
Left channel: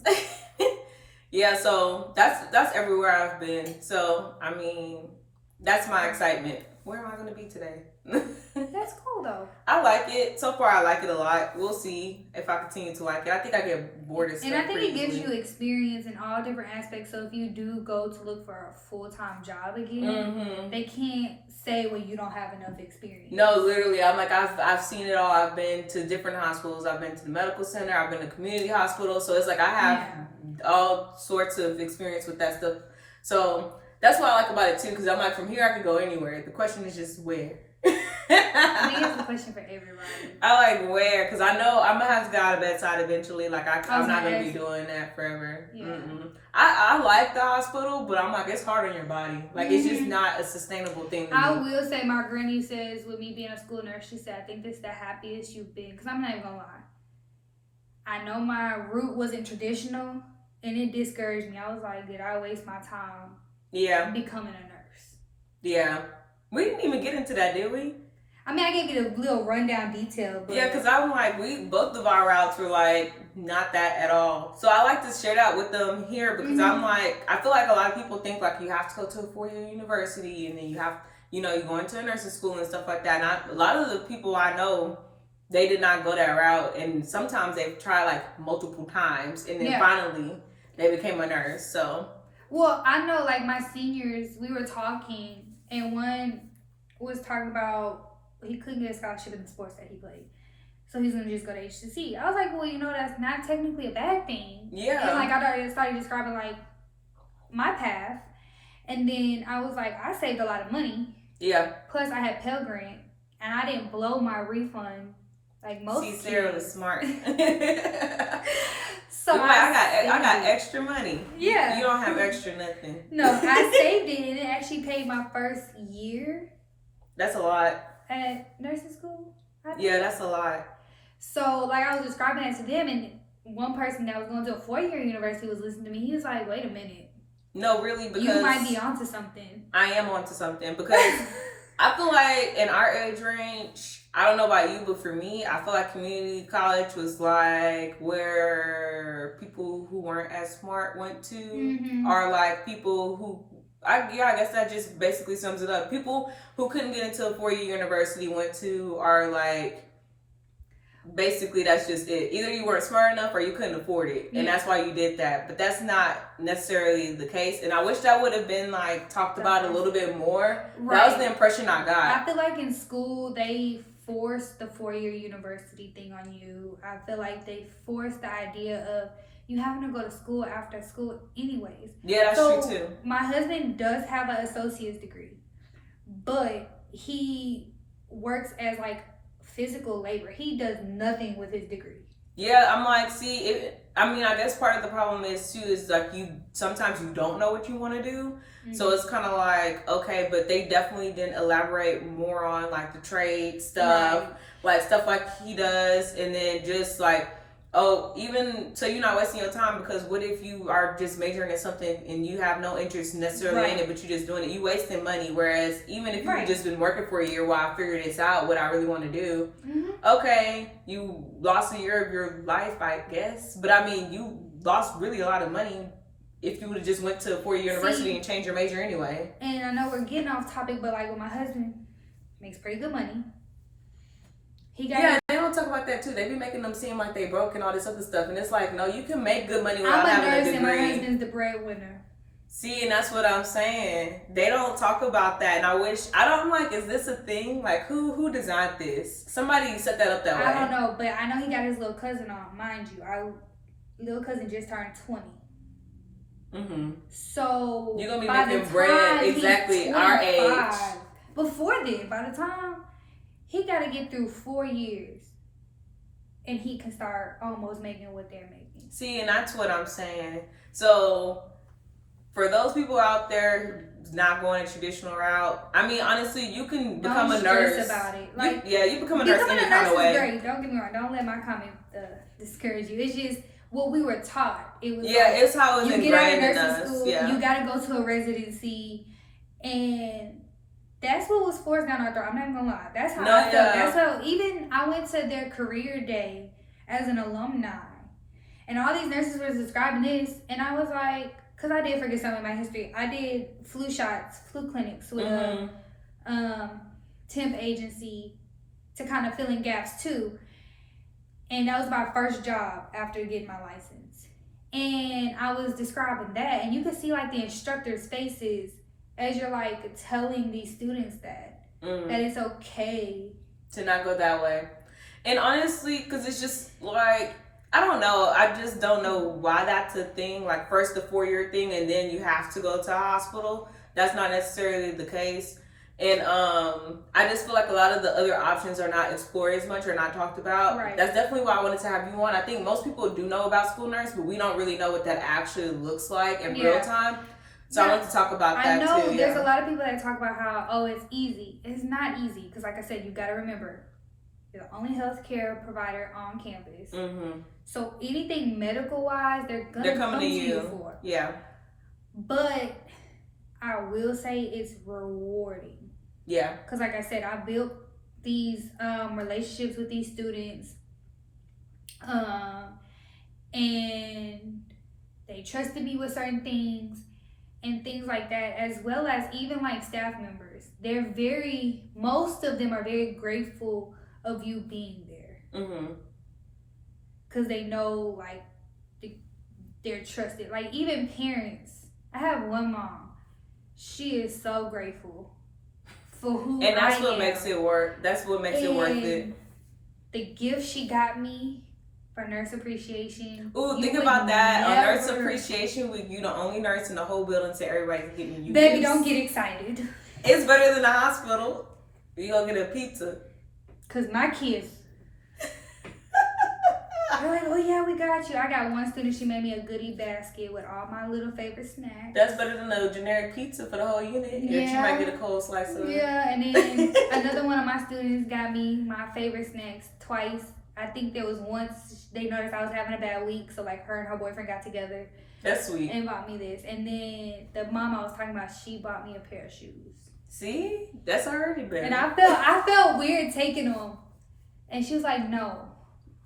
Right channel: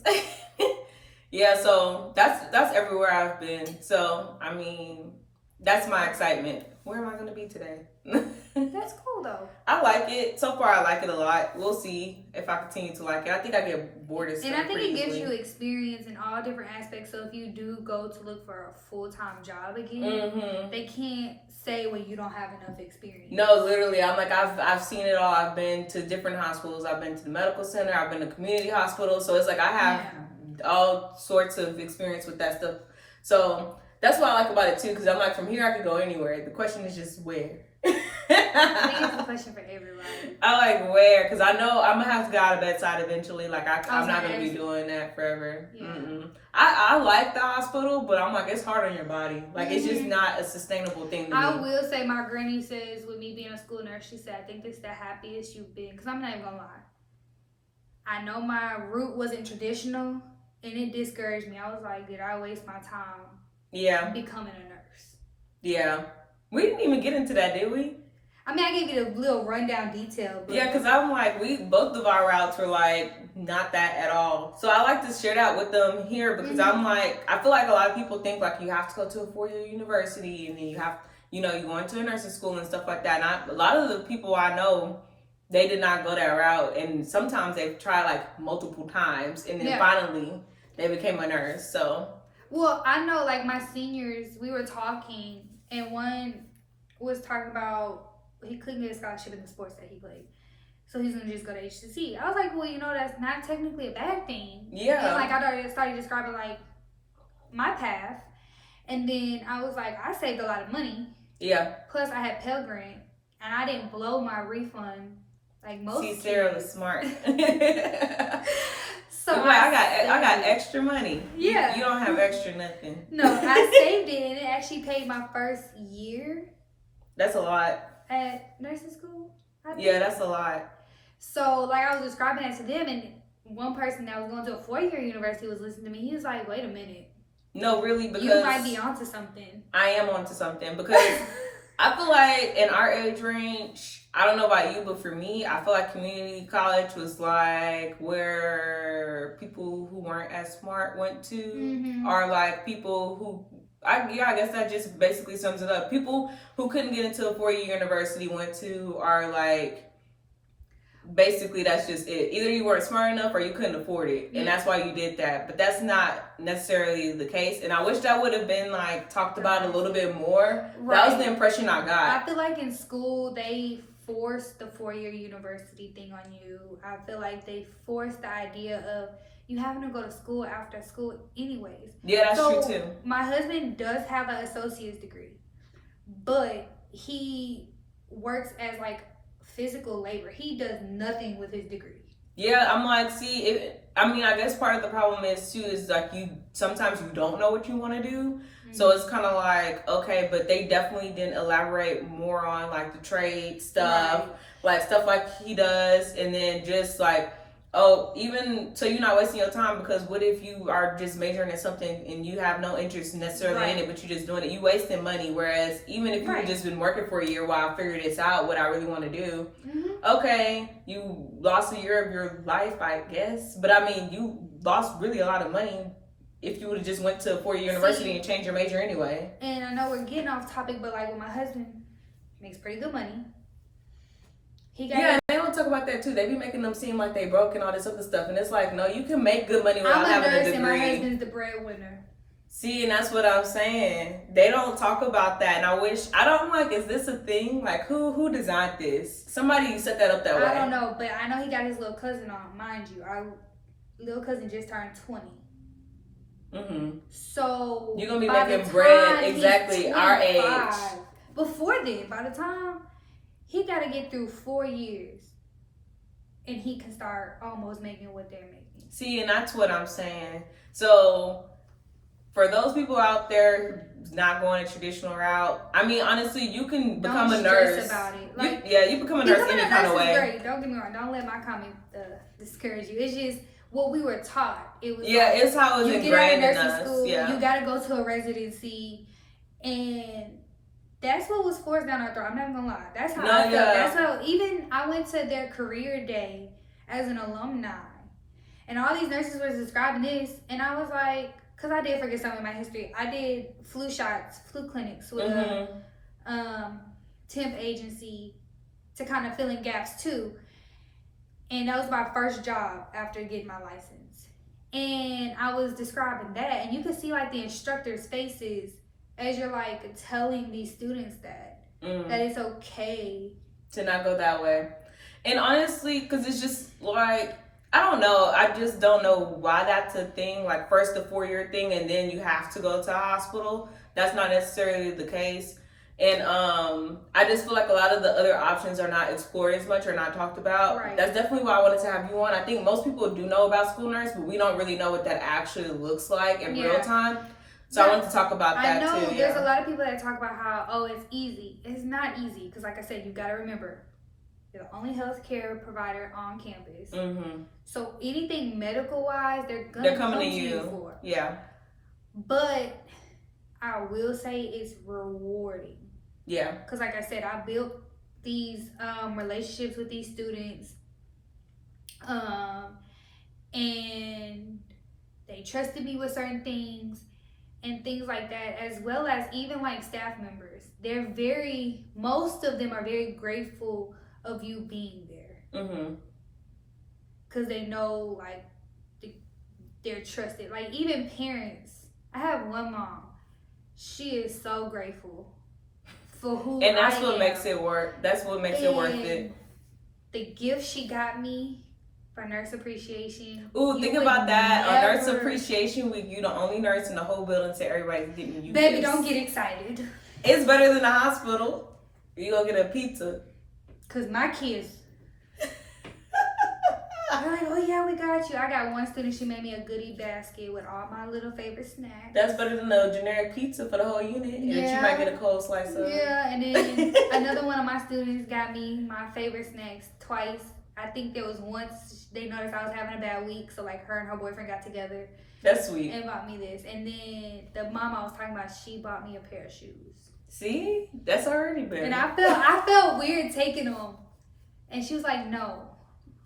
Yeah, so that's everywhere I've been. So, I mean, that's my excitement. Where am I going to be today? That's cool, though. I like it. So far, I like it a lot. We'll see if I continue to like it. I think I get bored as And I think it gives you experience in all different aspects. So if you do go to look for a full-time job again, they can't say, well, you don't have enough experience. No, literally. I'm like, I've seen it all. I've been to different hospitals. I've been to the medical center. I've been to community hospitals. So it's like I have all sorts of experience with that stuff. So that's what I like about it too, because I'm like, from here I can go anywhere. The question is just where. I think it's a question for everybody. I like where, because I know I'm gonna have to get out of bedside eventually. Like I'm not gonna be doing that forever. Yeah. I like the hospital, but I'm like, it's hard on your body. Like it's just not a sustainable thing to I me. will say, my granny says, with me being a school nurse, she said, I think this is the happiest you've been. Because I'm not even gonna lie, I know my route wasn't traditional, and it discouraged me. I was like, did I waste my time? Yeah. Becoming a nurse. Yeah. We didn't even get into that, did we? I mean, I gave you the little rundown detail. But... Yeah, because I'm like, both of our routes were like, not that at all. So I like to share that with them here because I'm like, I feel like a lot of people think like you have to go to a 4-year university and then you have, you know, you go into a nursing school and stuff like that. And a lot of the people I know, they did not go that route. And sometimes they've tried like multiple times and then finally they became a nurse. So. Well, I know like my seniors, we were talking and one was talking about he couldn't get a scholarship in the sports that he played. So he's going to just go to HCC. I was like, well, you know, that's not technically a bad thing. Yeah. And like I started describing like my path. And then I was like, I saved a lot of money. Yeah. Plus I had Pell Grant and I didn't blow my refund like most kids. Sarah was smart. So I got extra money. Yeah. You don't have extra nothing. No, I saved it and it actually paid my first year. That's a lot. At nursing school? Yeah, that's a lot. So, like, I was describing that to them, and one person that was going to a 4-year university was listening to me. He was like, wait a minute. No, really, because... You might be onto something. I am onto something, because I feel like in our age range, I don't know about you, but for me, I feel like community college was like where people who weren't as smart went to, or like people who... I guess that just basically sums it up. People who couldn't get into a 4-year university went to are like basically that's just it. Either you weren't smart enough or you couldn't afford it, and that's why you did that. But that's not necessarily the case, and I wish that would have been like talked about a little bit more. Right. That was the impression I got. I feel like in school they forced the 4-year university thing on you. I feel like they forced the idea of you having to go to school after school anyways. Yeah, that's true too. My husband does have an associate's degree, but he works as like physical labor. He does nothing with his degree. Yeah, I'm like, I guess part of the problem is too is like sometimes you don't know what you want to do. Mm-hmm. So it's kind of like, okay, but they definitely didn't elaborate more on like the trade stuff, like stuff like he does, and then just like, oh, even so you're not wasting your time, because what if you are just majoring in something and you have no interest necessarily in it, but you're just doing it? You wasting money. Whereas even if you've just been working for a year while I figure this out, what I really want to do, okay, you lost a year of your life, I guess. But I mean, you lost really a lot of money if you would have just went to a 4-year university and changed your major anyway. And I know we're getting off topic, but like with my husband, makes pretty good money. Yeah, they don't talk about that too. They be making them seem like they broke and all this other stuff, and it's like, no, you can make good money without having a degree. I'm a nurse, and my husband's the breadwinner. See, and that's what I'm saying. They don't talk about that, and I'm like, is this a thing? Like, who designed this? Somebody set that up that way. I don't know, but I know he got his little cousin on. Mind you, our little cousin just turned 20. Mm-hmm. So you're gonna be making bread exactly our age. Before then, by the time he got to get through 4 years, and he can start almost making what they're making. See, and that's what I'm saying. So, for those people out there not going a traditional route, I mean, honestly, you can become a nurse. Don't stress about it. Like, you become a nurse any kind of way. Great. Don't get me wrong. Don't let my comment discourage you. It's just what we were taught. It was it's how it was ingrained in us. You get out of nursing school, you got to go to a residency, and that's what was forced down our throat. I'm not even gonna lie. That's how I felt. That's how, even I went to their career day as an alumni, and all these nurses were describing this, and I was like, because I did forget some of my history. I did flu shots, flu clinics with a temp agency to kind of fill in gaps too. And that was my first job after getting my license. And I was describing that, and you could see like the instructors' faces as you're like telling these students that it's okay to not go that way. And honestly, because it's just like, I don't know. I just don't know why that's a thing. Like, first the 4-year thing, and then you have to go to a hospital. That's not necessarily the case. And I just feel like a lot of the other options are not explored as much or not talked about. Right. That's definitely why I wanted to have you on. I think most people do know about school nurse, but we don't really know what that actually looks like in real time. So I wanted to talk about that too. I know there's a lot of people that talk about how, it's easy. It's not easy, because like I said, you got to remember, you're the only healthcare provider on campus. Mm-hmm. So anything medical-wise, they're coming to you for. Yeah. But I will say it's rewarding. Yeah. Because like I said, I built these relationships with these students. And they trusted me with certain things and things like that, as well as even like staff members. Most of them are very grateful of you being there. Mm-hmm. Because they know, like, they're trusted. Like, even parents. I have one mom. She is so grateful for who I am. And that's what makes it work. That's what makes it worth it. The gift she got me for Nurse Appreciation. Ooh, think about that. On Nurse Appreciation Week, you the only nurse in the whole building, so everybody can get you. Baby, don't get excited. It's better than the hospital. You gonna get a pizza. Because my kids... They're like, oh yeah, we got you. I got one student, she made me a goodie basket with all my little favorite snacks. That's better than the generic pizza for the whole unit. Yeah. She might get a cold slice of. Yeah, and then another one of my students got me my favorite snacks twice. I think there was once they noticed I was having a bad week, so like her and her boyfriend got together. That's sweet. And bought me this. And then the mom I was talking about, she bought me a pair of shoes. See? That's already better. And I felt weird taking them. And she was like, no.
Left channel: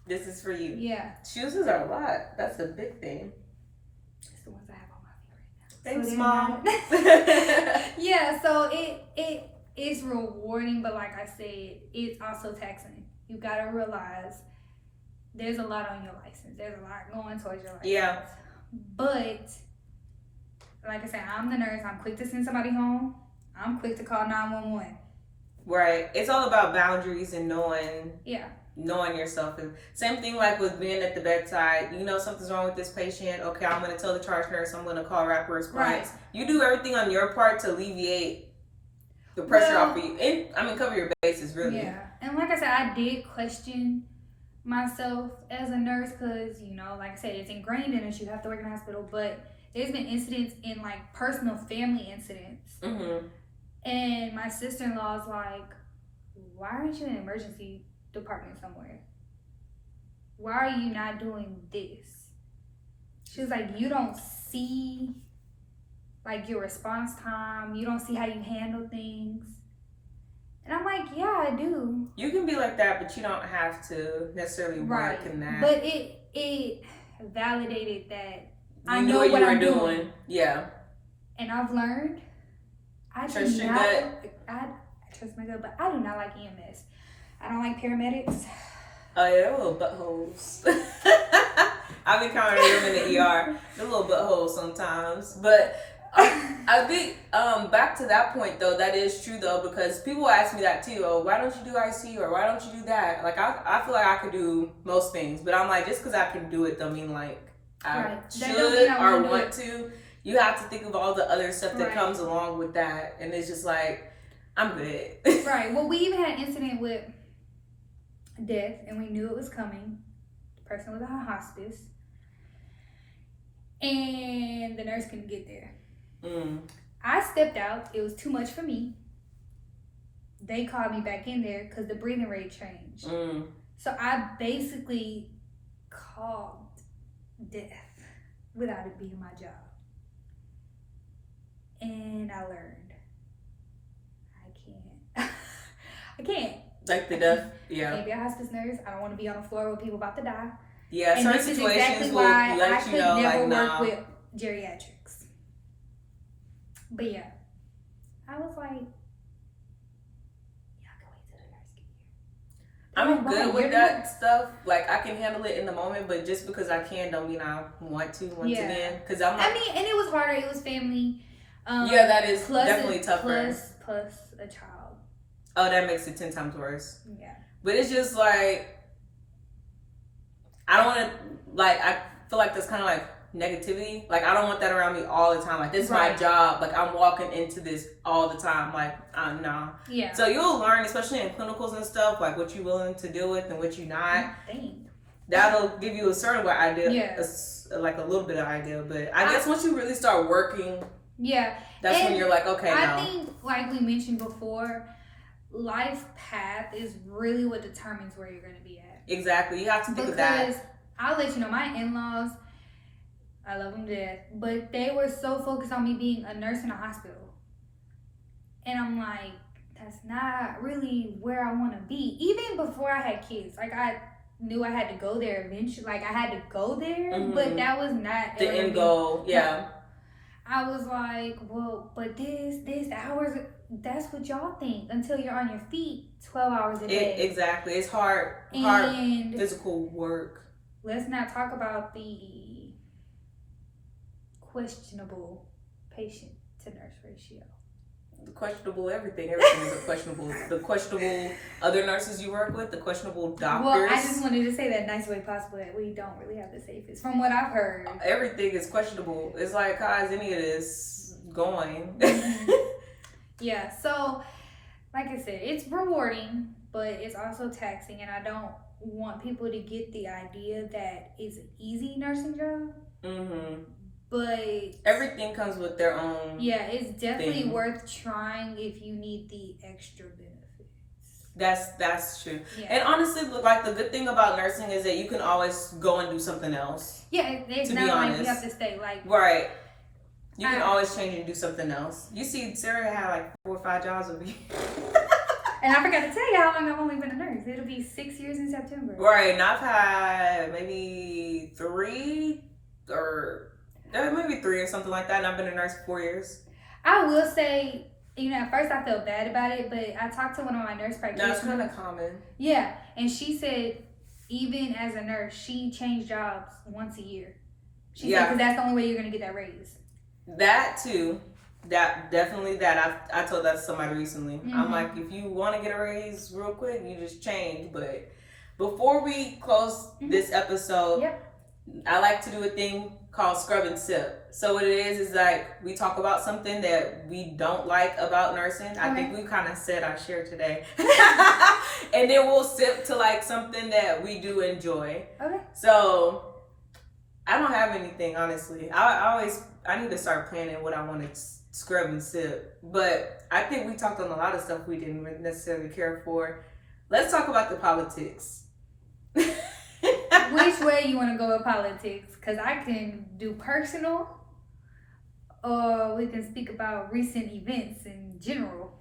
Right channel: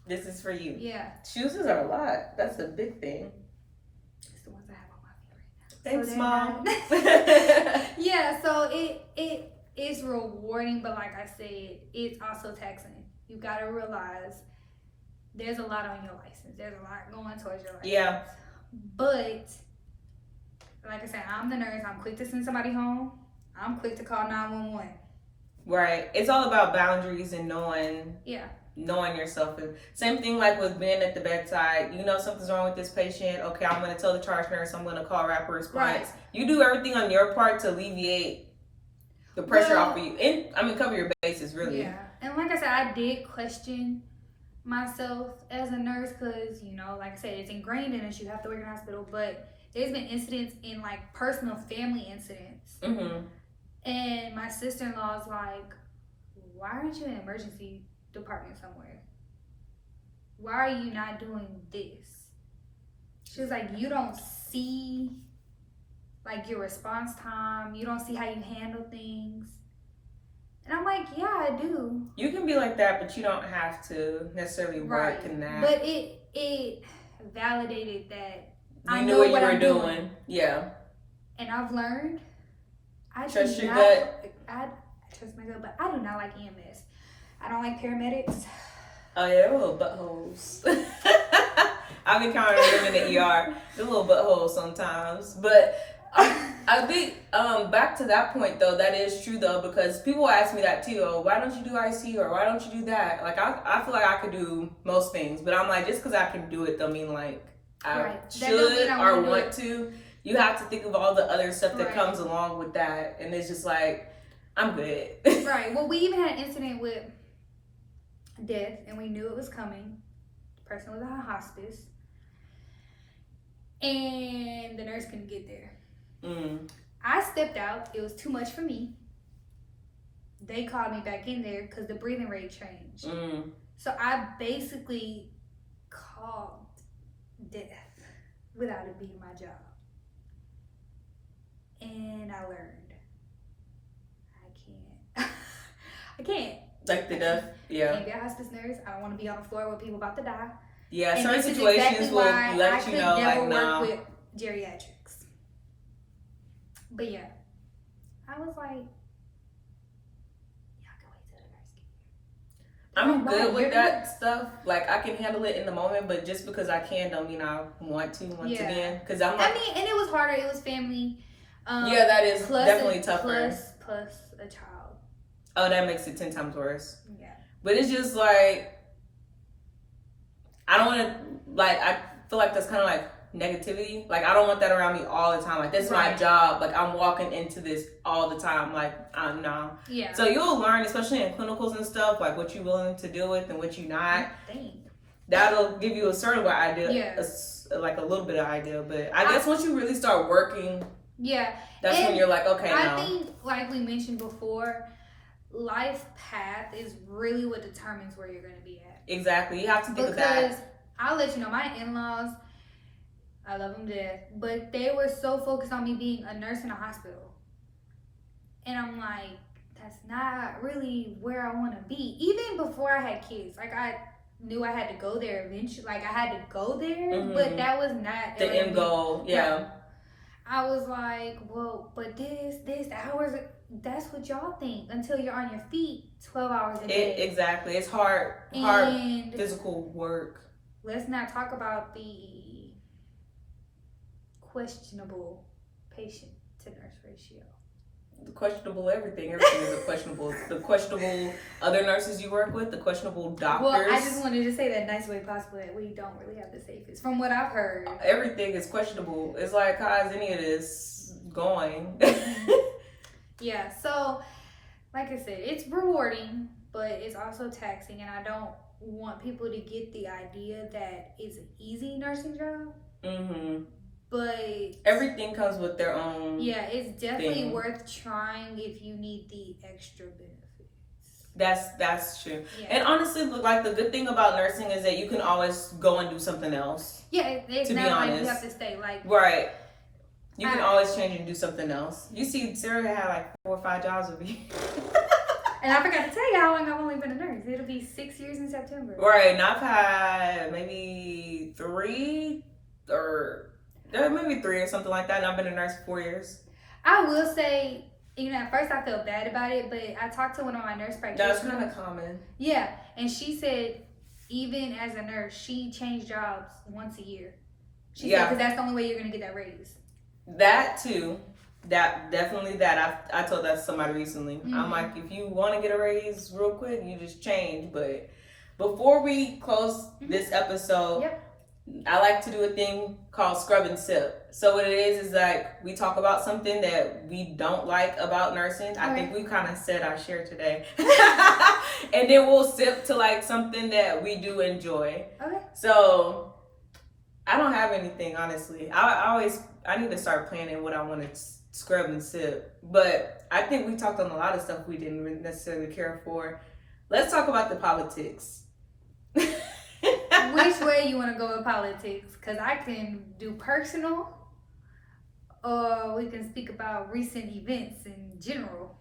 This is for you. Yeah. Shoes are a lot. That's a big thing. It's the ones I have on my feet right now. Thanks, Mom. Yeah, so it is rewarding, but like I said, it's also taxing. You gotta realize there's a lot on your license. There's a lot going towards your license. Yeah. But like I said, I'm the nurse. I'm quick to send somebody home. I'm quick to call 911. Right. It's all about boundaries and knowing. Yeah. Knowing yourself. And same thing like with being at the bedside. You know something's wrong with this patient. Okay, I'm going to tell the charge nurse. I'm going to call rapid response. Right. You do everything on your part to alleviate the pressure off of you. And cover your bases, really. Yeah. And like I said, I did question myself as a nurse because, you know, like I said, it's ingrained in us. You have to work in a hospital. But there's been incidents in like personal family incidents. Mm-hmm. And my sister-in-law's like, why aren't you in emergency department somewhere? Why are you not doing this? She was like, you don't see like your response time. You don't see how you handle things. And I'm like, yeah, I do. You can be like that, but you don't have to necessarily work in that. But it validated that I you know what I'm doing. Yeah. And I've learned I trust do your not. gut. I trust my gut, but I do not like EMS. I don't like paramedics. Oh yeah, they're little buttholes. I've encountered them in the ER. They're little buttholes sometimes, but. I think back to that point though, that is true though, because people ask me that too. Oh, why don't you do IC or why don't you do that? Like I feel like I could do most things, but I'm like, just because I can do it don't mean like I should or want to. You have to think of all the other stuff that comes along with that, and it's just like I'm good. Right. Well, we even had an incident with death, and we knew it was coming. The person was on hospice, and the nurse couldn't get there. I stepped out. It was too much for me. They called me back in there because the breathing rate changed. So I basically called death without it being my job. And I learned I can't. Like the death, yeah. I can't be a hospice nurse. I don't want to be on the floor with people about to die. Yeah, and certain situations will let you know, never like, work with geriatrics. But yeah, I was like, y'all can wait till the nurse get here. I'm good with that stuff. Like, I can handle it in the moment, but just because I can don't mean I want to once again. Because I'm like, I mean, and it was harder. It was family. Yeah, that is definitely tougher. Plus a child. Oh, that makes it 10 times worse. Yeah. But it's just like, I don't want to, like, I feel like that's kind of like negativity. Like, I don't want that around me all the time. Like, this is my job. Like, I'm walking into this all the time. Like, no. Yeah. So you'll learn, especially in clinicals and stuff, like what you're willing to deal with and what you're not. Dang. That'll give you a sort of idea. Yeah. Like a little bit of idea. But I guess once you really start working, that's when you're like, okay, I think, like we mentioned before, life path is really what determines where you're going to be at. Exactly. You have to think of that. Because I'll let you know, my in-laws, I love them to death, but they were so focused on me being a nurse in a hospital. And I'm like, that's not really where I want to be. Even before I had kids, like I knew I had to go there eventually. Like I had to go there, but that was not the end goal. Yeah. No. I was like, well, but this hours, that's what y'all think until you're on your feet 12 hours a day. Exactly. It's hard physical work. Let's not talk about the questionable patient to nurse ratio. The questionable everything. Everything is a questionable. The questionable other nurses you work with, the questionable doctors. Well, I just wanted to say that nice way possible that we don't really have the safest, from what I've heard. Everything is questionable. It's like, how is any of this going? Yeah, so like I said, it's rewarding, but it's also taxing, and I don't want people to get the idea that it's an easy nursing job. But everything comes with their own. Yeah, it's definitely worth trying if you need the extra benefits. That's true. Yeah. And honestly, like the good thing about nursing is that you can always go and do something else. Yeah, it's to not be like honest. you have to stay like right. You can always change and do something else. You see, Sarah had like 4 or 5 jobs over here. And I forgot to tell you how long I've only been a nurse. It'll be 6 years in September. Right, and I've had maybe 3 or maybe 3 or something like that, and I've been a nurse for 4 years. I will say, you know, at first I felt bad about it, but I talked to one of my nurse practitioners. That's kind of common. Yeah, and she said even as a nurse, she changed jobs once a year. She Yeah. said, because that's the only way you're going to get that raise. That too. That definitely that. I told that to somebody recently. Mm-hmm. I'm like, if you want to get a raise real quick, you just change. But before we close this episode, I like to do a thing called scrub and sip. So what it is like we talk about something that we don't like about nursing. I think we kind of said our share today. And then we'll sip to like something that we do enjoy. Okay. So I don't have anything, honestly. I need to start planning what I want to scrub and sip. But I think we talked on a lot of stuff we didn't necessarily care for. Let's talk about the politics. Which way you want to go with politics? Because I can do personal, or we can speak about recent events in general.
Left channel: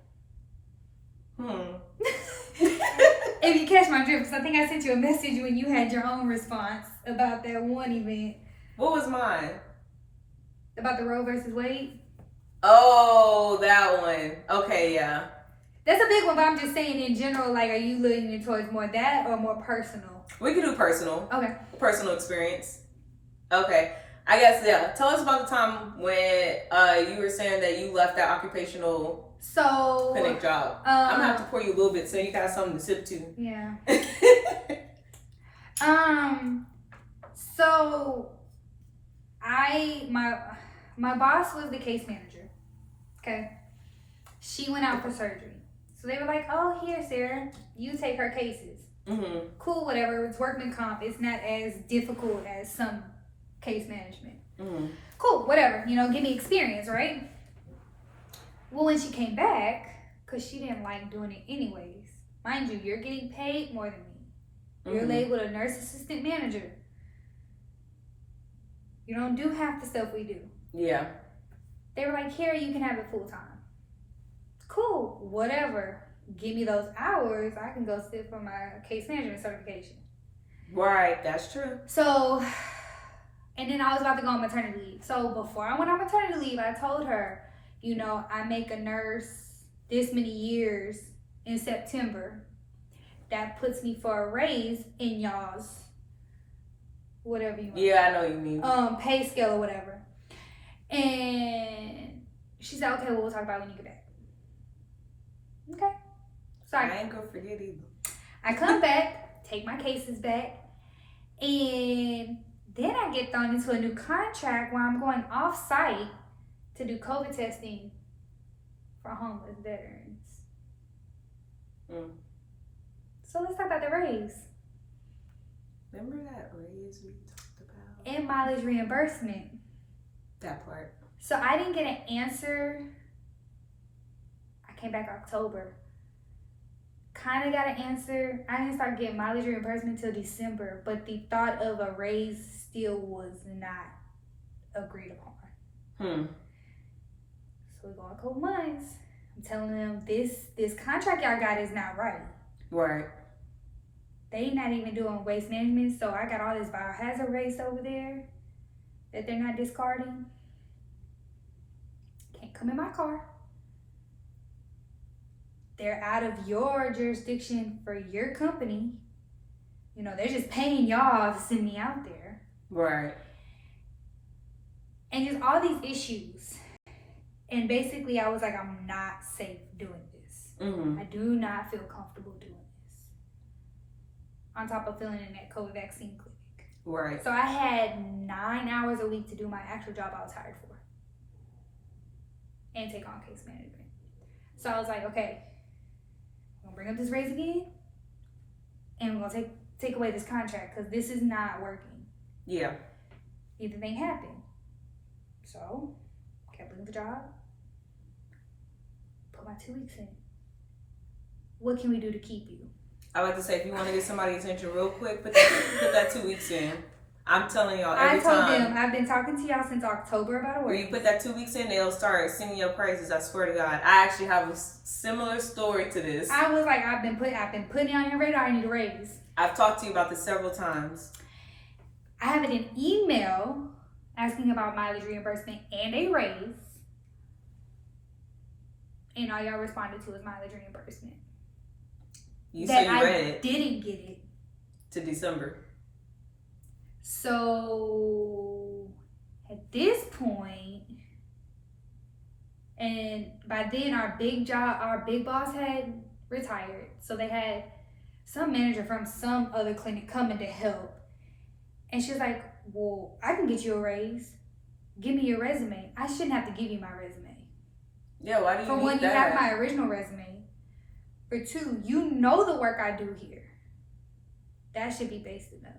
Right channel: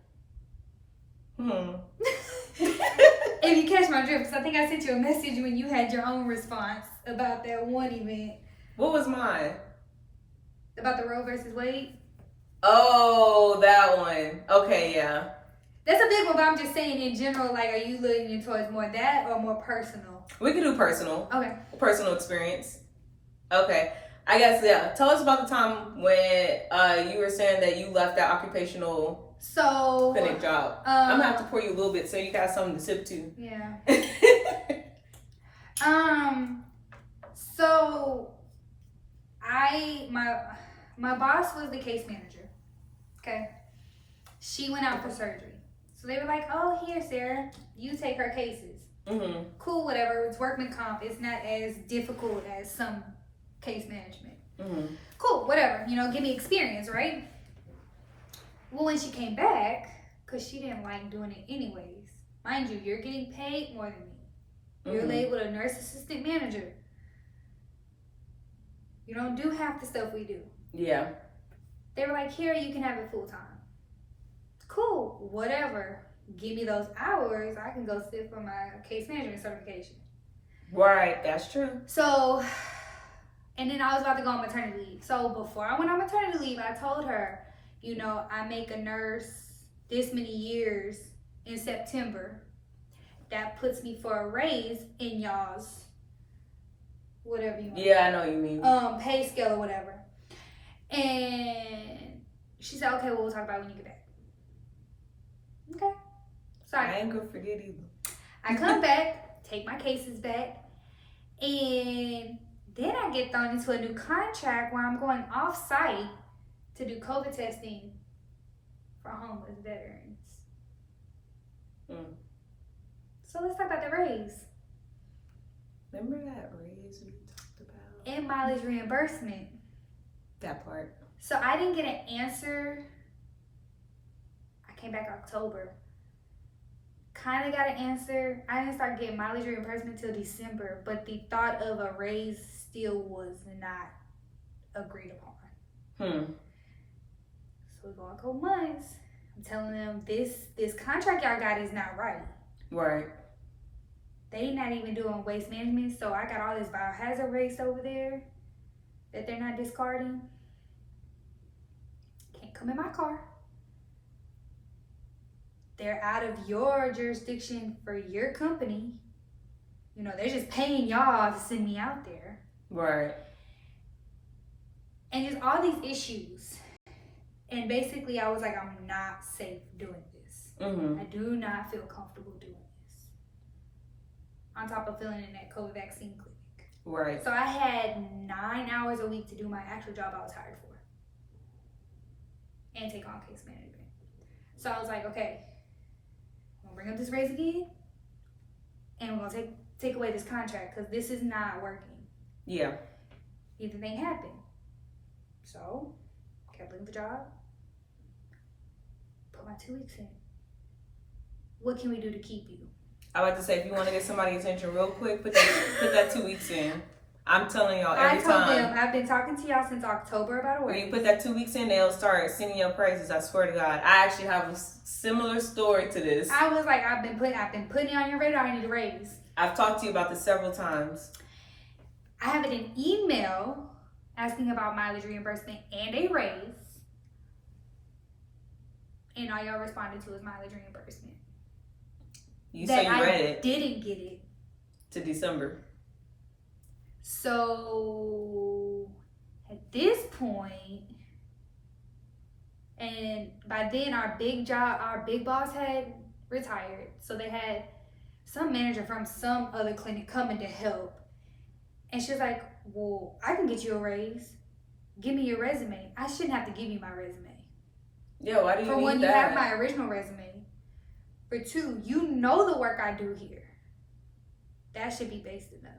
If you catch my drift, because I think I sent you a message when you had your own response about that one event. What was mine? About the Roe versus Wade? Oh, that one. Okay, yeah. That's a big one, but I'm just saying in general, like, are you leaning towards more that or more personal? We can do personal. Okay. Personal experience. Okay. I guess, yeah. Tell us about the time when you were saying that you left that occupational clinic job. I'm going to have to pour you a little bit so you got something to sip to. Yeah. So my boss was the case manager. Okay. She went out for surgery. So they were like, oh, here, Sarah, you take her cases. Mm-hmm. Cool, whatever. It's workman comp. It's not as difficult as some case management. Mm-hmm. Cool, whatever. You know, give me experience, right? Well, when she came back, because she didn't like doing it anyways. Mind you, you're getting paid more than me. You're labeled a nurse assistant manager. You don't do half the stuff we do. Yeah. They were like, here, you can have it full time. Cool, whatever. Give me those hours, I can go sit for my case management certification. Right, that's true. So, and then I was about to go on maternity leave. So before I went on maternity leave, I told her, you know, I make a nurse this many years in September. That puts me for a raise in y'all's, whatever you want. Yeah, I know what you mean. Pay scale or whatever. And she said, okay, well, we'll talk about it when you get back. Okay. Sorry. I ain't good for that either. I come back, take my cases back, and then I get thrown into a new contract where I'm going off site to do COVID testing for homeless veterans. So let's talk about the raise. Remember that raise we talked about? And mileage reimbursement. That part. So I didn't get an answer. I came back October. Kind of got an answer. I didn't start getting mileage reimbursement until December, but the thought of a raise still was not agreed upon. So we go a couple months. I'm telling them this contract y'all got is not right. Right. They not even doing waste management, so I got all this biohazard waste over there that they're not discarding. Can't come in my car. They're out of your jurisdiction for your company. You know, they're just paying y'all to send me out there. Right. And just all these issues. And basically, I was like, I'm not safe doing this. I do not feel comfortable doing this. On top of filling in that COVID vaccine clinic. Right. So I had 9 hours a week to do my actual job I was hired for. And take on case management. So I was like, okay, I'm gonna bring up this raise again. And we're gonna take away this contract because this is not working. Yeah. Either thing happened. So, kept looking for the job. Put my 2 weeks in. What can we do to keep you? I like to say, if you want to get somebody's attention real quick, put that 2 weeks in. I'm telling y'all every time. I told them, I've been talking to y'all since October about a When raise. you put that 2 weeks in, they'll start singing your praises. I swear to God. I actually have a similar story to this. I was like, I've been putting it on your radar. I need a raise. I've talked to you about this several times. I have it in email asking about mileage reimbursement and a raise. And all y'all responded to is mileage reimbursement. You said you read I it. didn't get it. to December. So at this point, and by then our big boss had retired. So they had some manager from some other clinic coming to help. And she was like, well, I can get you a raise. Give me your resume. I shouldn't have to give you my resume. Yeah, why do you For need one, that? you have my original resume. For two, you know the work I do here. That should be based enough.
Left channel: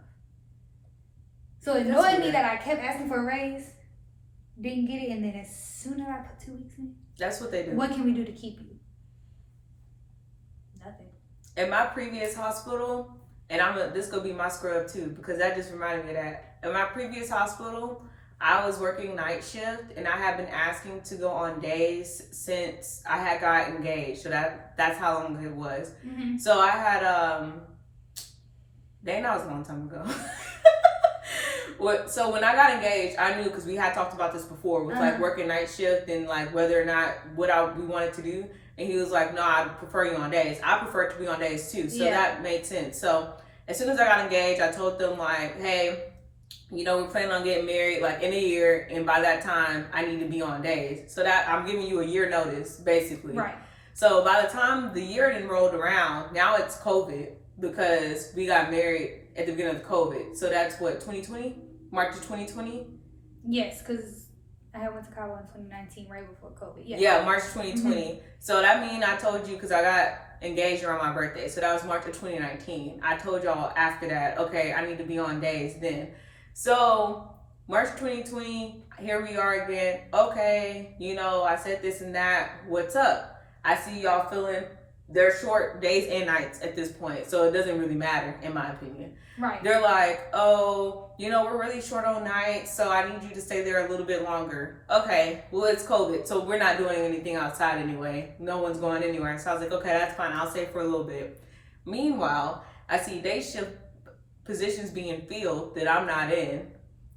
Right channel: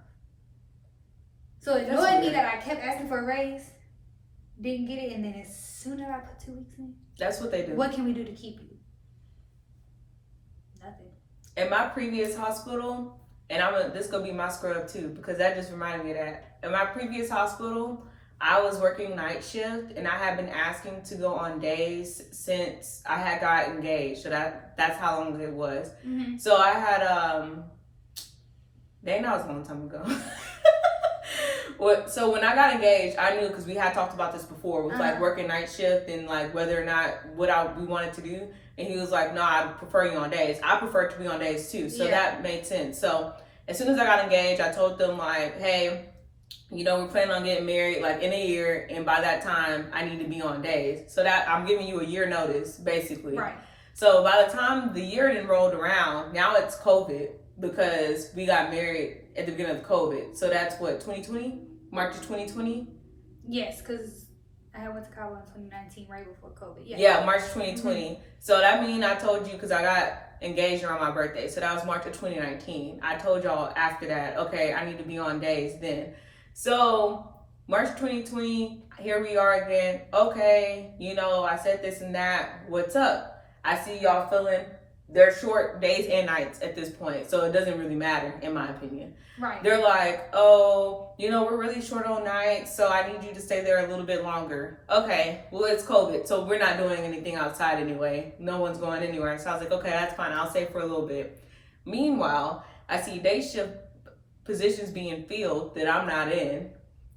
So annoying me that I kept asking for a raise, didn't get it, and then as soon as I put 2 weeks in, that's what they do. What can we do to keep you? Nothing. In my previous hospital, and this gonna be my scrub too, because that just reminded me of that. In my previous hospital, I was working night shift, and I had been asking to go on days since I had got engaged. So that's how long it was. Mm-hmm. So I had that was a long time ago. So when I got engaged, I knew, because we had talked about this before, with like working night shift and like whether or not we wanted to do. And he was like, no, I prefer you on days. I prefer to be on days too. So that made sense. So as soon as I got engaged, I told them like, hey, you know, we're planning on getting married like in a year, and by that time I need to be on days. So that I'm giving you a year notice, basically. Right. So by the time the year then rolled around, now it's COVID, because we got married at the beginning of COVID. So that's what, 2020? March of 2020? Yes, because I went to Cabo in 2019, right before COVID. Yeah, March 2020. Mm-hmm. So that means I told you, because I got engaged around my birthday. So that was March of 2019. I told y'all after that, okay, I need to be on days then. So March 2020, here we are again. Okay, you know, I said this and that. What's up? I see y'all feeling they're short days and nights at this point. So it doesn't really matter, in my opinion. Right. They're like, oh, you know, we're really short on nights, so I need you to stay there a little bit longer. Okay, well, it's COVID, so we're not doing anything outside anyway. No one's going anywhere. So I was like, okay, that's fine. I'll stay for a little bit. Meanwhile, I see day shift positions being filled that I'm not in.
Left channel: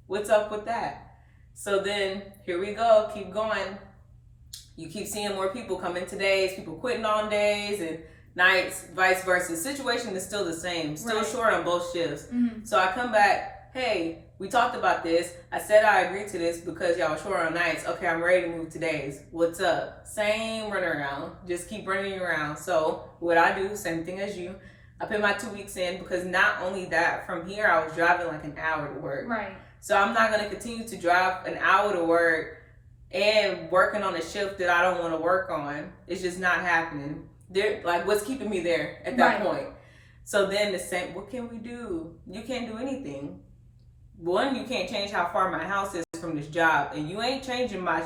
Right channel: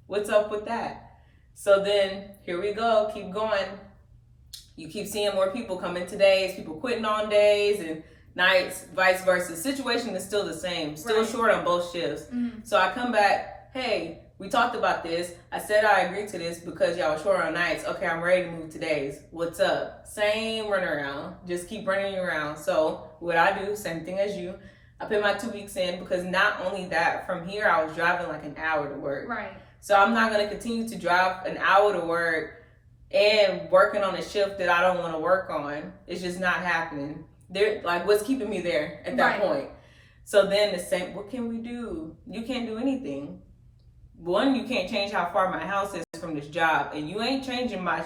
What's up with that? So then, here we go. Keep going. You keep seeing more people come in days, people quitting on days and nights, vice versa. The situation is still the same, still short on both shifts. Mm-hmm. So I come back, hey, we talked about this. I said I agreed to this because y'all were short on nights. Okay, I'm ready to move to days. What's up? Same runaround. Just keep running around. So what I do, same thing as you. I put my 2 weeks in, because not only that, from here I was driving like an hour to work. Right. So I'm not going to continue to drive an hour to work and working on a shift that I don't want to work on. It's just not happening. They're like, what's keeping me there at that point? So then the same, what can we do? You can't do anything. One, you can't change how far my house is from this job, and you ain't changing my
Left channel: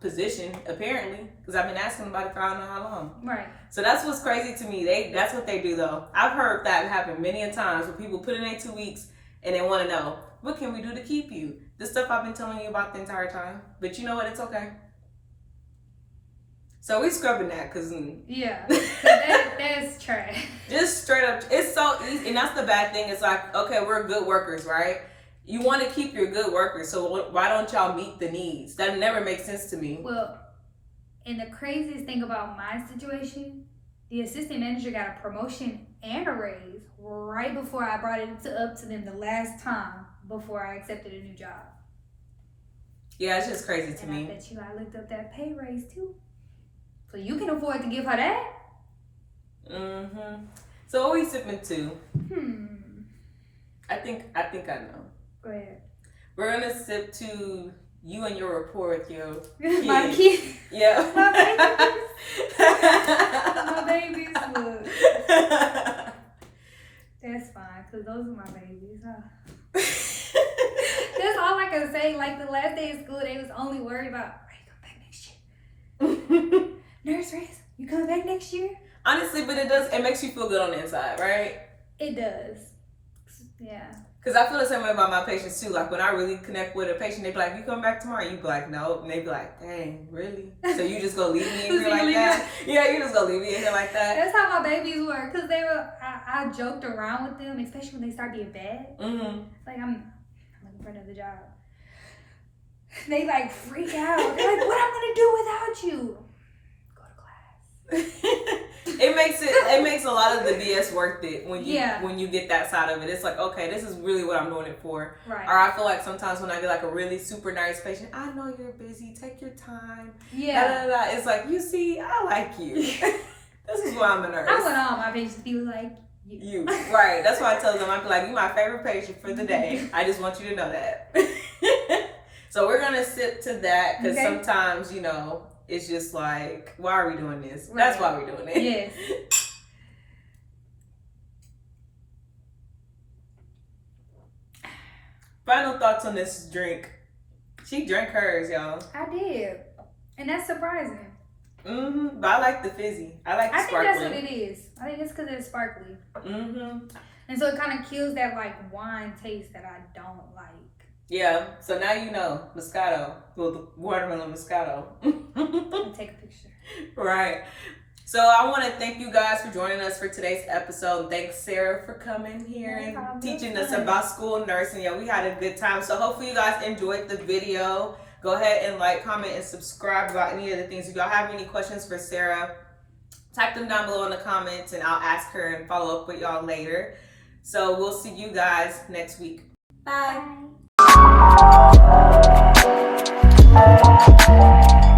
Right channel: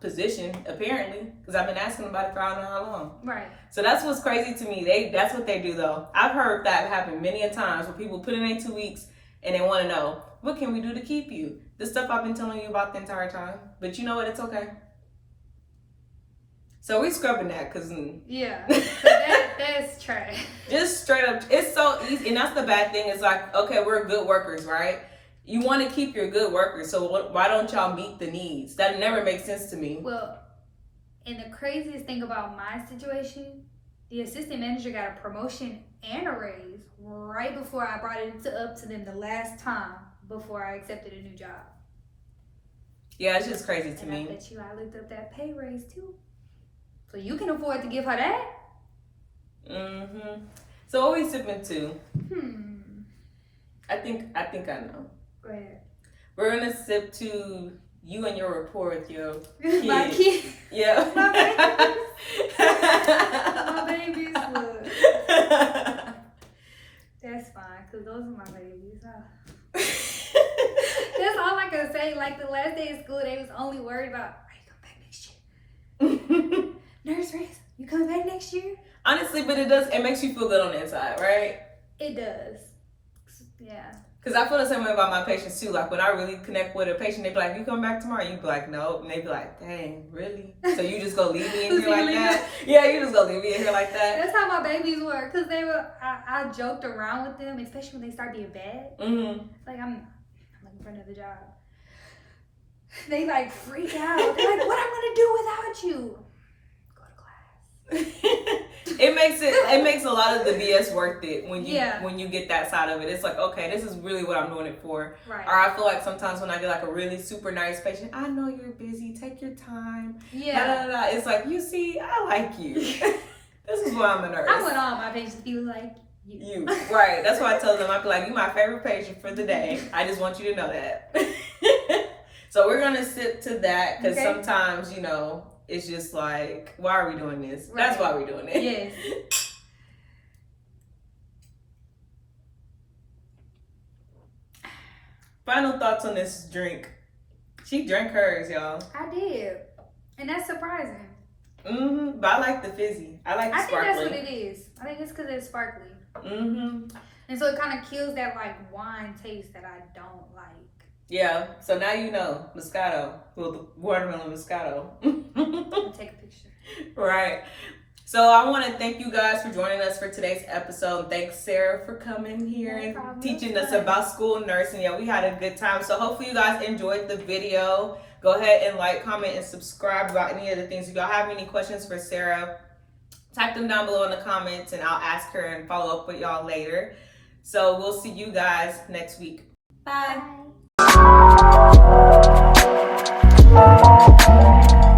position apparently, because I've been asking about it for I don't know how long. Right. So that's what's crazy to me. That's what they do though. I've heard that happen many a times where people put it in 2 weeks and they want to know, what can we do to keep you? The stuff I've been telling you about the entire time. But you know what? It's okay. So we scrubbing that, because yeah, that's trash. Just straight up, it's so easy, and that's the bad thing. It's like, okay, we're good workers, right? You want to keep your good workers, so why don't y'all meet the needs? That never makes sense to me. Well, and the craziest thing about my situation, the assistant manager got a promotion and a raise right before I brought it up to them the last time before I accepted a new job. Yeah, it's just crazy to me. I bet you I looked up that pay raise too. So you can afford to give her that? Mm-hmm. So what we sipping to? I think I know. Go ahead. We're gonna sip to you and your rapport with your kid. My kid? Yeah. My babies. My babies, look. That's fine, because those are my babies. That's all I can say. Like, the last day of school, they was only worried about, are you coming back next year? Nurse Race, you coming back next year? Honestly, but it makes you feel good on the inside, right? It does. Yeah. Because I feel the same way about my patients too. Like, when I really connect with a patient, they be like, you come back tomorrow? You be like, no. And they be like, dang, really? So you just go leave me in here like that? Yeah, you just go leave me in here like that. That's how my babies were. Because I joked around with them, especially when they start being bad. Mm-hmm. Like, I'm looking for another job. They like freak out. They're like, what am I going to do without you? Go to class. it makes a lot of the BS worth it when you get that side of it. It's like, okay, this is really what I'm doing it for. Right. Or I feel like sometimes when I get like a really super nice patient, I know you're busy, take your time. Yeah. Blah, blah, blah. It's like, you see, I like you. This is why I'm a nurse. I want all my patients to be like you. Right. That's why I tell them, I be like, you're my favorite patient for the day. I just want you to know that. So we're gonna sit to that because sometimes, you know, it's just like, why are we doing this? Right. That's why we're doing it. Yes. Final thoughts on this drink. She drank hers, y'all. I did. And that's surprising. Mm-hmm. But I like the fizzy. I like the sparkling. I think that's what it is. I think it's because it's sparkly. Mm-hmm. And so it kind of kills that like wine taste that I don't like. Yeah. So now you know. Moscato. Well, the watermelon Moscato. Take a picture. Right. So I want to thank you guys for joining us for today's episode. Thanks, Sarah, for coming here and teaching us about school nursing. Yeah, we had a good time. So hopefully you guys enjoyed the video. Go ahead and like, comment, and subscribe about any of the things. If y'all have any questions for Sarah, type them down below in the comments and I'll ask her and follow up with y'all later. So we'll see you guys next week. Bye. Bye.